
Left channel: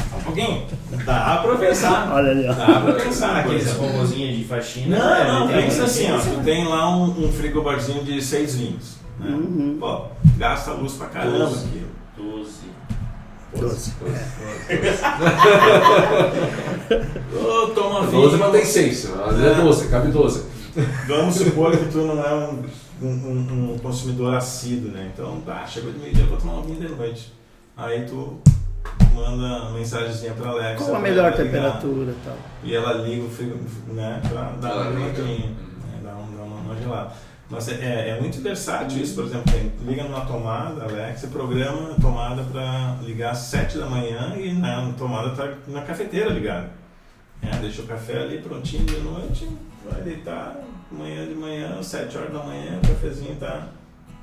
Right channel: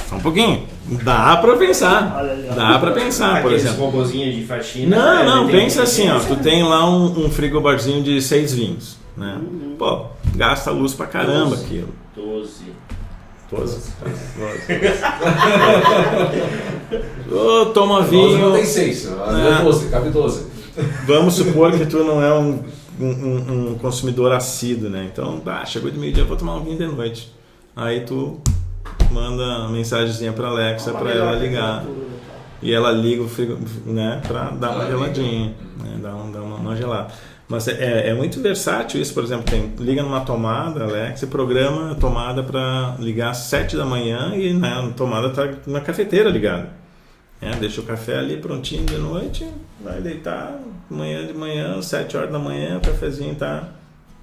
só um pouquinho. Dá pra pensar. Olha ali, ó. Dá pra pensar, por Aqueles exemplo. robozinhos de faxina. Não, pensa assim, ó. Tu tem lá um frigobarzinho de 6 vinhos, né? Pô, gasta luz pra caramba aquilo. 12. Toma 12 vinho. não tem 6, é 12, cabe 12. Vamos supor que tu não é um consumidor assíduo, né? Então, chegou de meio-dia, vou tomar um vinho de noite. Aí tu manda mensagenzinha pra Alexa pra ela ligar. E ela liga o frigo, né, pra dar uma geladinha, né, dar uma gelada. Mas é muito versátil isso, por exemplo, liga numa tomada, Alexa, programa a tomada para ligar às 7 da manhã e a tomada tá na cafeteira ligada. Deixa o café ali prontinho de noite, vai deitar, de manhã, 7 horas da manhã, o cafezinho tá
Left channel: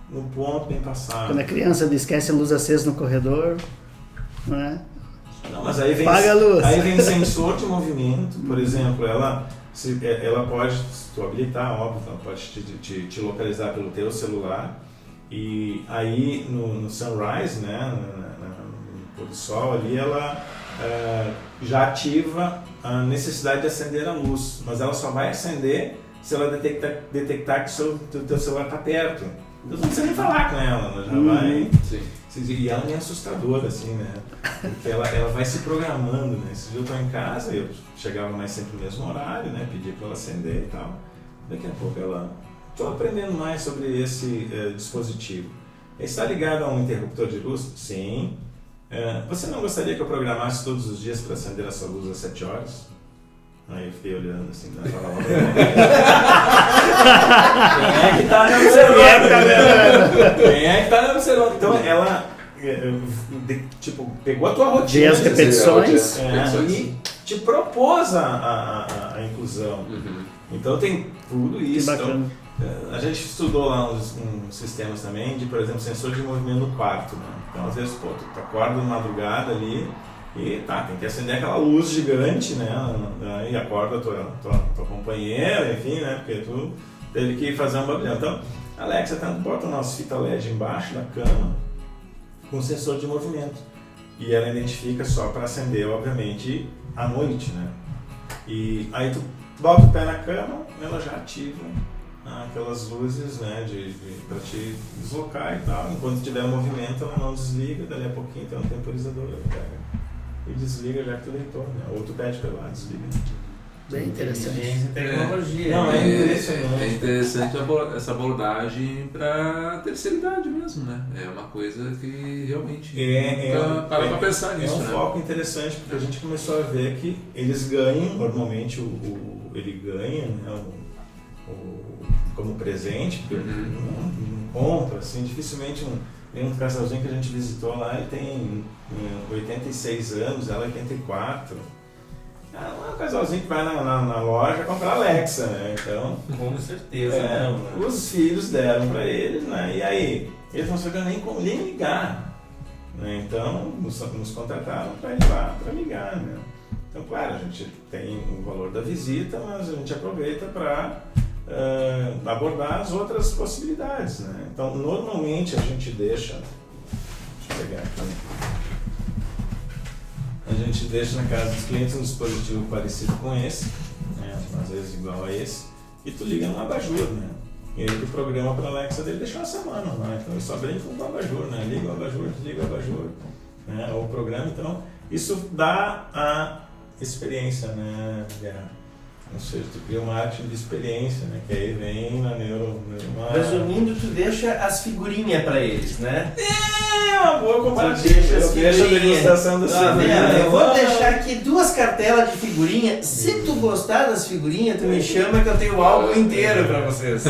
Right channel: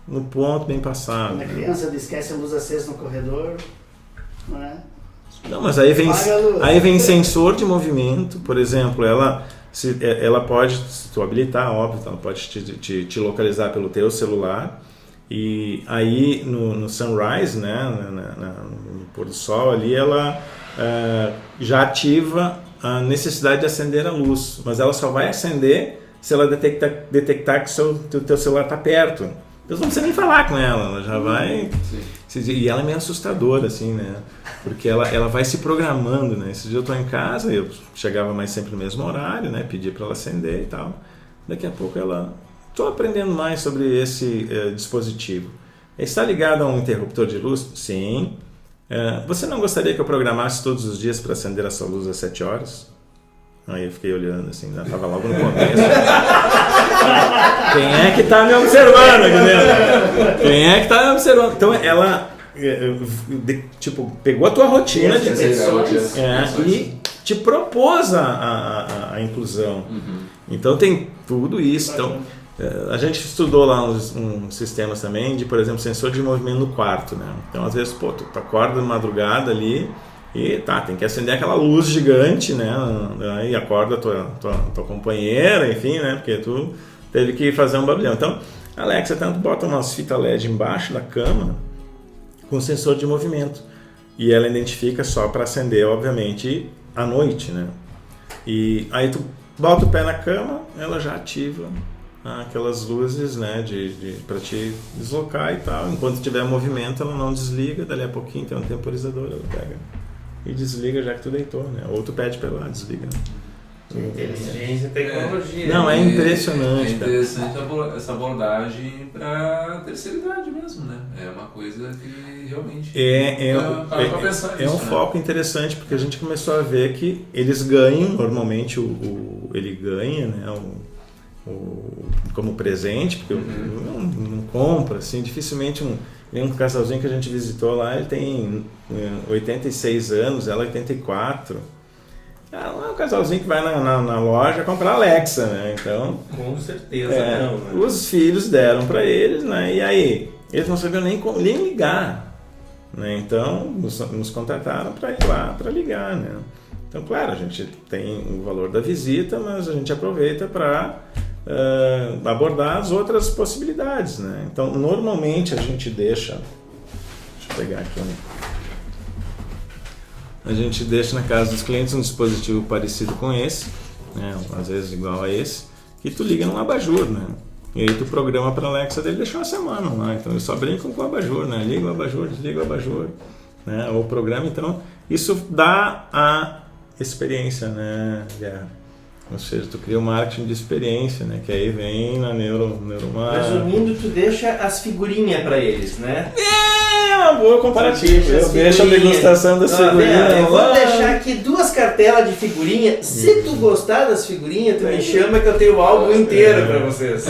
no ponto, bem passado. Quando a criança esquece a luz acesa no corredor, não é? Não, mas aí vem sensor de movimento, por exemplo, ela pode, se tu habilitar, óbvio, ela pode te localizar pelo teu celular, e aí no sunrise, né, no pôr do sol ali, ela já ativa a necessidade de acender a luz, mas ela só vai acender se ela detectar que o teu celular está perto. Então não precisa nem falar com ela já vai... E ela é meio assustadora, assim, né? Porque ela vai se programando, né? Esse dia eu estou em casa, eu chegava mais sempre no mesmo horário, né? Pedia para ela acender e tal. Daqui a pouco estou aprendendo mais sobre esse dispositivo. Ele está ligado a um interruptor de luz? Sim. Você não gostaria que eu programasse todos os dias para acender a sua luz às 7 horas? Aí eu fiquei olhando assim, estava logo no começo. Quem é que está me observando? Quem é que está me observando? Então ela, pegou a tua rotina de repetições e te propôs a inclusão. Então tem tudo isso. Então, a gente estudou lá uns sistemas também de, por exemplo, sensor de movimento no quarto, né? Então às vezes, tu acorda de madrugada ali, e tem que acender aquela luz gigante, né? Aí acorda a tua companheira, enfim, né? Porque tu teve que fazer um barulhão. Então, a Alexa tanto bota umas fitas LED embaixo da cama com sensor de movimento. E ela identifica só para acender, obviamente, à noite, né? E aí tu bota o pé na cama, ela já ativa aquelas luzes, né? Para te deslocar e tal. Enquanto tiver movimento, ela não desliga. Dali a pouquinho tem um temporizador, ela pega e desliga já que tu deitou, né? Ou tu pede pra ela, desliga. É interessante. Inteligência e tecnologia. Não, é impressionante. É interessante essa abordagem para terceira idade mesmo, né? É uma coisa que realmente é um foco interessante, porque a gente começou a ver que eles ganham, normalmente ele ganha, né? Como presente, porque não compra, assim, dificilmente tem um casalzinho que a gente visitou lá, ele tem 86 anos, ela 84, não é um casalzinho que vai na loja comprar Alexa, né? Então, Com certeza não, né? os filhos deram para eles, né? E aí, eles não sabiam nem ligar, né? Então, nos contrataram para ir lá para ligar, né? Então, claro, a gente tem o valor da visita, mas a gente aproveita para abordar as outras possibilidades, né? Então, normalmente a gente deixa eu pegar aqui, né? A gente deixa na casa dos clientes um dispositivo parecido com esse, né? Às vezes igual a esse, e tu liga no abajur, né? E aí tu programa para a Alexa dele deixar uma semana lá, então eles só brincam com o abajur, né? Liga o abajur, desliga o abajur, né? Ou programa, então isso dá a experiência, né? Ou seja, tu cria um marketing de experiência, né? Que aí vem na neuromarketing. Resumindo, tu deixa as figurinhas para eles, né? É uma boa comparativa. Eu deixo a degustação das figurinhas. Eu vou deixar aqui 2 cartelas de figurinha. Se tu gostar das figurinhas, tu me chama que eu tenho o álbum inteiro para vocês.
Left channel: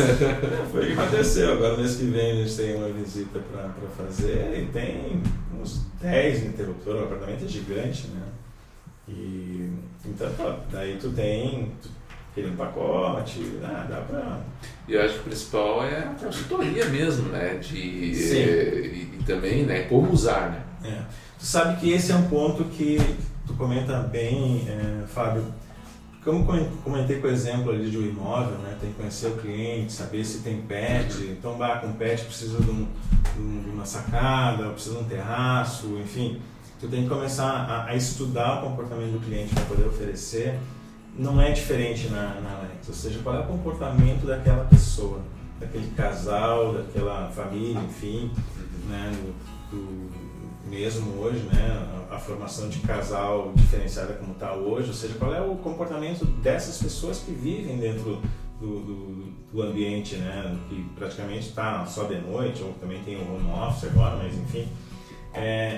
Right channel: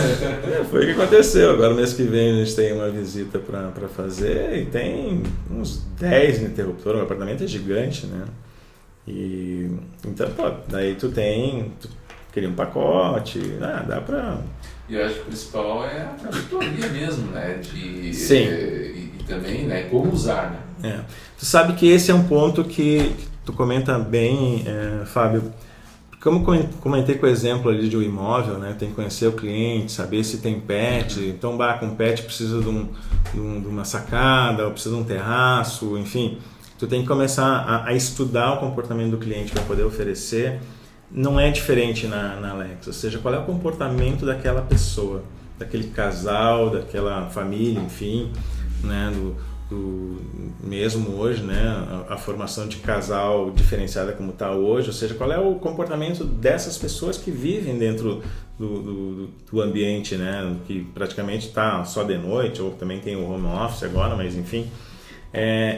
Foi o que aconteceu. Agora, mês que vem, a gente tem uma visita para fazer e tem uns 10 interruptores. O apartamento é gigante, né? E então, pô, daí tu cria um pacote, dá pra... E eu acho que o principal é a auditoria mesmo, né? Sim. E também, né? Como usar, né? Tu sabe que esse é um ponto que tu comenta bem, Fábio. Como comentei com o exemplo ali de um imóvel, né? Tem que conhecer o cliente, saber se tem pet. Então, com pet precisa de uma sacada, ou precisa de um terraço, enfim... Tu tem que começar a estudar o comportamento do cliente para poder oferecer. Não é diferente na Alexa, ou seja, qual é o comportamento daquela pessoa, daquele casal, daquela família, enfim, né, mesmo hoje, né, a formação de casal diferenciada como está hoje, ou seja, qual é o comportamento dessas pessoas que vivem dentro do ambiente, né, que praticamente está só de noite, ou também tem o home office agora, mas enfim.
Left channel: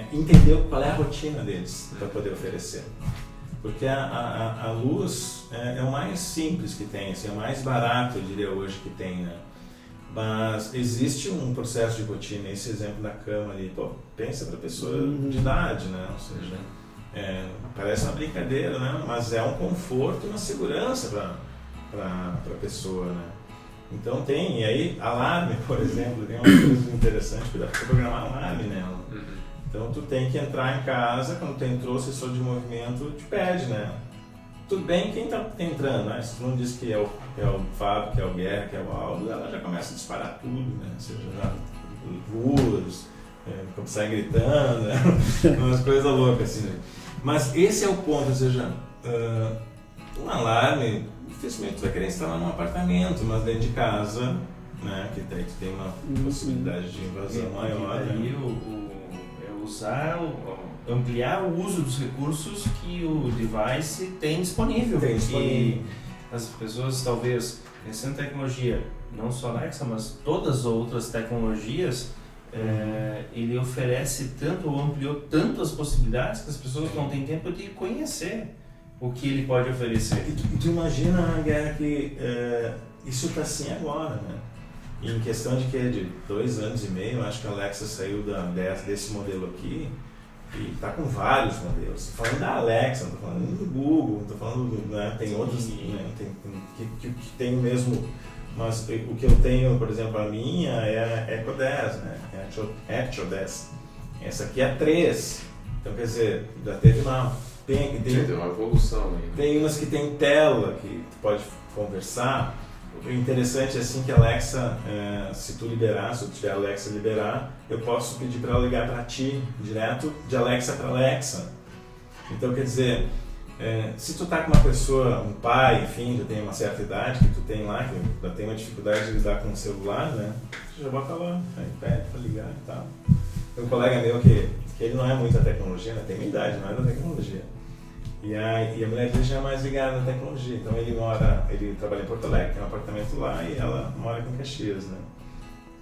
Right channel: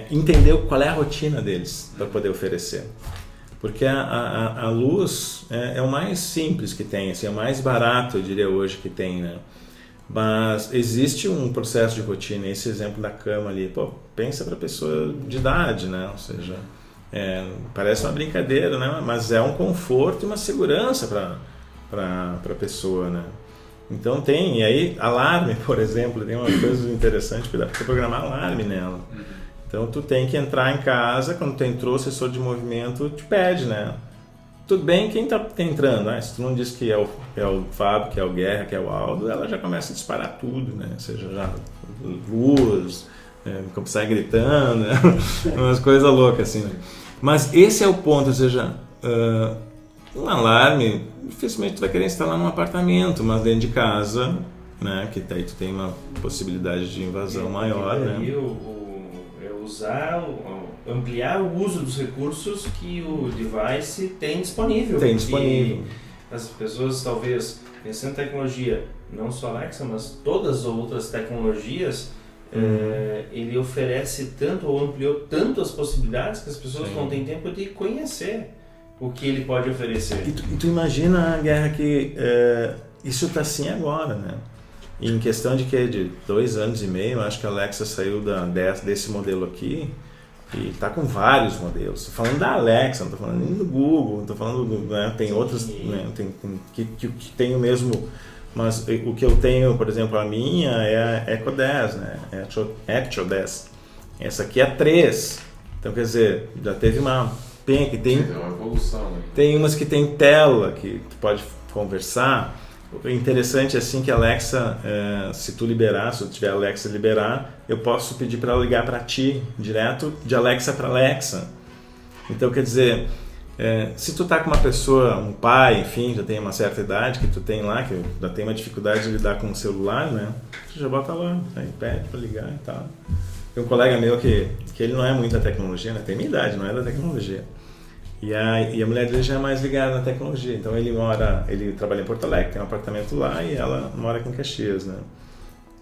Entender qual é a rotina deles para poder oferecer, porque a luz é o mais simples que tem, assim, é o mais barato, eu diria hoje que tem, né? Mas existe um processo de rotina. Esse exemplo da cama ali, pô, pensa para pessoa de idade, né? Ou seja, parece uma brincadeira, né? Mas é um conforto e uma segurança para a pessoa, né? Então e aí alarme, por exemplo, tem uma coisa interessante que dá para programar alarme nela. Então tu tem que entrar em casa, quando tu entrou, o sensor de movimento te pede, né? Tudo bem, quem tá entrando? Se tu não diz que é o Fábio, que é o Guerra, que é o Aldo, ela já começa a disparar tudo, né? Ou seja, já luz, sai gritando, né? Umas coisas loucas assim, né? Mas esse é o ponto, ou seja, um alarme, dificilmente tu vai querer instalar num apartamento, mas dentro de casa, né? Que daí tu tem uma possibilidade de invasão maior, né? Ampliar o uso dos recursos que o device tem disponível. As pessoas talvez pensando em tecnologia, não só Alexa, mas todas as outras tecnologias, ele oferece tanto ou ampliou tanto as possibilidades que as pessoas não têm tempo de conhecer o que ele pode oferecer. E tu imagina, Guerra, que isso está assim agora, né? Em questão de 2 anos e meio, acho que a Alexa saiu desse modelo aqui e está com vários modelos. Estou falando da Alexa, não estou falando nem do Google, não estou falando tem outros, né, que tem o mesmo, mas o que eu tenho, por exemplo, a minha é a Echo 10, né? Echo 10. Essa aqui é a 3, então quer dizer, já teve uma evolução. Tem umas que tem tela, que tu pode conversar. O interessante é assim que a Alexa, se tu tiver a Alexa liberar, eu posso pedir para ela ligar para ti, direto de Alexa para Alexa. Então, quer dizer, se tu tá com uma pessoa, um pai, enfim, já tem uma certa idade, que tu tem lá, que já tem uma dificuldade de lidar com o celular, né? Tu já bota lá, aí pede para ligar e tal. Tem um colega meu que ele não é muito da tecnologia, né? Tem minha idade, não é da tecnologia. E a mulher dele já é mais ligada na tecnologia, então ele trabalha em Porto Alegre, tem um apartamento lá e ela mora aqui em Caxias, né?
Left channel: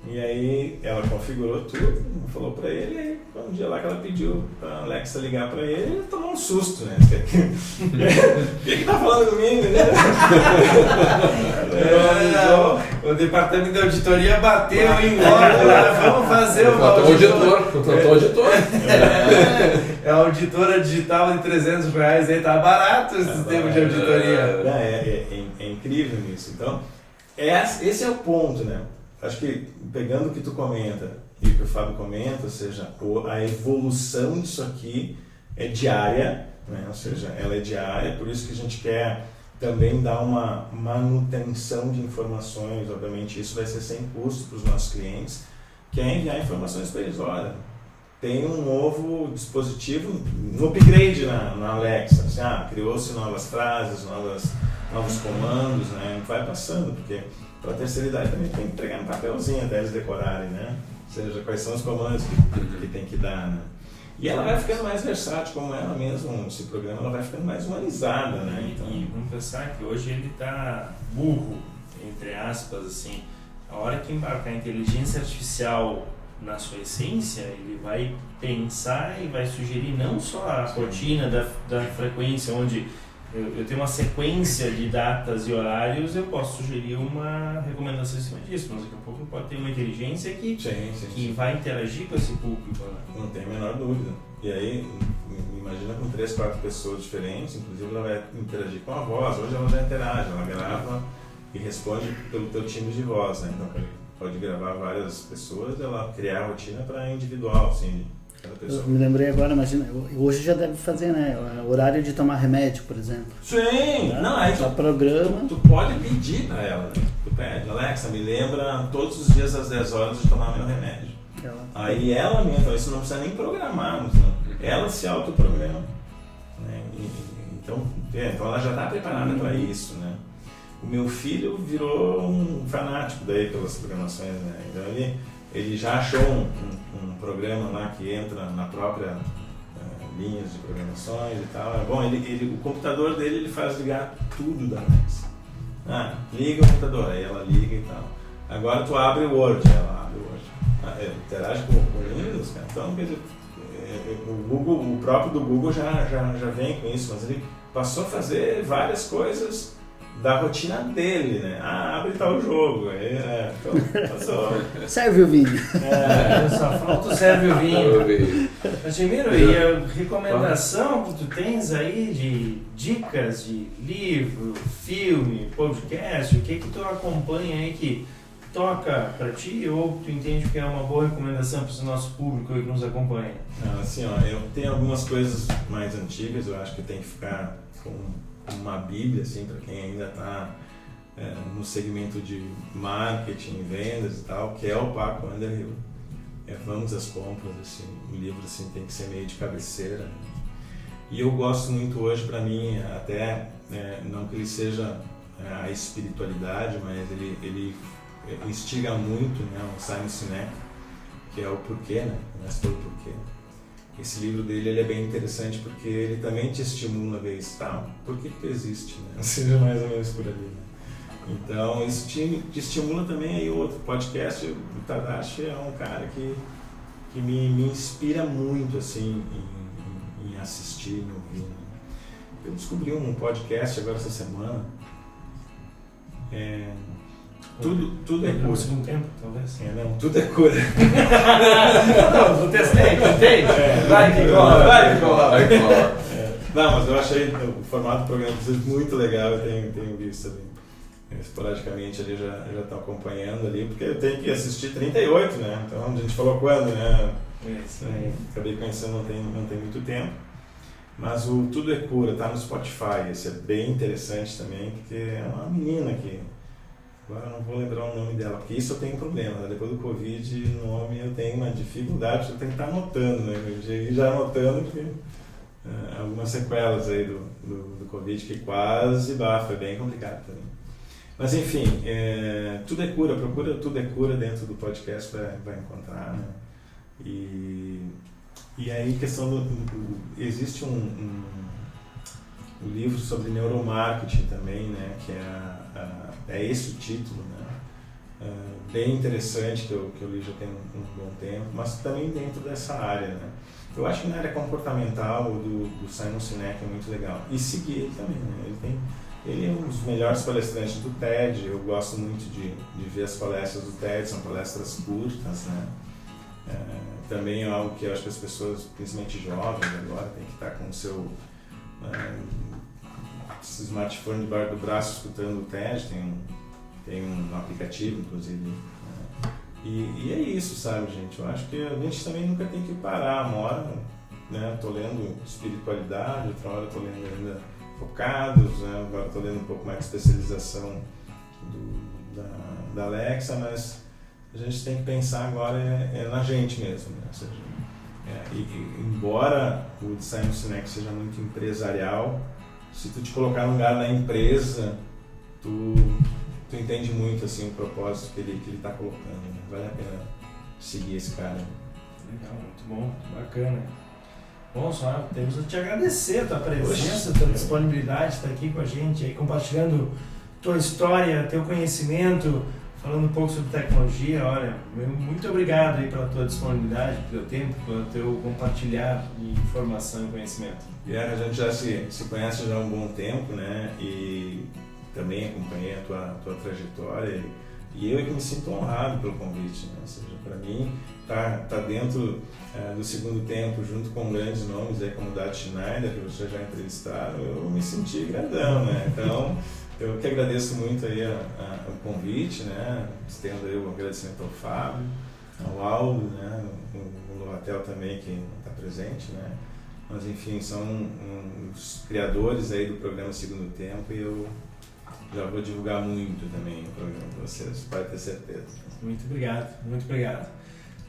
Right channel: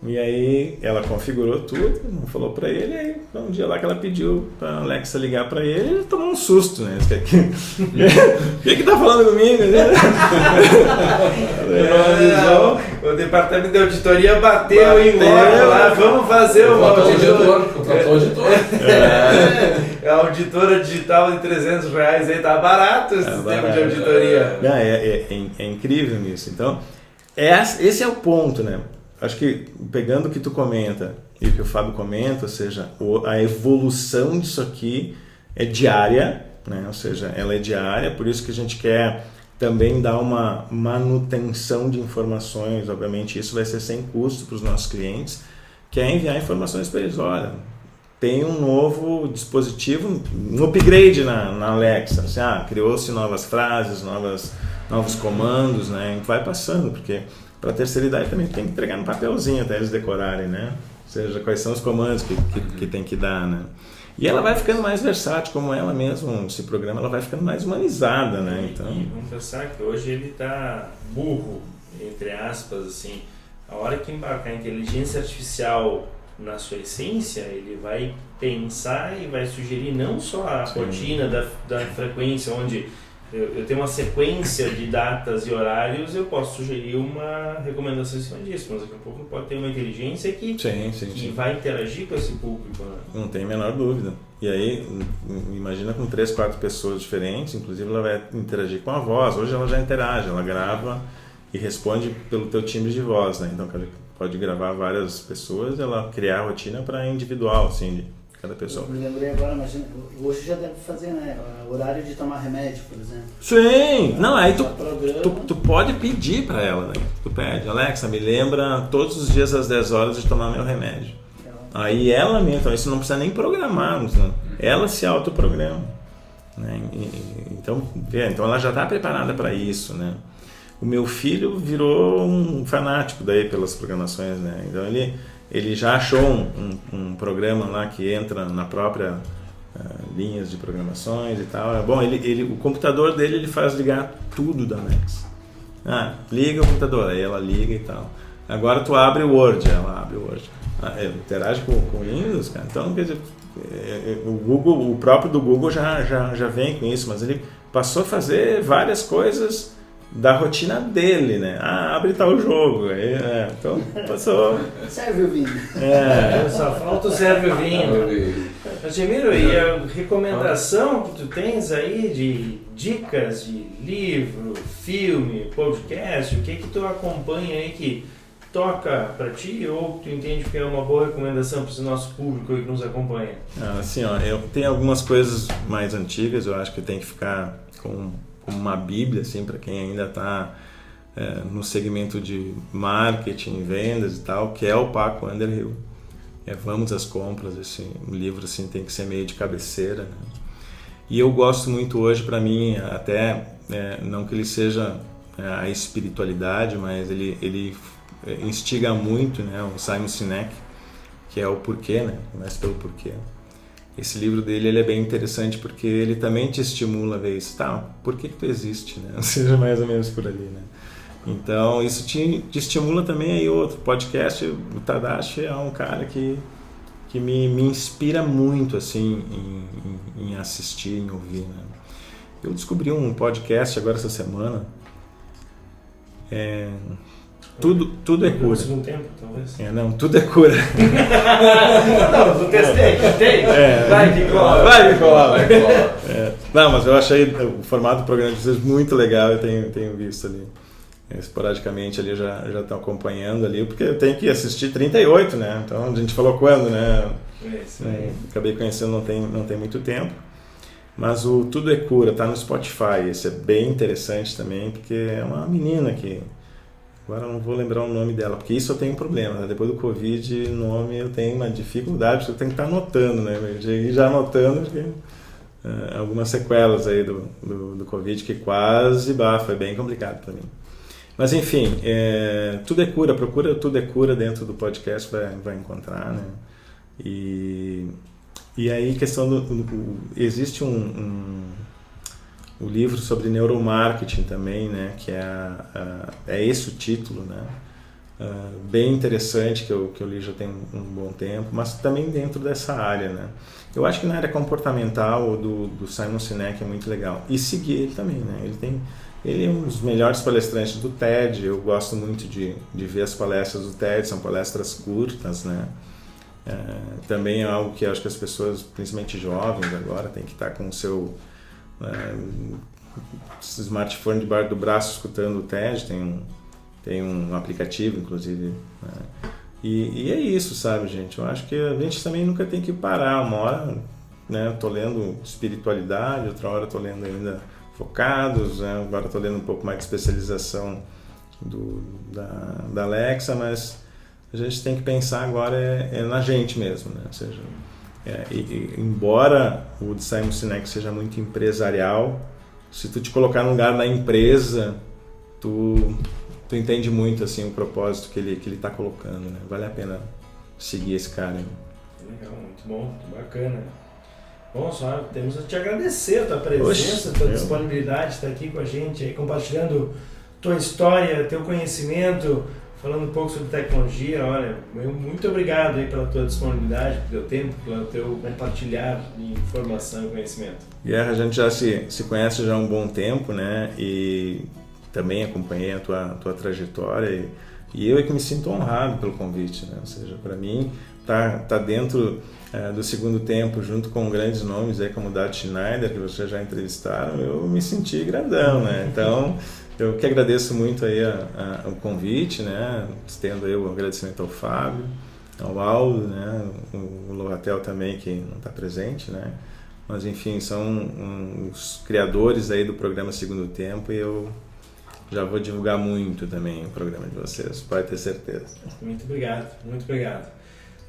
E aí ela configurou tudo, falou pra ele, e aí um dia lá que ela pediu pra Alexa ligar pra ele tomou um susto, né? O que tá falando comigo, né? O departamento de auditoria bateu em loja lá, vamos fazer uma auditoria. Contratou auditor. A auditora digital de R$300 aí, tá barato esse sistema de auditoria. É incrível isso. Então, esse é o ponto, né? Acho que pegando o que tu comenta e o que o Fábio comenta, ou seja, a evolução disso aqui é diária, né? Ou seja, ela é diária, por isso que a gente quer também dar uma manutenção de informações. Obviamente isso vai ser sem custo para os nossos clientes, que é enviar informações para eles. Olha, tem um novo dispositivo, um upgrade na Alexa, assim, criou-se novas frases, novos comandos, né? A gente vai passando, porque para a terceira idade também tem que entregar no papelzinho até eles decorarem, né? Ou seja, quais são os comandos que tem que dar, né? E ela vai ficando mais versátil, como ela mesma se programa, ela vai ficando mais humanizada, né? Então... E vamos pensar que hoje ele está burro, entre aspas, assim. A hora que embarcar a inteligência artificial na sua essência, ele vai pensar e vai sugerir não só a rotina da frequência, onde eu tenho uma sequência de datas e horários, eu posso sugerir uma recomendação em cima disso, mas daqui a pouco pode ter uma inteligência que vai interagir com esse público. Né? Não tem a menor dúvida. E aí, imagina com 3, 4 pessoas diferentes, inclusive ela vai interagir com a voz. Hoje ela já interage, ela grava e responde pelo teu timbre de voz, né? Então pode gravar várias pessoas, ela criar a rotina para individual, assim, de cada pessoa. Eu me lembrei agora, imagina, hoje já deve fazer, né? Horário de tomar remédio, por exemplo. Sim! Não, aí tu pode pedir para ela, né? Tu pede, Alexa, me lembra todos os dias às 10 horas de tomar meu remédio. Aí ela mesmo, então isso não precisa nem programar, né? Ela se autoprograma, né? Então ela já está preparada para isso, né? O meu filho virou um fanático daí pelas programações, né? Então ele já achou um programa lá que entra na própria linhas de programações e tal. Bom, o computador dele ele faz ligar tudo da Alexa. Liga o computador, aí ela liga e tal. Agora tu abre o Word, ela abre o Word. Interage com o Windows, cara. Então, quer dizer, o próprio do Google já vem com isso, mas ele passou a fazer várias coisas da rotina dele, né? Abre tal jogo. Então, passou. Serve o vinho. Só falta o serve o vinho. Admiro, e a recomendação que tu tens aí de dicas de livro, filme, podcast, o que tu acompanha aí que toca para ti ou tu entende que é uma boa recomendação para o nosso público que nos acompanha? Assim, eu tenho algumas coisas mais antigas, eu acho que tem que ficar com uma bíblia, assim, para quem ainda está no segmento de marketing, vendas e tal, que é o Paco Underhill. Vamos às compras, esse livro assim, tem que ser meio de cabeceira, né? E eu gosto muito hoje, para mim, até, não que ele seja a espiritualidade, mas ele instiga muito, né, o Simon Sinek, que é o porquê, né? Começa pelo porquê. Esse livro dele ele é bem interessante porque ele também te estimula a ver isso. Por que tu existe, né? Seja mais ou menos por ali, né? Então, isso te estimula também aí outro podcast. O Tadashi é um cara que me inspira muito, assim, em assistir, em ouvir, né? Eu descobri um podcast agora essa semana. Tudo é cura. No segundo tempo, talvez. Não, tudo é cura. Não, testei. Vai que cola. Não, mas eu achei o formato do programa de vocês muito legal, eu tenho visto ali. Esporadicamente ali já estão acompanhando ali, porque eu tenho que assistir 38, né? Então a gente falou quando, né? Acabei conhecendo não tem muito tempo. Mas o Tudo é Cura, tá no Spotify, esse é bem interessante também, porque é uma menina que... Agora eu não vou lembrar o nome dela, porque isso eu tenho um problema, né? Depois do Covid, nome eu tenho uma dificuldade, porque eu tenho que estar anotando, né? Eu cheguei já anotando, porque algumas sequelas aí do Covid que quase foi bem complicado para mim. Mas enfim, Tudo é Cura, procura Tudo é Cura dentro do podcast, vai encontrar, né? E aí questão existe um livro sobre neuromarketing também, né? Que é esse o título, né? bem interessante que eu li já tem um bom tempo, mas também dentro dessa área, né? Eu acho que na área comportamental do Simon Sinek é muito legal. E seguir ele também, né? Ele é um dos melhores palestrantes do TED. Eu gosto muito de ver as palestras do TED, são palestras curtas, né? Também é algo que eu acho que as pessoas, principalmente jovens agora, tem que estar com o seu smartphone debaixo do braço escutando o TED. Tem um aplicativo, inclusive, né? E é isso, sabe, gente? Eu acho que a gente também nunca tem que parar. Uma hora, né, tô lendo espiritualidade, outra hora tô lendo ainda focados, né? Agora tô lendo um pouco mais de especialização da Alexa, mas a gente tem que pensar agora na gente mesmo, né? Ou seja, embora o de Simon Sinek seja muito empresarial, se tu te colocar no lugar da empresa, tu entende muito assim o propósito que ele está colocando, né? Vale a pena seguir esse cara. Legal, muito bom, muito bacana. Bom, só temos a te agradecer a tua presença, a tua disponibilidade de estar aqui com a gente, aí, compartilhando tua história, teu conhecimento, falando um pouco sobre tecnologia. Olha, muito obrigado aí pela tua disponibilidade, pelo teu tempo, pelo teu compartilhar de informação e conhecimento. A gente já se conhece já há um bom tempo, né? E também acompanhei a tua trajetória e eu é que me sinto honrado pelo convite, né? Ou seja, para mim tá dentro do Segundo Tempo junto com grandes nomes aí como Dad Schneider, que vocês já entrevistaram, eu me senti grandão, né? Então eu que agradeço muito aí o convite, né? Estendo aí o agradecimento ao Fábio, ao Aldo, né? O Lovatel também que não está presente, né? Mas enfim, são os criadores aí do programa Segundo Tempo e eu já vou divulgar muito também o programa de vocês, pode ter certeza. Muito obrigado, muito obrigado.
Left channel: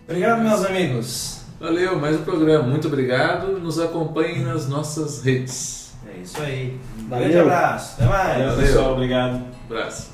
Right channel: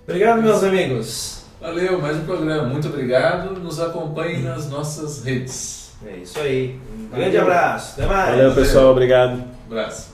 Obrigado, meus amigos. Valeu, mais um programa. Muito obrigado. Nos acompanhem nas nossas redes. É isso aí. Um Valeu. grande abraço. Até mais. Valeu, pessoal. Obrigado. Abraço.